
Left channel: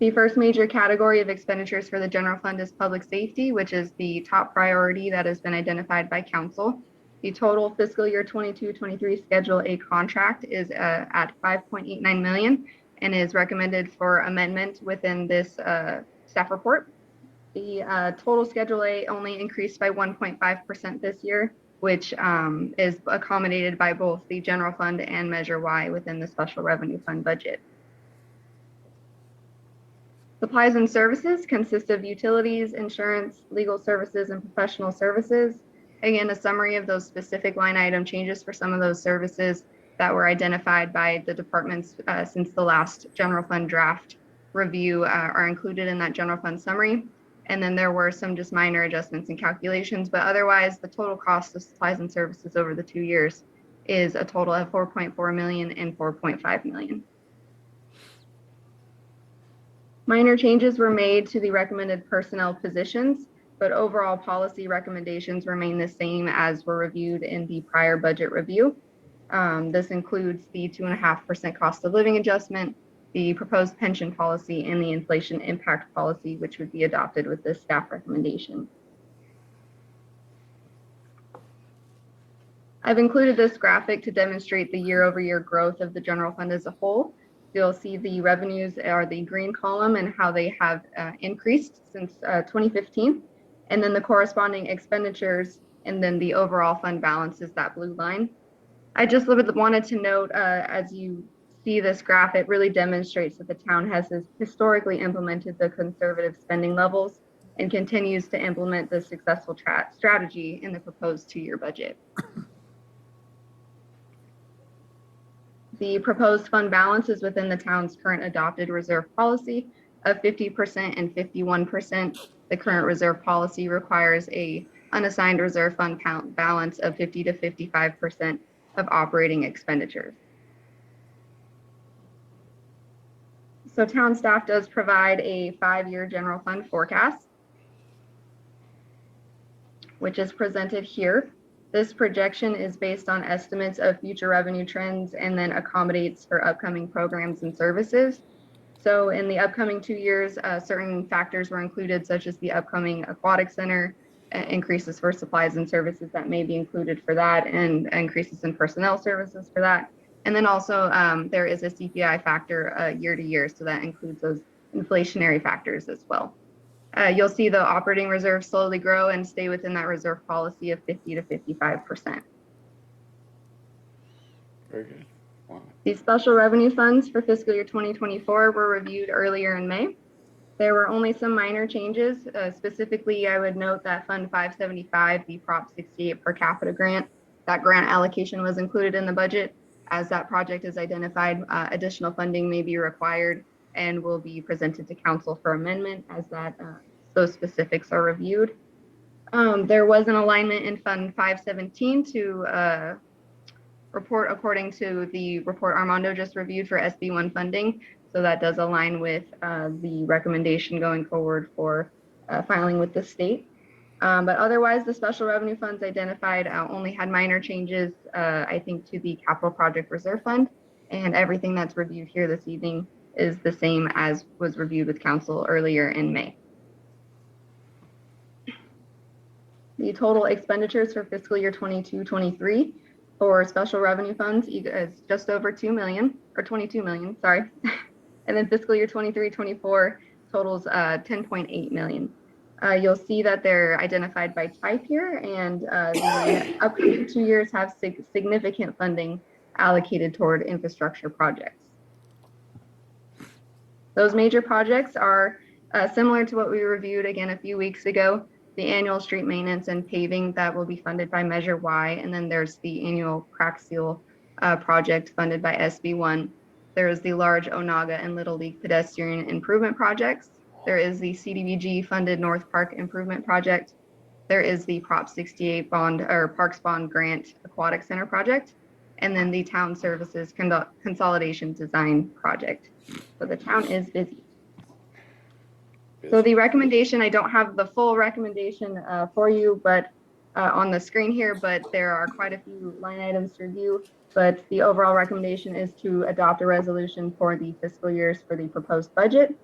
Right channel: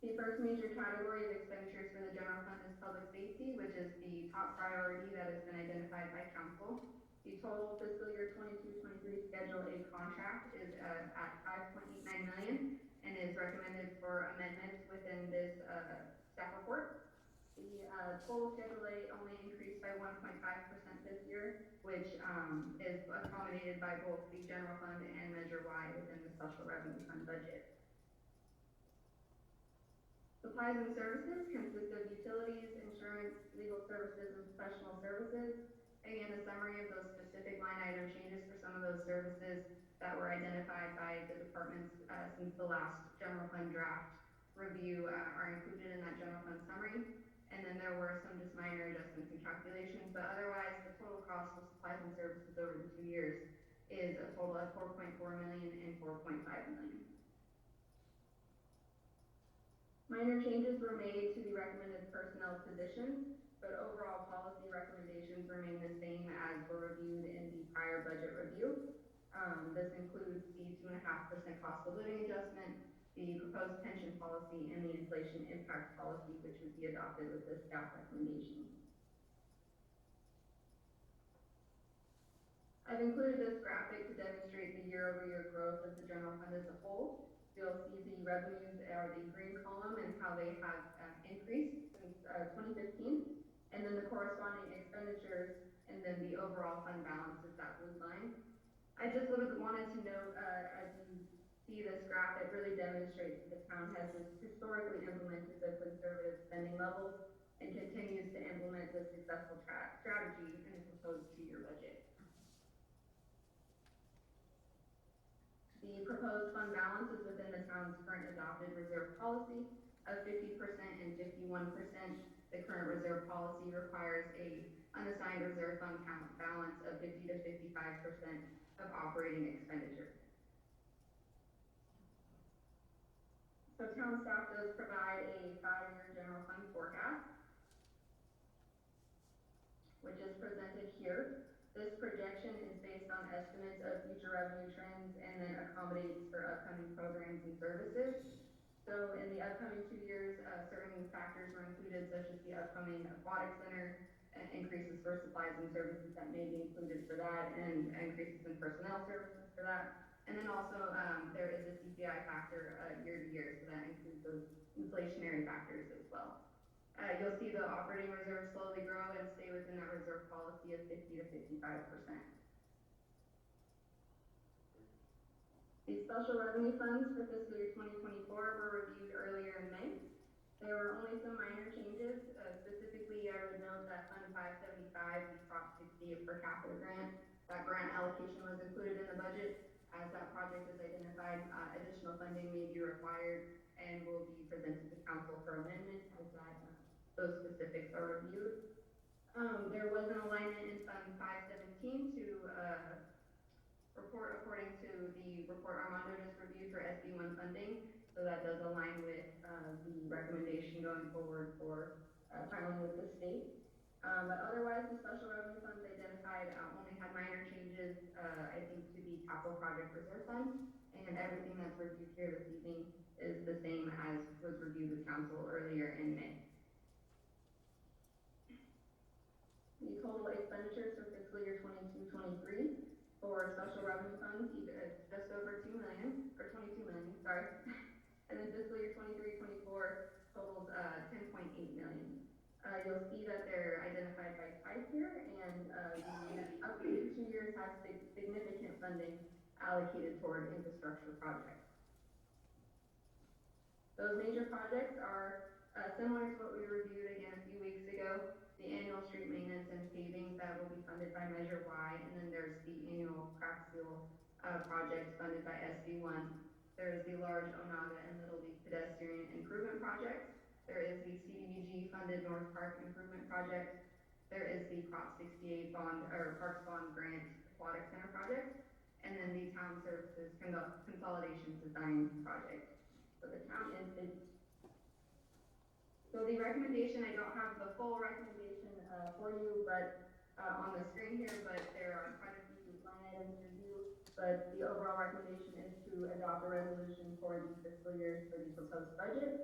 The first major category of expenditures for the general fund is public safety, which is the top priority that has been identified by council. The total fiscal year 22-23 Schedule A contract is at $5.89 million and is recommended for amendment within this staff report. The total Schedule A only increased by 1.5% this year, which is accommodated by both the general fund and Measure Y within the special revenue fund budget. Supplies and services consist of utilities, insurance, legal services, and professional services. Again, a summary of those specific line item changes for some of those services that were identified by the departments since the last general fund draft review are included in that general fund summary. And then there were some just minor adjustments and calculations, but otherwise the total cost of supplies and services over the 2 years is a total of 4.4 million and 4.5 million. Minor changes were made to the recommended personnel positions, but overall policy recommendations remain the same as were reviewed in the prior budget review. This includes the 2.5% cost of living adjustment, the proposed pension policy, and the inflation impact policy, which would be adopted with this staff recommendation. I've included this graphic to demonstrate the year-over-year growth of the general fund as a whole. You'll see the revenues are the green column and how they have increased since 2015. And then the corresponding expenditures and then the overall fund balance is that blue line. I just wanted to note, as you see this graph, it really demonstrates that the town has historically implemented the conservative spending levels and continues to implement the successful strategy in the proposed 2-year budget. The proposed fund balance is within the town's current adopted reserve policy of 50% and 51%. The current reserve policy requires a unassigned reserve fund balance of 50 to 55% of operating expenditures. So town staff does provide a 5-year general fund forecast, which is presented here. This projection is based on estimates of future revenue trends and then accommodates for upcoming programs and services. So in the upcoming 2 years, certain factors were included, such as the upcoming aquatic center, increases for supplies and services that may be included for that, and increases in personnel services for that. And then also there is a CPI factor year to year, so that includes those inflationary factors as well. You'll see the operating reserve slowly grow and stay within that reserve policy of 50 to 55%. Very good. Wow. These special revenue funds for fiscal year 2024 were reviewed earlier in May. There were only some minor changes. Specifically, I would note that Fund 575, the Prop 68 per capita grant, that grant allocation was included in the budget. As that project is identified, additional funding may be required and will be presented to council for amendment as those specifics are reviewed. There was an alignment in Fund 517 to report according to the report Armando just reviewed for SB1 funding. So that does align with the recommendation going forward for filing with the state. But otherwise, the special revenue funds identified only had minor changes, I think, to the capital project reserve fund, and everything that's reviewed here this evening is the same as was reviewed with council earlier in May. The total expenditures for fiscal year 22-23 for special revenue funds is just over 2 million, or 22 million, sorry. And then fiscal year 23-24 totals 10.8 million. You'll see that they're identified by type here, and the upcoming 2 years have significant funding allocated toward infrastructure projects. Those major projects are similar to what we reviewed again a few weeks ago. The annual street maintenance and paving that will be funded by Measure Y, and then there's the annual crack seal project funded by SB1. There is the large Onaga and Little League pedestrian improvement projects. There is the CDBG funded North Park improvement project. There is the Prop 68 bond or Parks Bond Grant Aquatic Center project, and then the town services consolidation design project. So the town is busy. So the recommendation, I don't have the full recommendation for you, but on the screen here, but there are quite a few line items to review. But the overall recommendation is to adopt a resolution for the fiscal years for the proposed budget,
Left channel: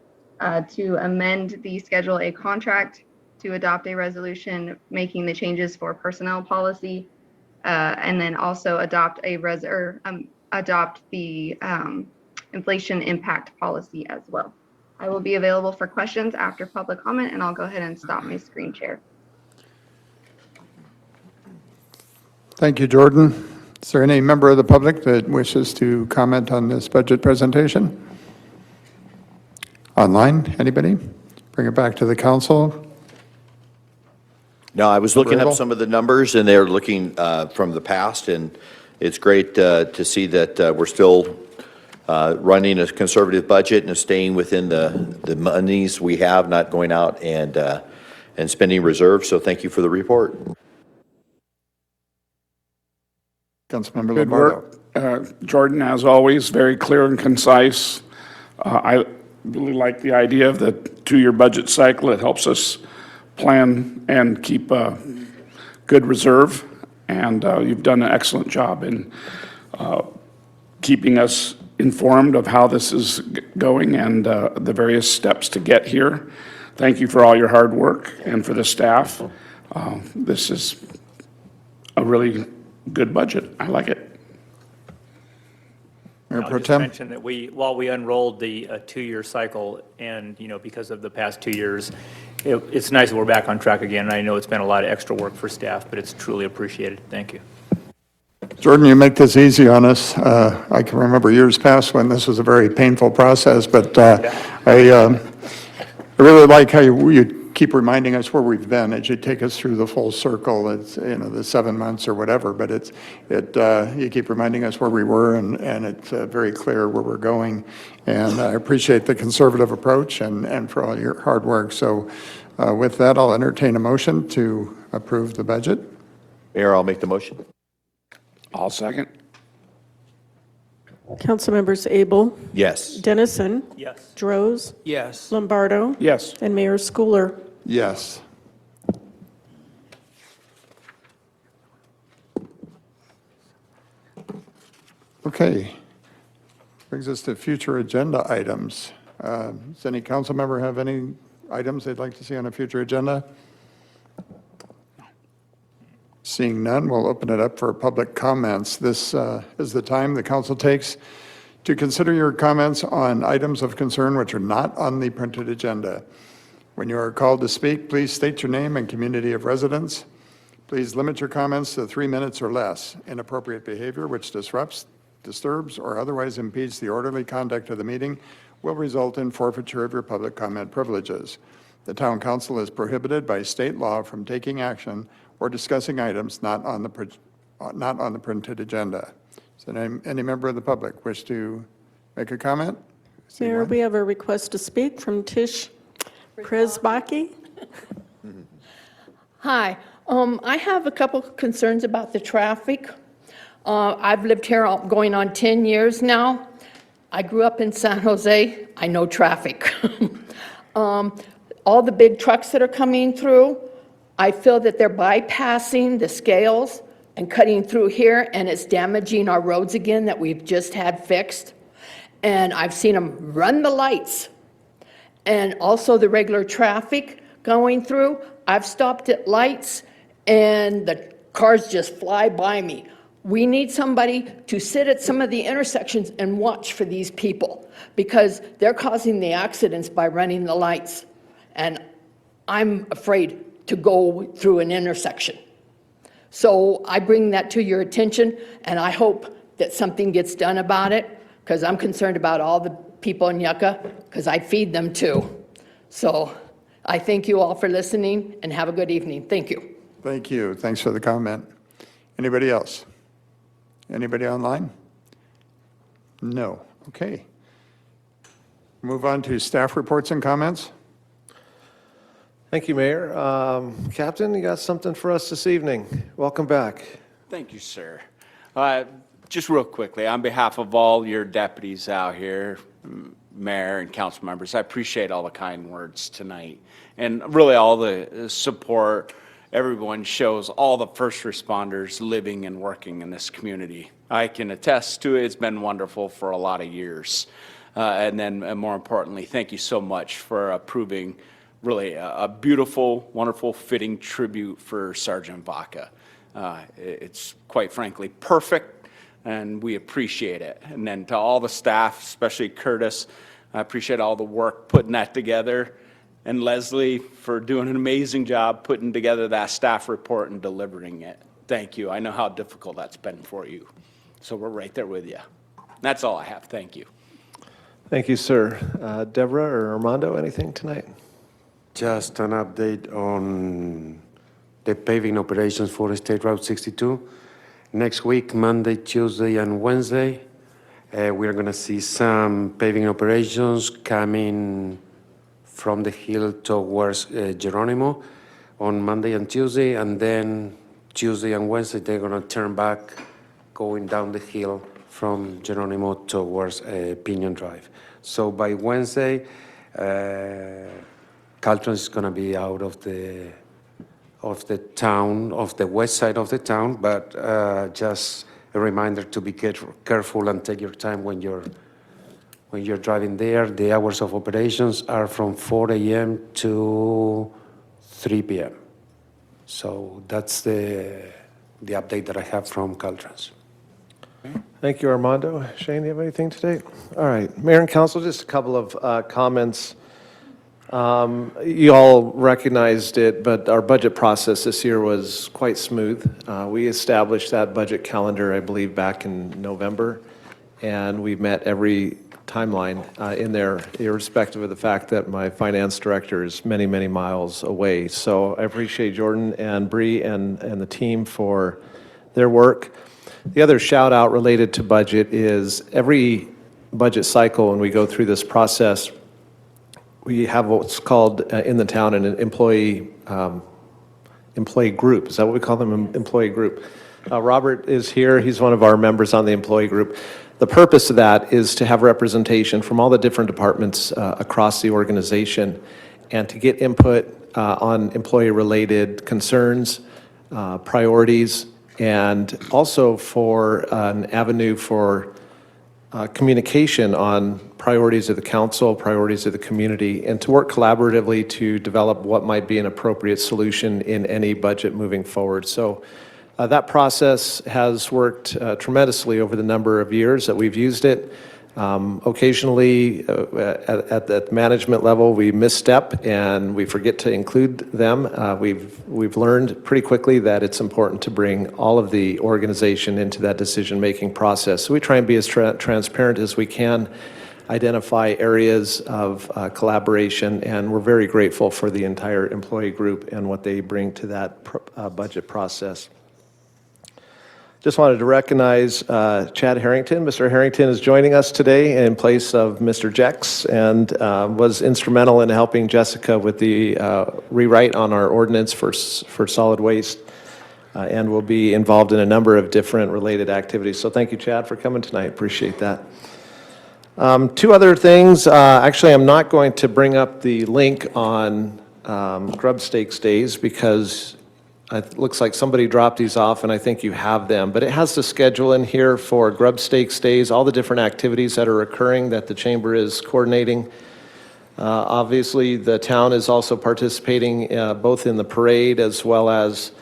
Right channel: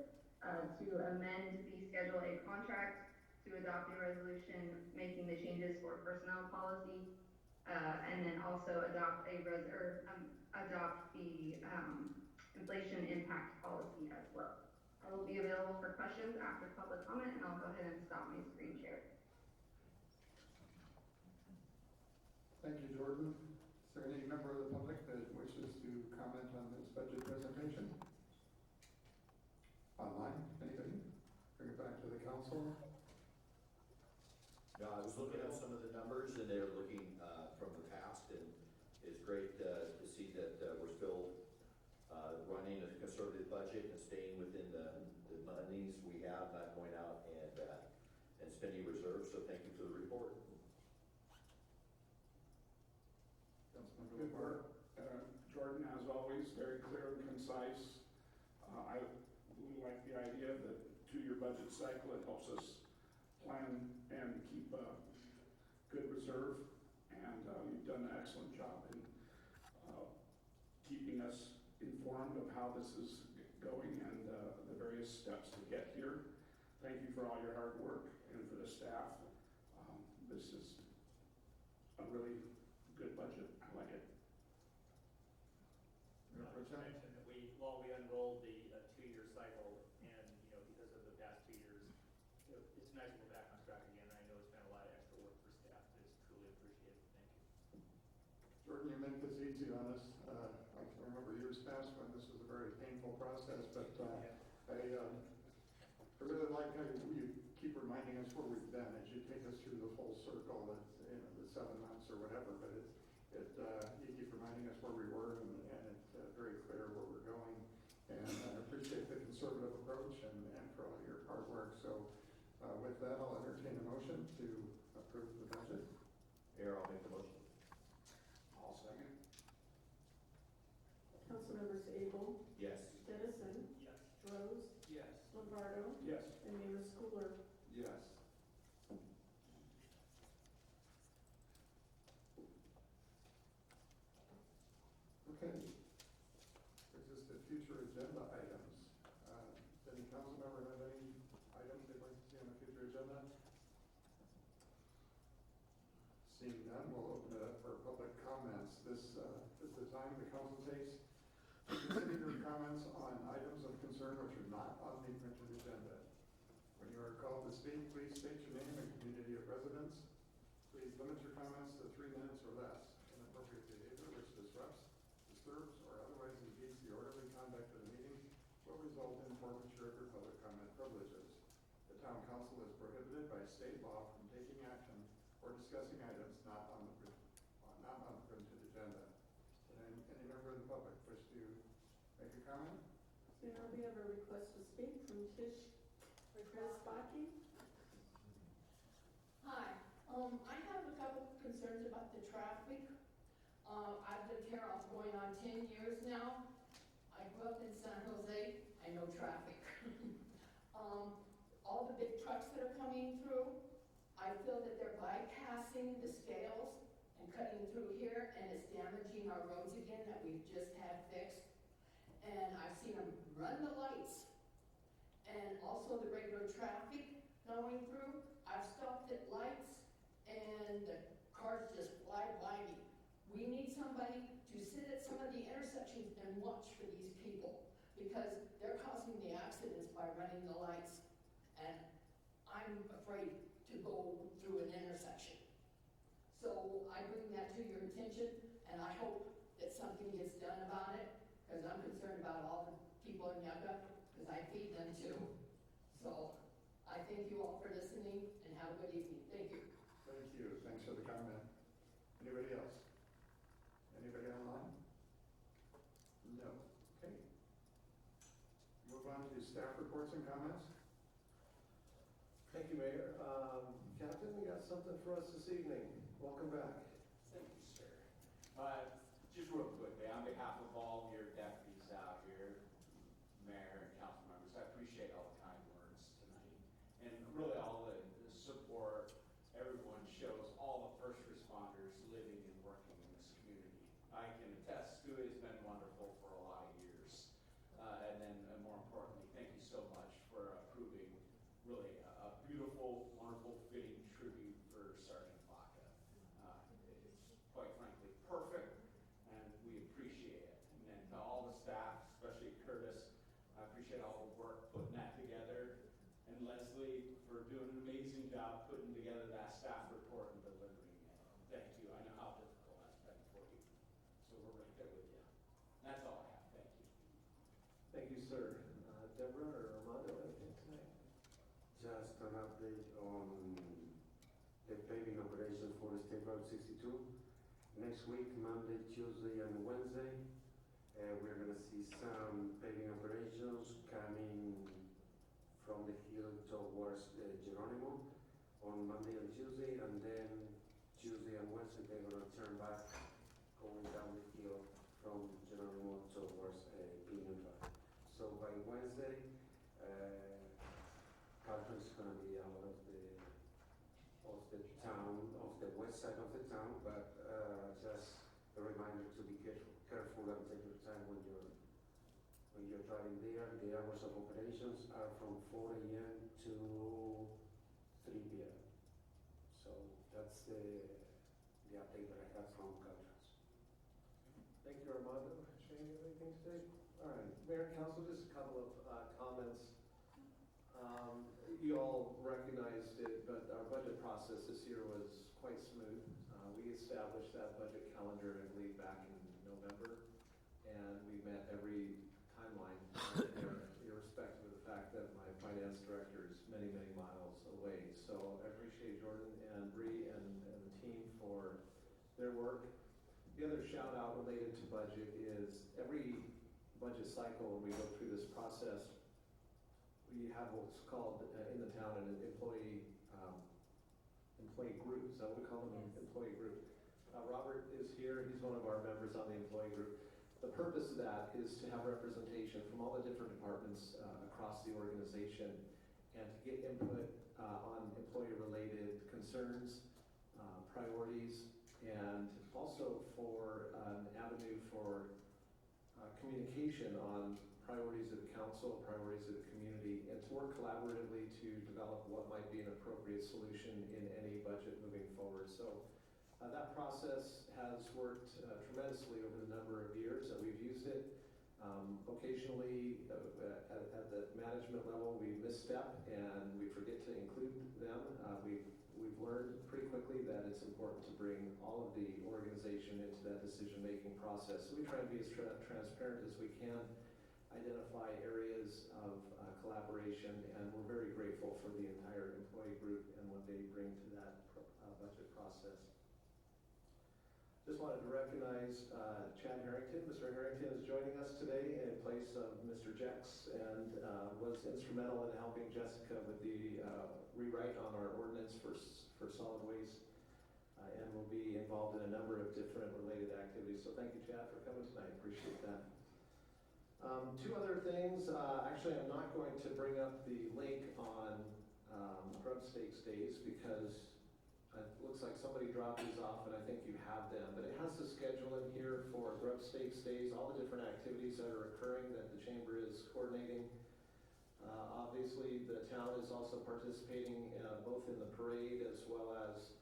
to amend the Schedule A contract, to adopt a resolution making the changes for personnel policy, and then also adopt the inflation impact policy as well. I will be available for questions after public comment, and I'll go ahead and stop my screen share. Thank you, Jordan. Is there any member of the public that wishes to comment on this budget presentation? Online, anybody? Bring it back to the council. No, I was looking up Grable? some of the numbers, and they're looking from the past, and it's great to see that we're still running a conservative budget and staying within the monies we have, not going out and spending reserves. So thank you for the report. Councilmember Good Lombardo. work. Jordan, as always, very clear and concise. I really like the idea of the 2-year budget cycle. It helps us plan and keep a good reserve, and you've done an excellent job in keeping us informed of how this is going and the various steps to get here. Thank you for all your hard work and for the staff. This is a really good budget. I like it. Mayor I'll Pro just Tem? mention that while we unrolled the 2-year cycle, and, because of the past 2 years, it's nice that we're back on track again. And I know it's been a lot of extra work for staff, but it's truly appreciated. Thank you. Jordan, you make this easy on us. I can remember years past when this was a very painful process, but I really like how you keep reminding us where we've been as you take us through the full circle. It's, the 7 months or whatever, but you keep reminding us where we were, and it's very clear where we're going. And I appreciate the conservative approach and for all your hard work. So with that, I'll entertain a motion to approve the budget. Mayor, I'll make the motion. I'll second. Councilmembers Abel, Yes. Dennison, Yes. Droz, Yes. Lombardo, Yes. and Mayor Schooler. Yes. Okay. Brings us to future agenda items. Does any council member have any items they'd like to see on a future agenda? Seeing none, we'll open it up for public comments. This is the time the council takes to consider your comments on items of concern which are not on the printed agenda. When you are called to speak, please state your name and community of residence. Please limit your comments to 3 minutes or less. Inappropriate behavior which disrupts, disturbs, or otherwise impedes the orderly conduct of the meeting will result in forfeiture of your public comment privileges. The town council is prohibited by state law from taking action or discussing items not on the printed agenda. Does any member of the public wish to make a comment? See Mayor, one? we have a request to speak from Tish Kresbaki. Hi, I have a couple concerns about the traffic. I've lived here going on 10 years now. I grew up in San Jose. I know traffic. All the big trucks that are coming through, I feel that they're bypassing the scales and cutting through here, and it's damaging our roads again that we've just had fixed. And I've seen them run the lights. And also the regular traffic going through. I've stopped at lights and the cars just fly by me. We need somebody to sit at some of the intersections and watch for these people because they're causing the accidents by running the lights. And I'm afraid to go through an intersection. So I bring that to your attention, and I hope that something gets done about it because I'm concerned about all the people in Yucca because I feed them too. So I thank you all for listening and have a good evening. Thank you. Thank you. Thanks for the comment. Anybody else? Anybody online? No. Okay. Move on to staff reports and comments. Thank you, Mayor. Captain, you got something for us this evening. Welcome back. Thank you, sir. Just real quickly, on behalf of all your deputies out here, Mayor and council members, I appreciate all the kind words tonight and really all the support everyone shows all the first responders living and working in this community. I can attest to it. It's been wonderful for a lot of years. And then more importantly, thank you so much for approving really a beautiful, wonderful, fitting tribute for Sergeant Vaca. It's quite frankly perfect, and we appreciate it. And then to all the staff, especially Curtis, I appreciate all the work putting that together. And Leslie for doing an amazing job putting together that staff report and delivering it. Thank you. I know how difficult that's been for you. So we're right there with you. That's all I have. Thank you. Thank you, sir. Deborah or Armando, anything tonight? Just an update on the paving operations for State Route 62. Next week, Monday, Tuesday, and Wednesday, we're going to see some paving operations coming from the hill towards Geronimo on Monday and Tuesday, and then Tuesday and Wednesday, they're going to turn back, going down the hill from Geronimo towards Pinion Drive. So by Wednesday, Caltrans is going to be out of the town, of the west side of the town, but just a reminder to be careful and take your time when you're driving there. The hours of operations are from 4 a.m. to 3 p.m. So that's the update that I have from Caltrans. Thank you, Armando. Shane, do you have anything today? All right, Mayor and Council, just a couple of comments. You all recognized it, but our budget process this year was quite smooth. We established that budget calendar, I believe, back in November, and we've met every timeline in there, irrespective of the fact that my finance director is many, many miles away. So I appreciate Jordan and Bree and the team for their work. The other shout out related to budget is every budget cycle when we go through this process, we have what's called in the town an employee group. Is that what we call them, employee group? Robert is here. He's one of our members on the employee group. The purpose of that is to have representation from all the different departments across the organization and to get input on employee-related concerns, priorities, and also for an avenue for communication on priorities of the council, priorities of the community, and to work collaboratively to develop what might be an appropriate solution in any budget moving forward. So that process has worked tremendously over the number of years that we've used it. Occasionally, at the management level, we misstep and we forget to include them. We've learned pretty quickly that it's important to bring all of the organization into that decision-making process. So we try and be as transparent as we can, identify areas of collaboration, and we're very grateful for the entire employee group and what they bring to that budget process. Just wanted to recognize Chad Harrington. Mr. Harrington is joining us today in place of Mr. Jex and was instrumental in helping Jessica with the rewrite on our ordinance for solid waste and will be involved in a number of different related activities. So thank you, Chad, for coming tonight. Appreciate that. Two other things. Actually, I'm not going to bring up the link on Grub Steaks Days because it looks like somebody dropped these off, and I think you have them. But it has the schedule in here for Grub Steaks Days, all the different activities that are occurring that the chamber is coordinating. Obviously, the town is also participating both in the parade as well as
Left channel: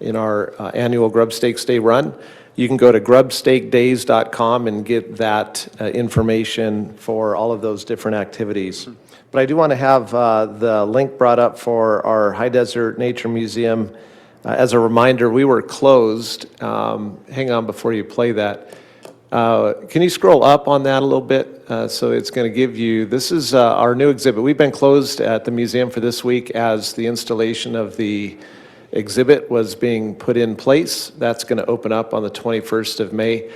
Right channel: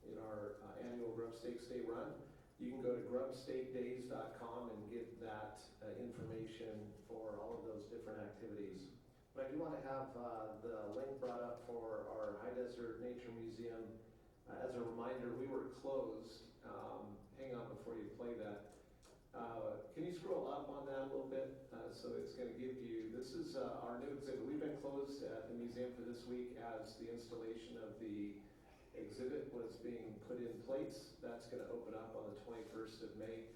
in our annual Grub Steaks Day run. You can go to grubsteakdays.com and get that information for all of those different activities. But I do want to have the link brought up for our High Desert Nature Museum. As a reminder, we were closed. Hang on before you play that. Can you scroll up on that a little bit? So it's going to give you, this is our new exhibit. We've been closed at the museum for this week as the installation of the exhibit was being put in place. That's going to open up on the 21st of May.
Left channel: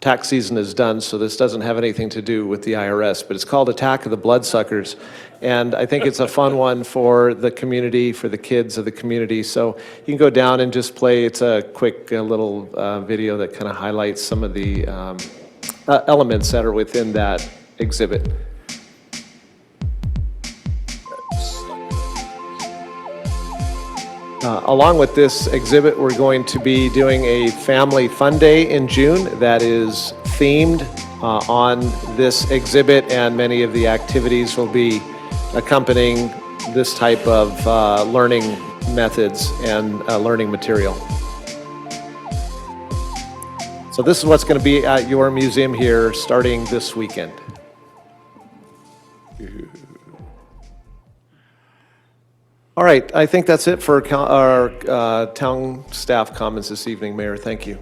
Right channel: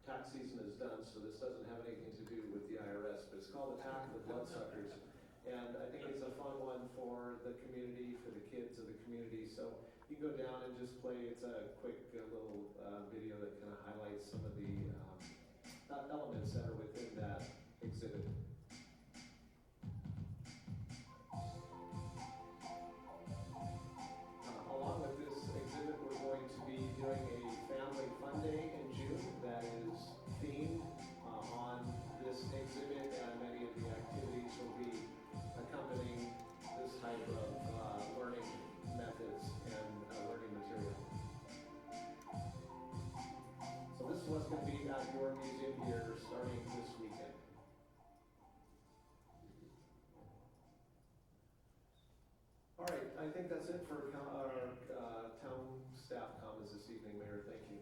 Tax season is done, so this doesn't have anything to do with the IRS, but it's called Attack of the Bloodsuckers. And I think it's a fun one for the community, for the kids of the community. So you can go down and just play. It's a quick little video that kind of highlights some of the elements that are within that exhibit. Along with this exhibit, we're going to be doing a family fun day in June that is themed on this exhibit, and many of the activities will be accompanying this type of learning methods and learning material. So this is what's going to be at your museum here starting this weekend. All right, I think that's it for our town staff comments this evening, Mayor. Thank you.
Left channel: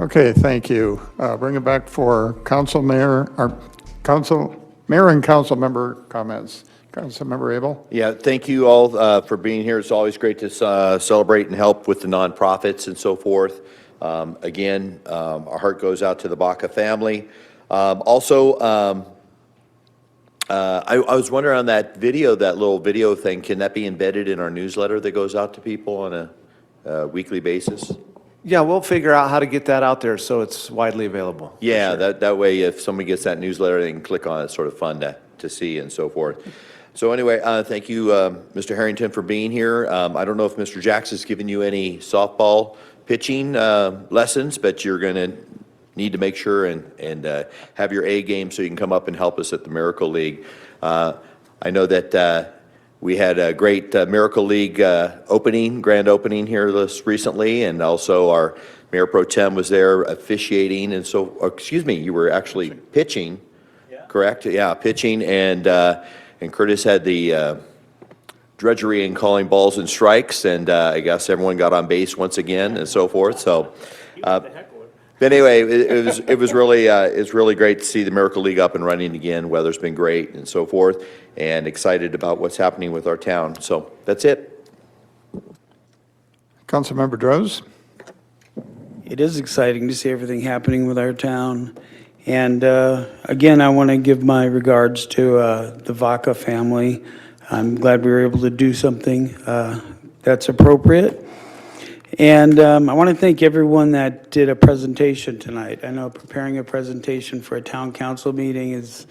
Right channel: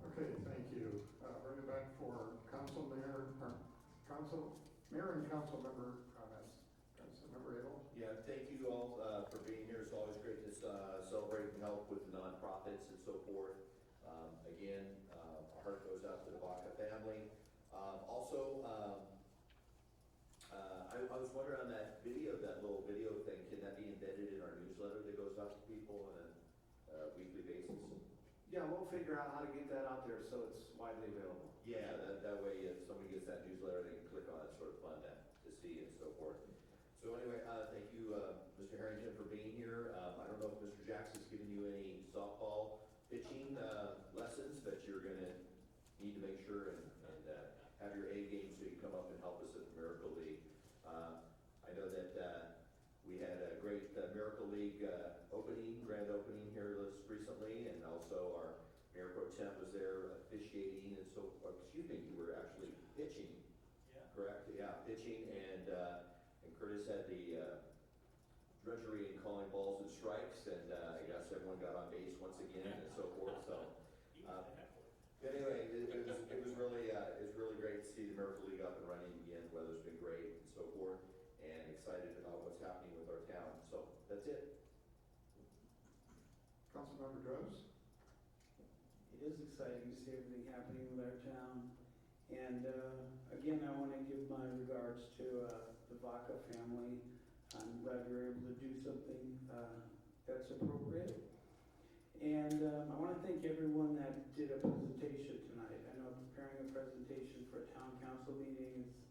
Okay, thank you. Bring it back for mayor and council member comments. Councilmember Abel? Yeah, thank you all for being here. It's always great to celebrate and help with the nonprofits and so forth. Again, our heart goes out to the Baca family. Also, I was wondering on that video, that little video thing, can that be embedded in our newsletter that goes out to people on a weekly basis? Yeah, we'll figure out how to get that out there so it's widely available. Yeah, that way if somebody gets that newsletter, they can click on it. It's sort of fun to see and so forth. So anyway, thank you, Mr. Harrington, for being here. I don't know if Mr. Jackson's given you any softball pitching lessons, but you're going to need to make sure and have your A game so you can come up and help us at the Miracle League. I know that we had a great Miracle League grand opening here recently, and also our Mayor Pro Tem was there officiating, and so, excuse me, you were actually pitching, correct? Yeah, pitching, and Curtis had the drudgery in calling balls and strikes, and I guess everyone got on base once again and so forth. So, but anyway, it was really great to see the Miracle League up and running again. Weather's been great and so forth, and excited about what's happening with our town. So that's it. Councilmember Droz? It is exciting to see everything happening with our town. And again, I want to give my regards to the Vaca family. I'm glad we were able to do something that's appropriate. And I want to thank everyone that did a presentation tonight. I know preparing a presentation for a town council meeting is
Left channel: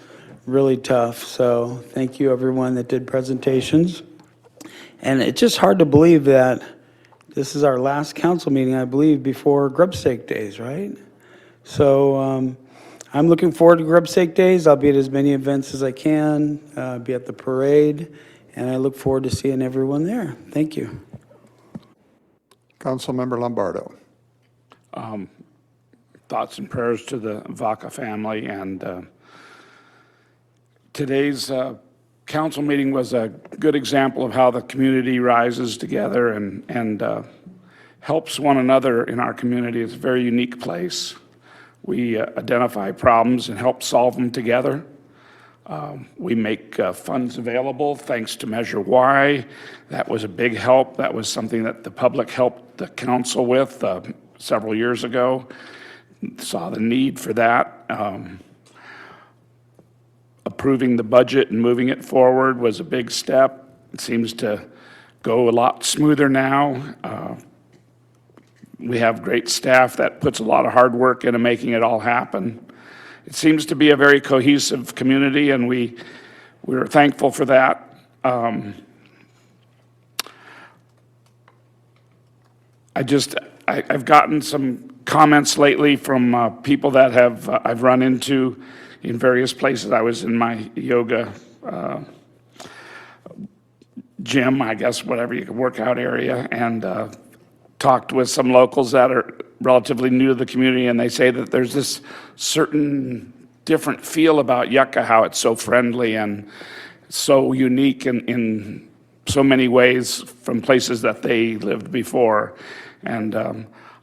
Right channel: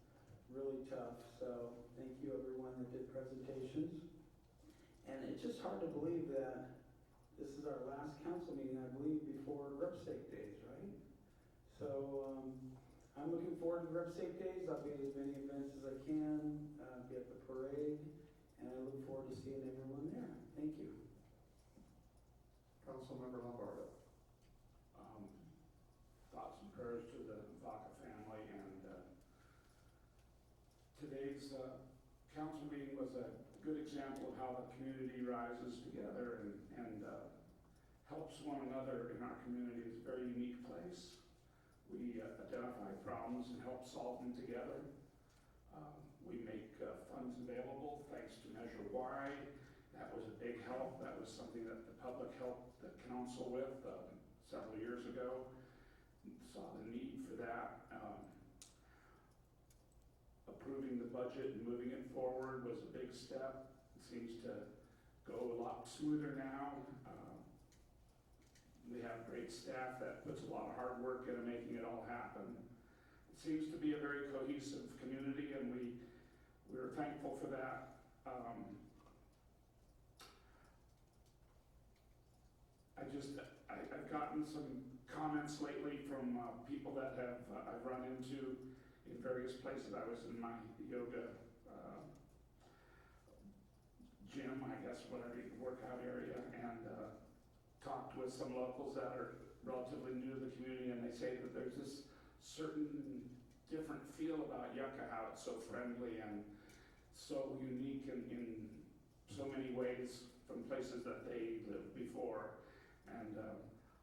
really tough. So thank you, everyone that did presentations. And it's just hard to believe that this is our last council meeting, I believe, before Grub Stake Days, right? So I'm looking forward to Grub Stake Days. I'll be at as many events as I can, be at the parade, and I look forward to seeing everyone there. Thank you. Councilmember Lombardo. Thoughts and prayers to the Vaca family, and today's council meeting was a good example of how the community rises together and helps one another in our community. It's a very unique place. We identify problems and help solve them together. We make funds available thanks to Measure Y. That was a big help. That was something that the public helped the council with several years ago. Saw the need for that. Approving the budget and moving it forward was a big step. It seems to go a lot smoother now. We have great staff that puts a lot of hard work into making it all happen. It seems to be a very cohesive community, and we're thankful for that. I've gotten some comments lately from people that I've run into in various places. I was in my yoga gym, I guess, whatever you could workout area, and talked with some locals that are relatively new to the community, and they say that there's this certain different feel about Yucca, how it's so friendly and so unique in so many ways from places that they lived before. And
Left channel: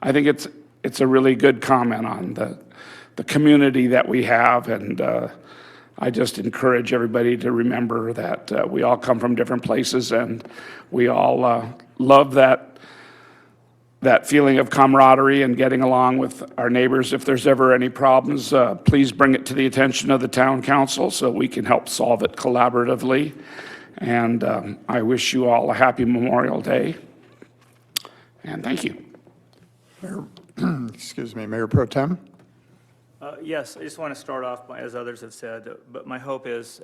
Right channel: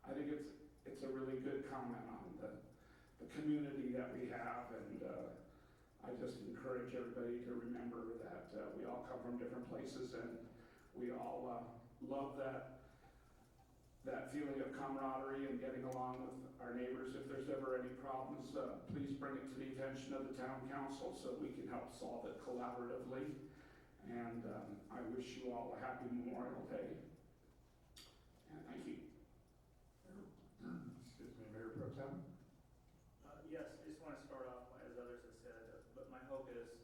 I think it's a really good comment on the community that we have, and I just encourage everybody to remember that we all come from different places, and we all love that feeling of camaraderie and getting along with our neighbors. If there's ever any problems, please bring it to the attention of the town council so we can help solve it collaboratively. And I wish you all a happy Memorial Day. And thank you. Excuse me, Mayor Pro Tem? Yes, I just want to start off, as others have said, but my hope is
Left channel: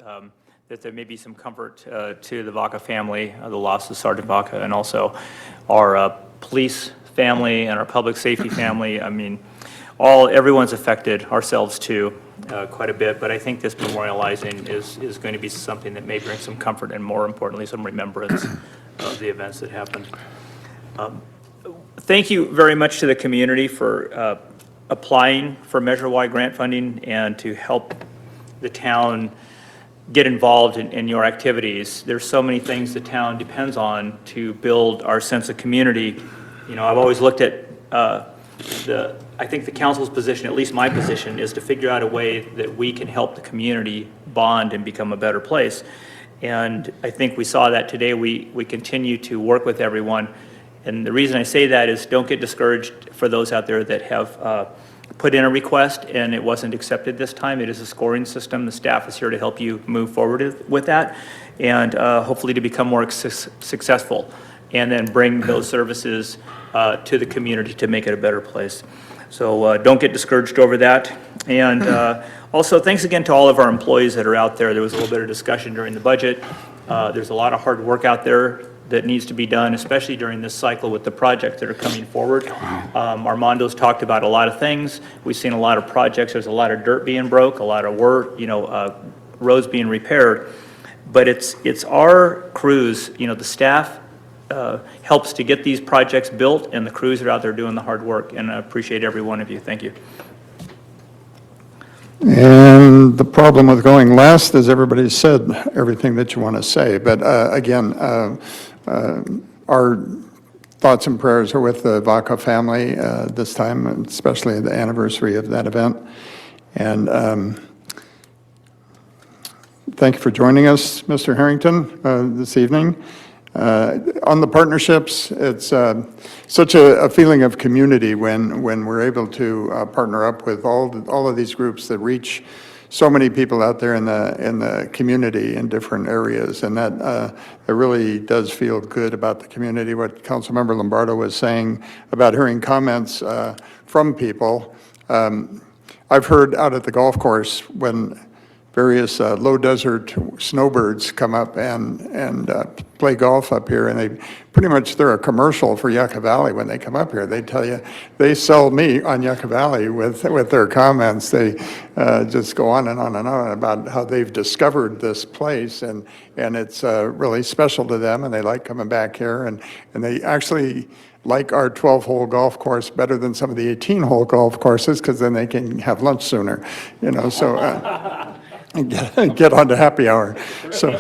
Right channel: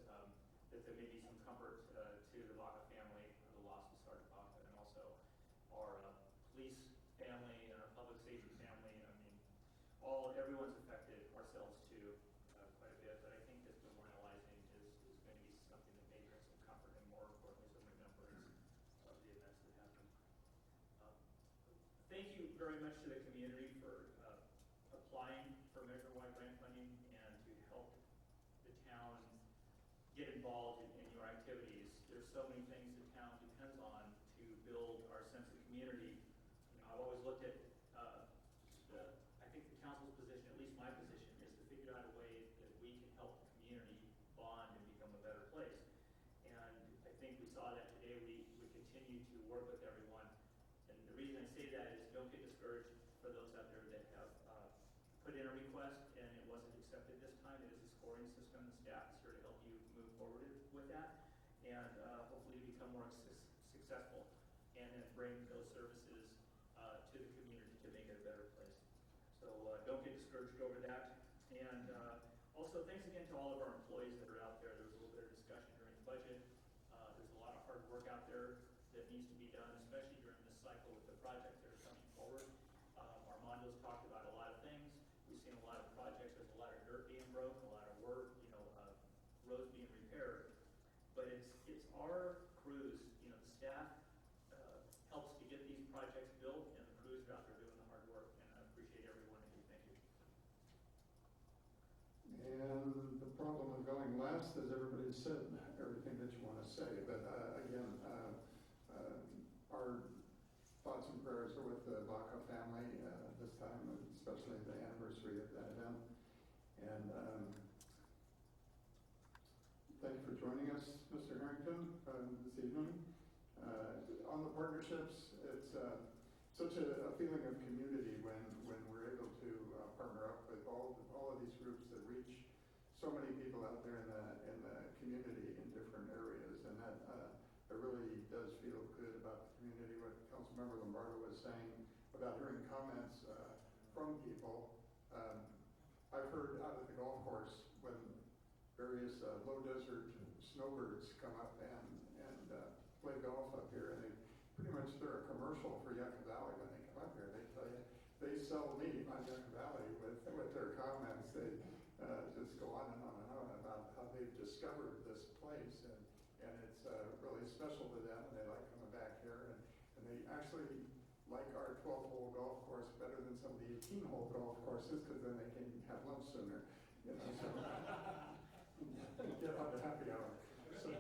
that there may be some comfort to the Vaca family, the loss of Sergeant Vaca, and also our police family and our public safety family. I mean, everyone's affected, ourselves too, quite a bit, but I think this memorializing is going to be something that may bring some comfort and, more importantly, some remembrance of the events that happened. Thank you very much to the community for applying for Measure Y grant funding and to help the town get involved in your activities. There's so many things the town depends on to build our sense of community. You know, I've always looked at I think the council's position, at least my position, is to figure out a way that we can help the community bond and become a better place. And I think we saw that today. We continue to work with everyone. And the reason I say that is don't get discouraged for those out there that have put in a request and it wasn't accepted this time. It is a scoring system. The staff is here to help you move forward with that and hopefully to become more successful and then bring those services to the community to make it a better place. So don't get discouraged over that. And also, thanks again to all of our employees that are out there. There was a little bit of discussion during the budget. There's a lot of hard work out there that needs to be done, especially during this cycle with the projects that are coming forward. Armando's talked about a lot of things. We've seen a lot of projects. There's a lot of dirt being broke, a lot of work, roads being repaired. But it's our crews, the staff helps to get these projects built, and the crews are out there doing the hard work. And I appreciate every one of you. Thank you. And the problem with going last is everybody's said everything that you want to say. But again, our thoughts and prayers are with the Vaca family this time, especially the anniversary of that event. And thank you for joining us, Mr. Harrington, this evening. On the partnerships, it's such a feeling of community when we're able to partner up with all of these groups that reach so many people out there in the community in different areas, and that it really does feel good about the community. What Councilmember Lombardo was saying about hearing comments from people, I've heard out at the golf course when various low desert snowbirds come up and play golf up here, and they're a commercial for Yucca Valley when they come up here. They tell you, they sell me on Yucca Valley with their comments. They just go on and on and on about how they've discovered this place, and it's really special to them, and they like coming back here, and they actually like our 12-hole golf course better than some of the 18-hole golf courses, because then they can have lunch sooner, get on to happy hour. So,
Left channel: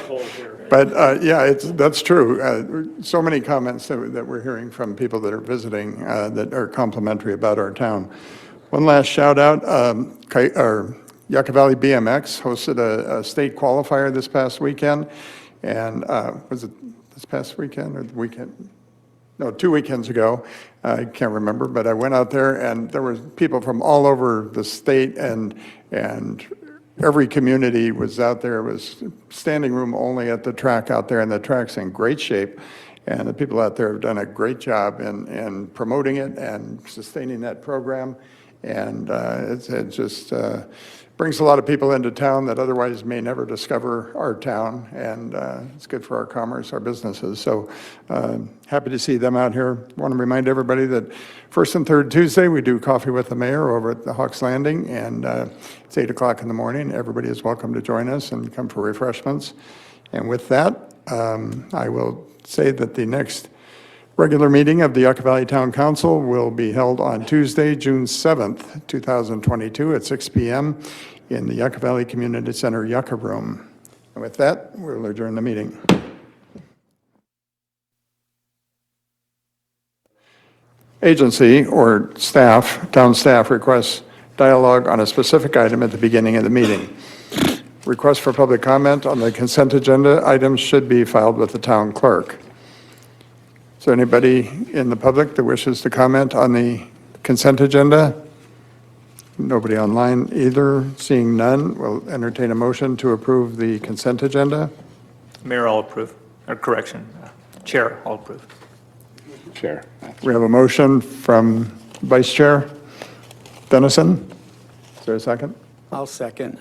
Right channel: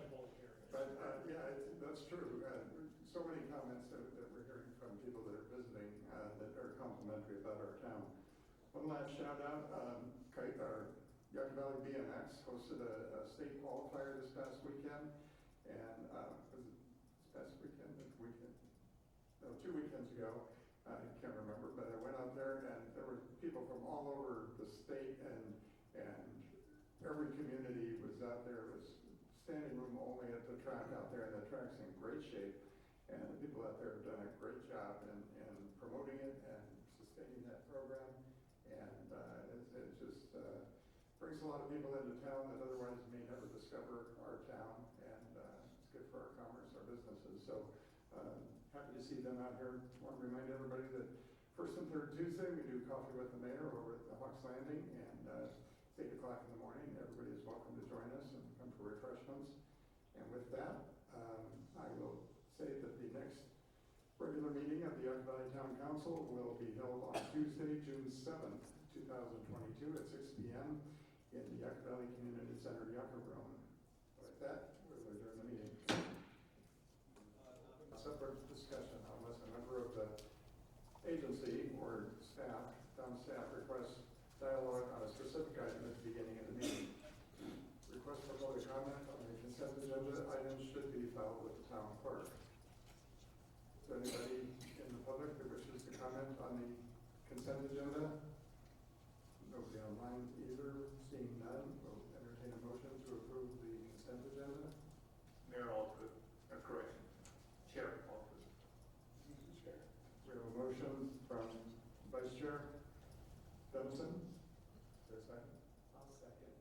but yeah, that's true. So many comments that we're hearing from people that are visiting that are complimentary about our town. One last shout out, Yucca Valley BMX hosted a state qualifier this past weekend. And was it this past weekend or the weekend? No, 2 weekends ago. I can't remember, but I went out there and there were people from all over the state, and every community was out there. It was standing room only at the track out there, and the track's in great shape. And the people out there have done a great job in promoting it and sustaining that program. And it just brings a lot of people into town that otherwise may never discover our town. And it's good for our commerce, our businesses. So happy to see them out here. Want to remind everybody that first and third Tuesday, we do Coffee with the Mayor over at the Hawks Landing. And it's 8 o'clock in the morning. Everybody is welcome to join us and come for refreshments. And with that, I will say that the next regular meeting of the Yucca Valley Town Council will be held on Tuesday, June 7th, 2022 at 6 p.m. in the Yucca Valley Community Center Yucca Room. And with that, we'll adjourn the meeting. Agency or staff, town staff requests dialogue on a specific item at the beginning of the meeting. Requests for public comment on the consent agenda items should be filed with the town clerk. Is there anybody in the public that wishes to comment on the consent agenda? Nobody online either. Seeing none, we'll entertain a motion to approve the consent agenda. Mayor, I'll approve. Or correction, Chair, I'll approve. Chair. We have a motion from Vice Chair Dennison. Is there a second? I'll second.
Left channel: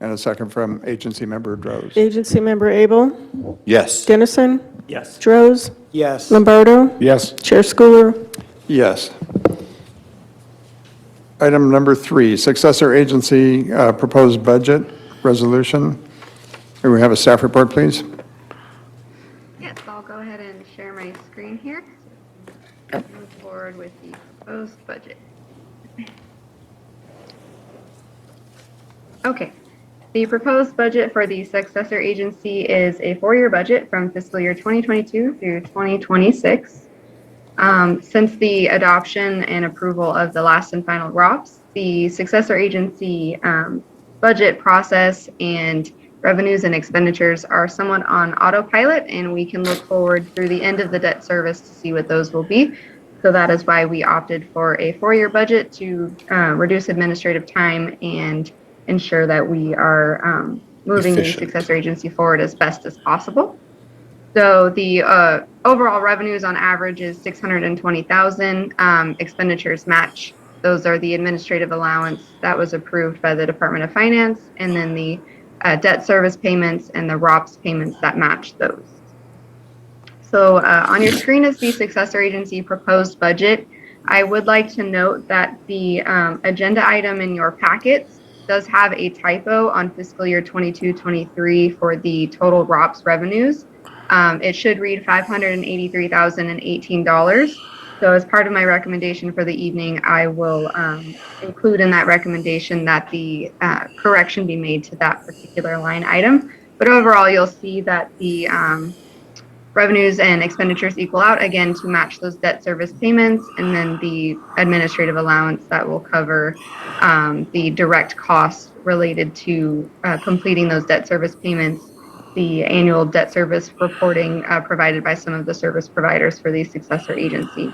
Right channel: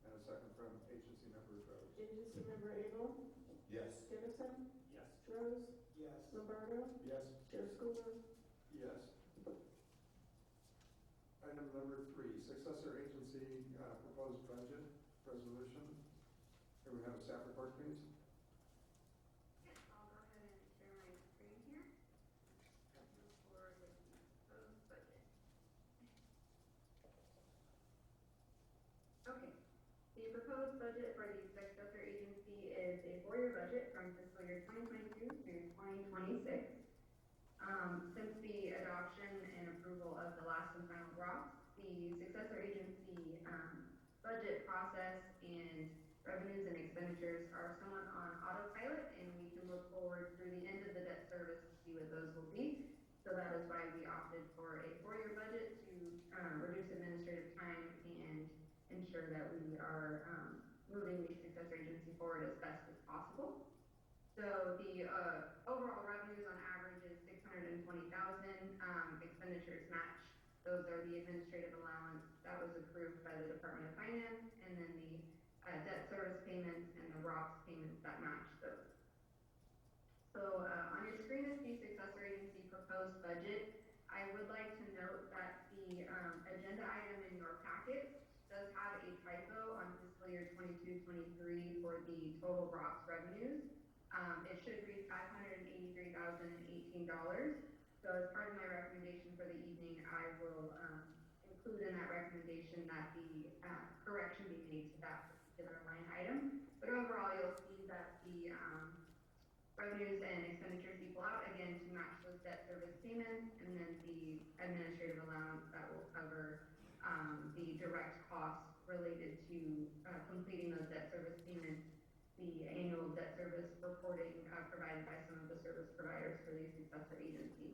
And a second from Agency Member Droz. Agency Member Abel? Yes. Dennison? Yes. Droz? Yes. Lombardo? Yes. Chair Schooler? Yes. Item number 3, successor agency proposed budget resolution. May we have a staff report, please? Yes, I'll go ahead and share my screen here. Move forward with the proposed budget. Okay. The proposed budget for the successor agency is a 4-year budget from fiscal year 2022 through 2026. Since the adoption and approval of the last and final ROPS, the successor agency budget process and revenues and expenditures are somewhat on autopilot, and we can look forward through the end of the debt service to see what those will be. So that is why we opted for a 4-year budget to reduce administrative time and ensure that we are moving the successor agency forward as best as possible. So the overall revenues on average is 620,000. Expenditures match. Those are the administrative allowance that was approved by the Department of Finance, and then the debt service payments and the ROPS payments that match those. So on your screen is the successor agency proposed budget. I would like to note that the agenda item in your packets does have a typo on fiscal year 22-23 for the total ROPS revenues. It should read $583,018. So as part of my recommendation for the evening, I will include in that recommendation that the correction be made to that particular line item. But overall, you'll see that the revenues and expenditures equal out again to match those debt service payments, and then the administrative allowance that will cover the direct costs related to completing those debt service payments, the annual debt service reporting provided by some of the service providers for the successor agency.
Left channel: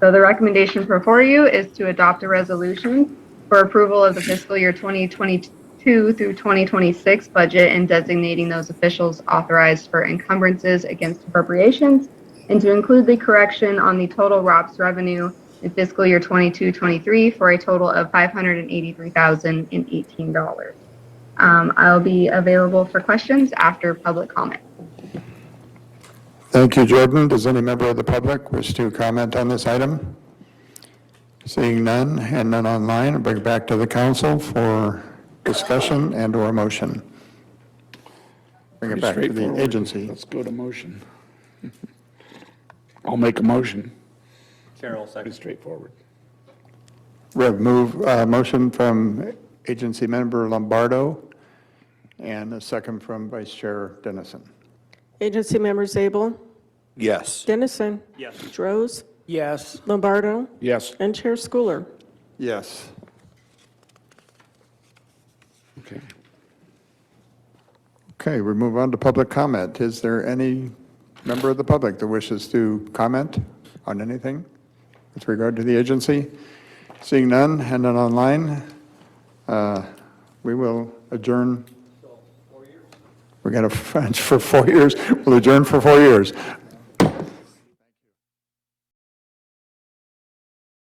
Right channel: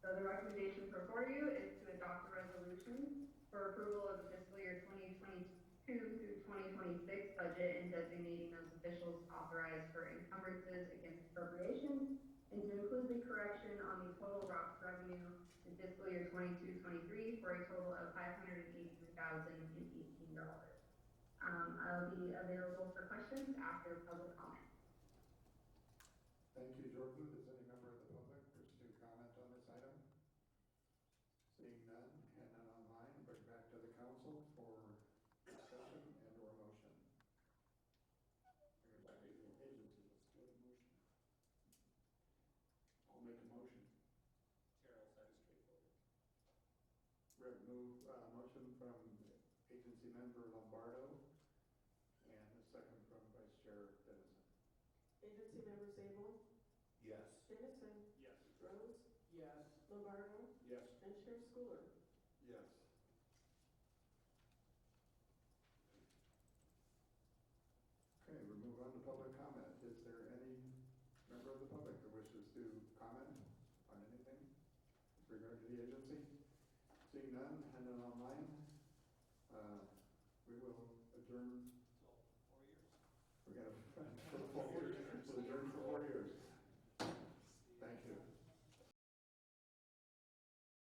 So the recommendation before you is to adopt a resolution for approval of the fiscal year 2022 through 2026 budget and designating those officials authorized for encumbrances against appropriations, and to include the correction on the total ROPS revenue in fiscal year 22-23 for a total of $583,018. I'll be available for questions after public comment. Thank you, Jordan. Does any member of the public wish to comment on this item? Seeing none and none online, I'll bring it back to the council for discussion and or motion. Bring it back to the agency. Let's go to motion. I'll make a motion. Carol, second. Pretty straightforward. We have motion from agency member Lombardo and a second from Vice Chair Dennison. Agency members Zabel, Yes. Dennison, Yes. Droz, Yes. Lombardo, Yes. and Chair Schooler. Yes. Okay. Okay, we move on to public comment. Is there any member of the public that wishes to comment on anything with regard to the agency? Seeing none and none online, we will adjourn. We got a French for 4 years. We'll adjourn for 4 years.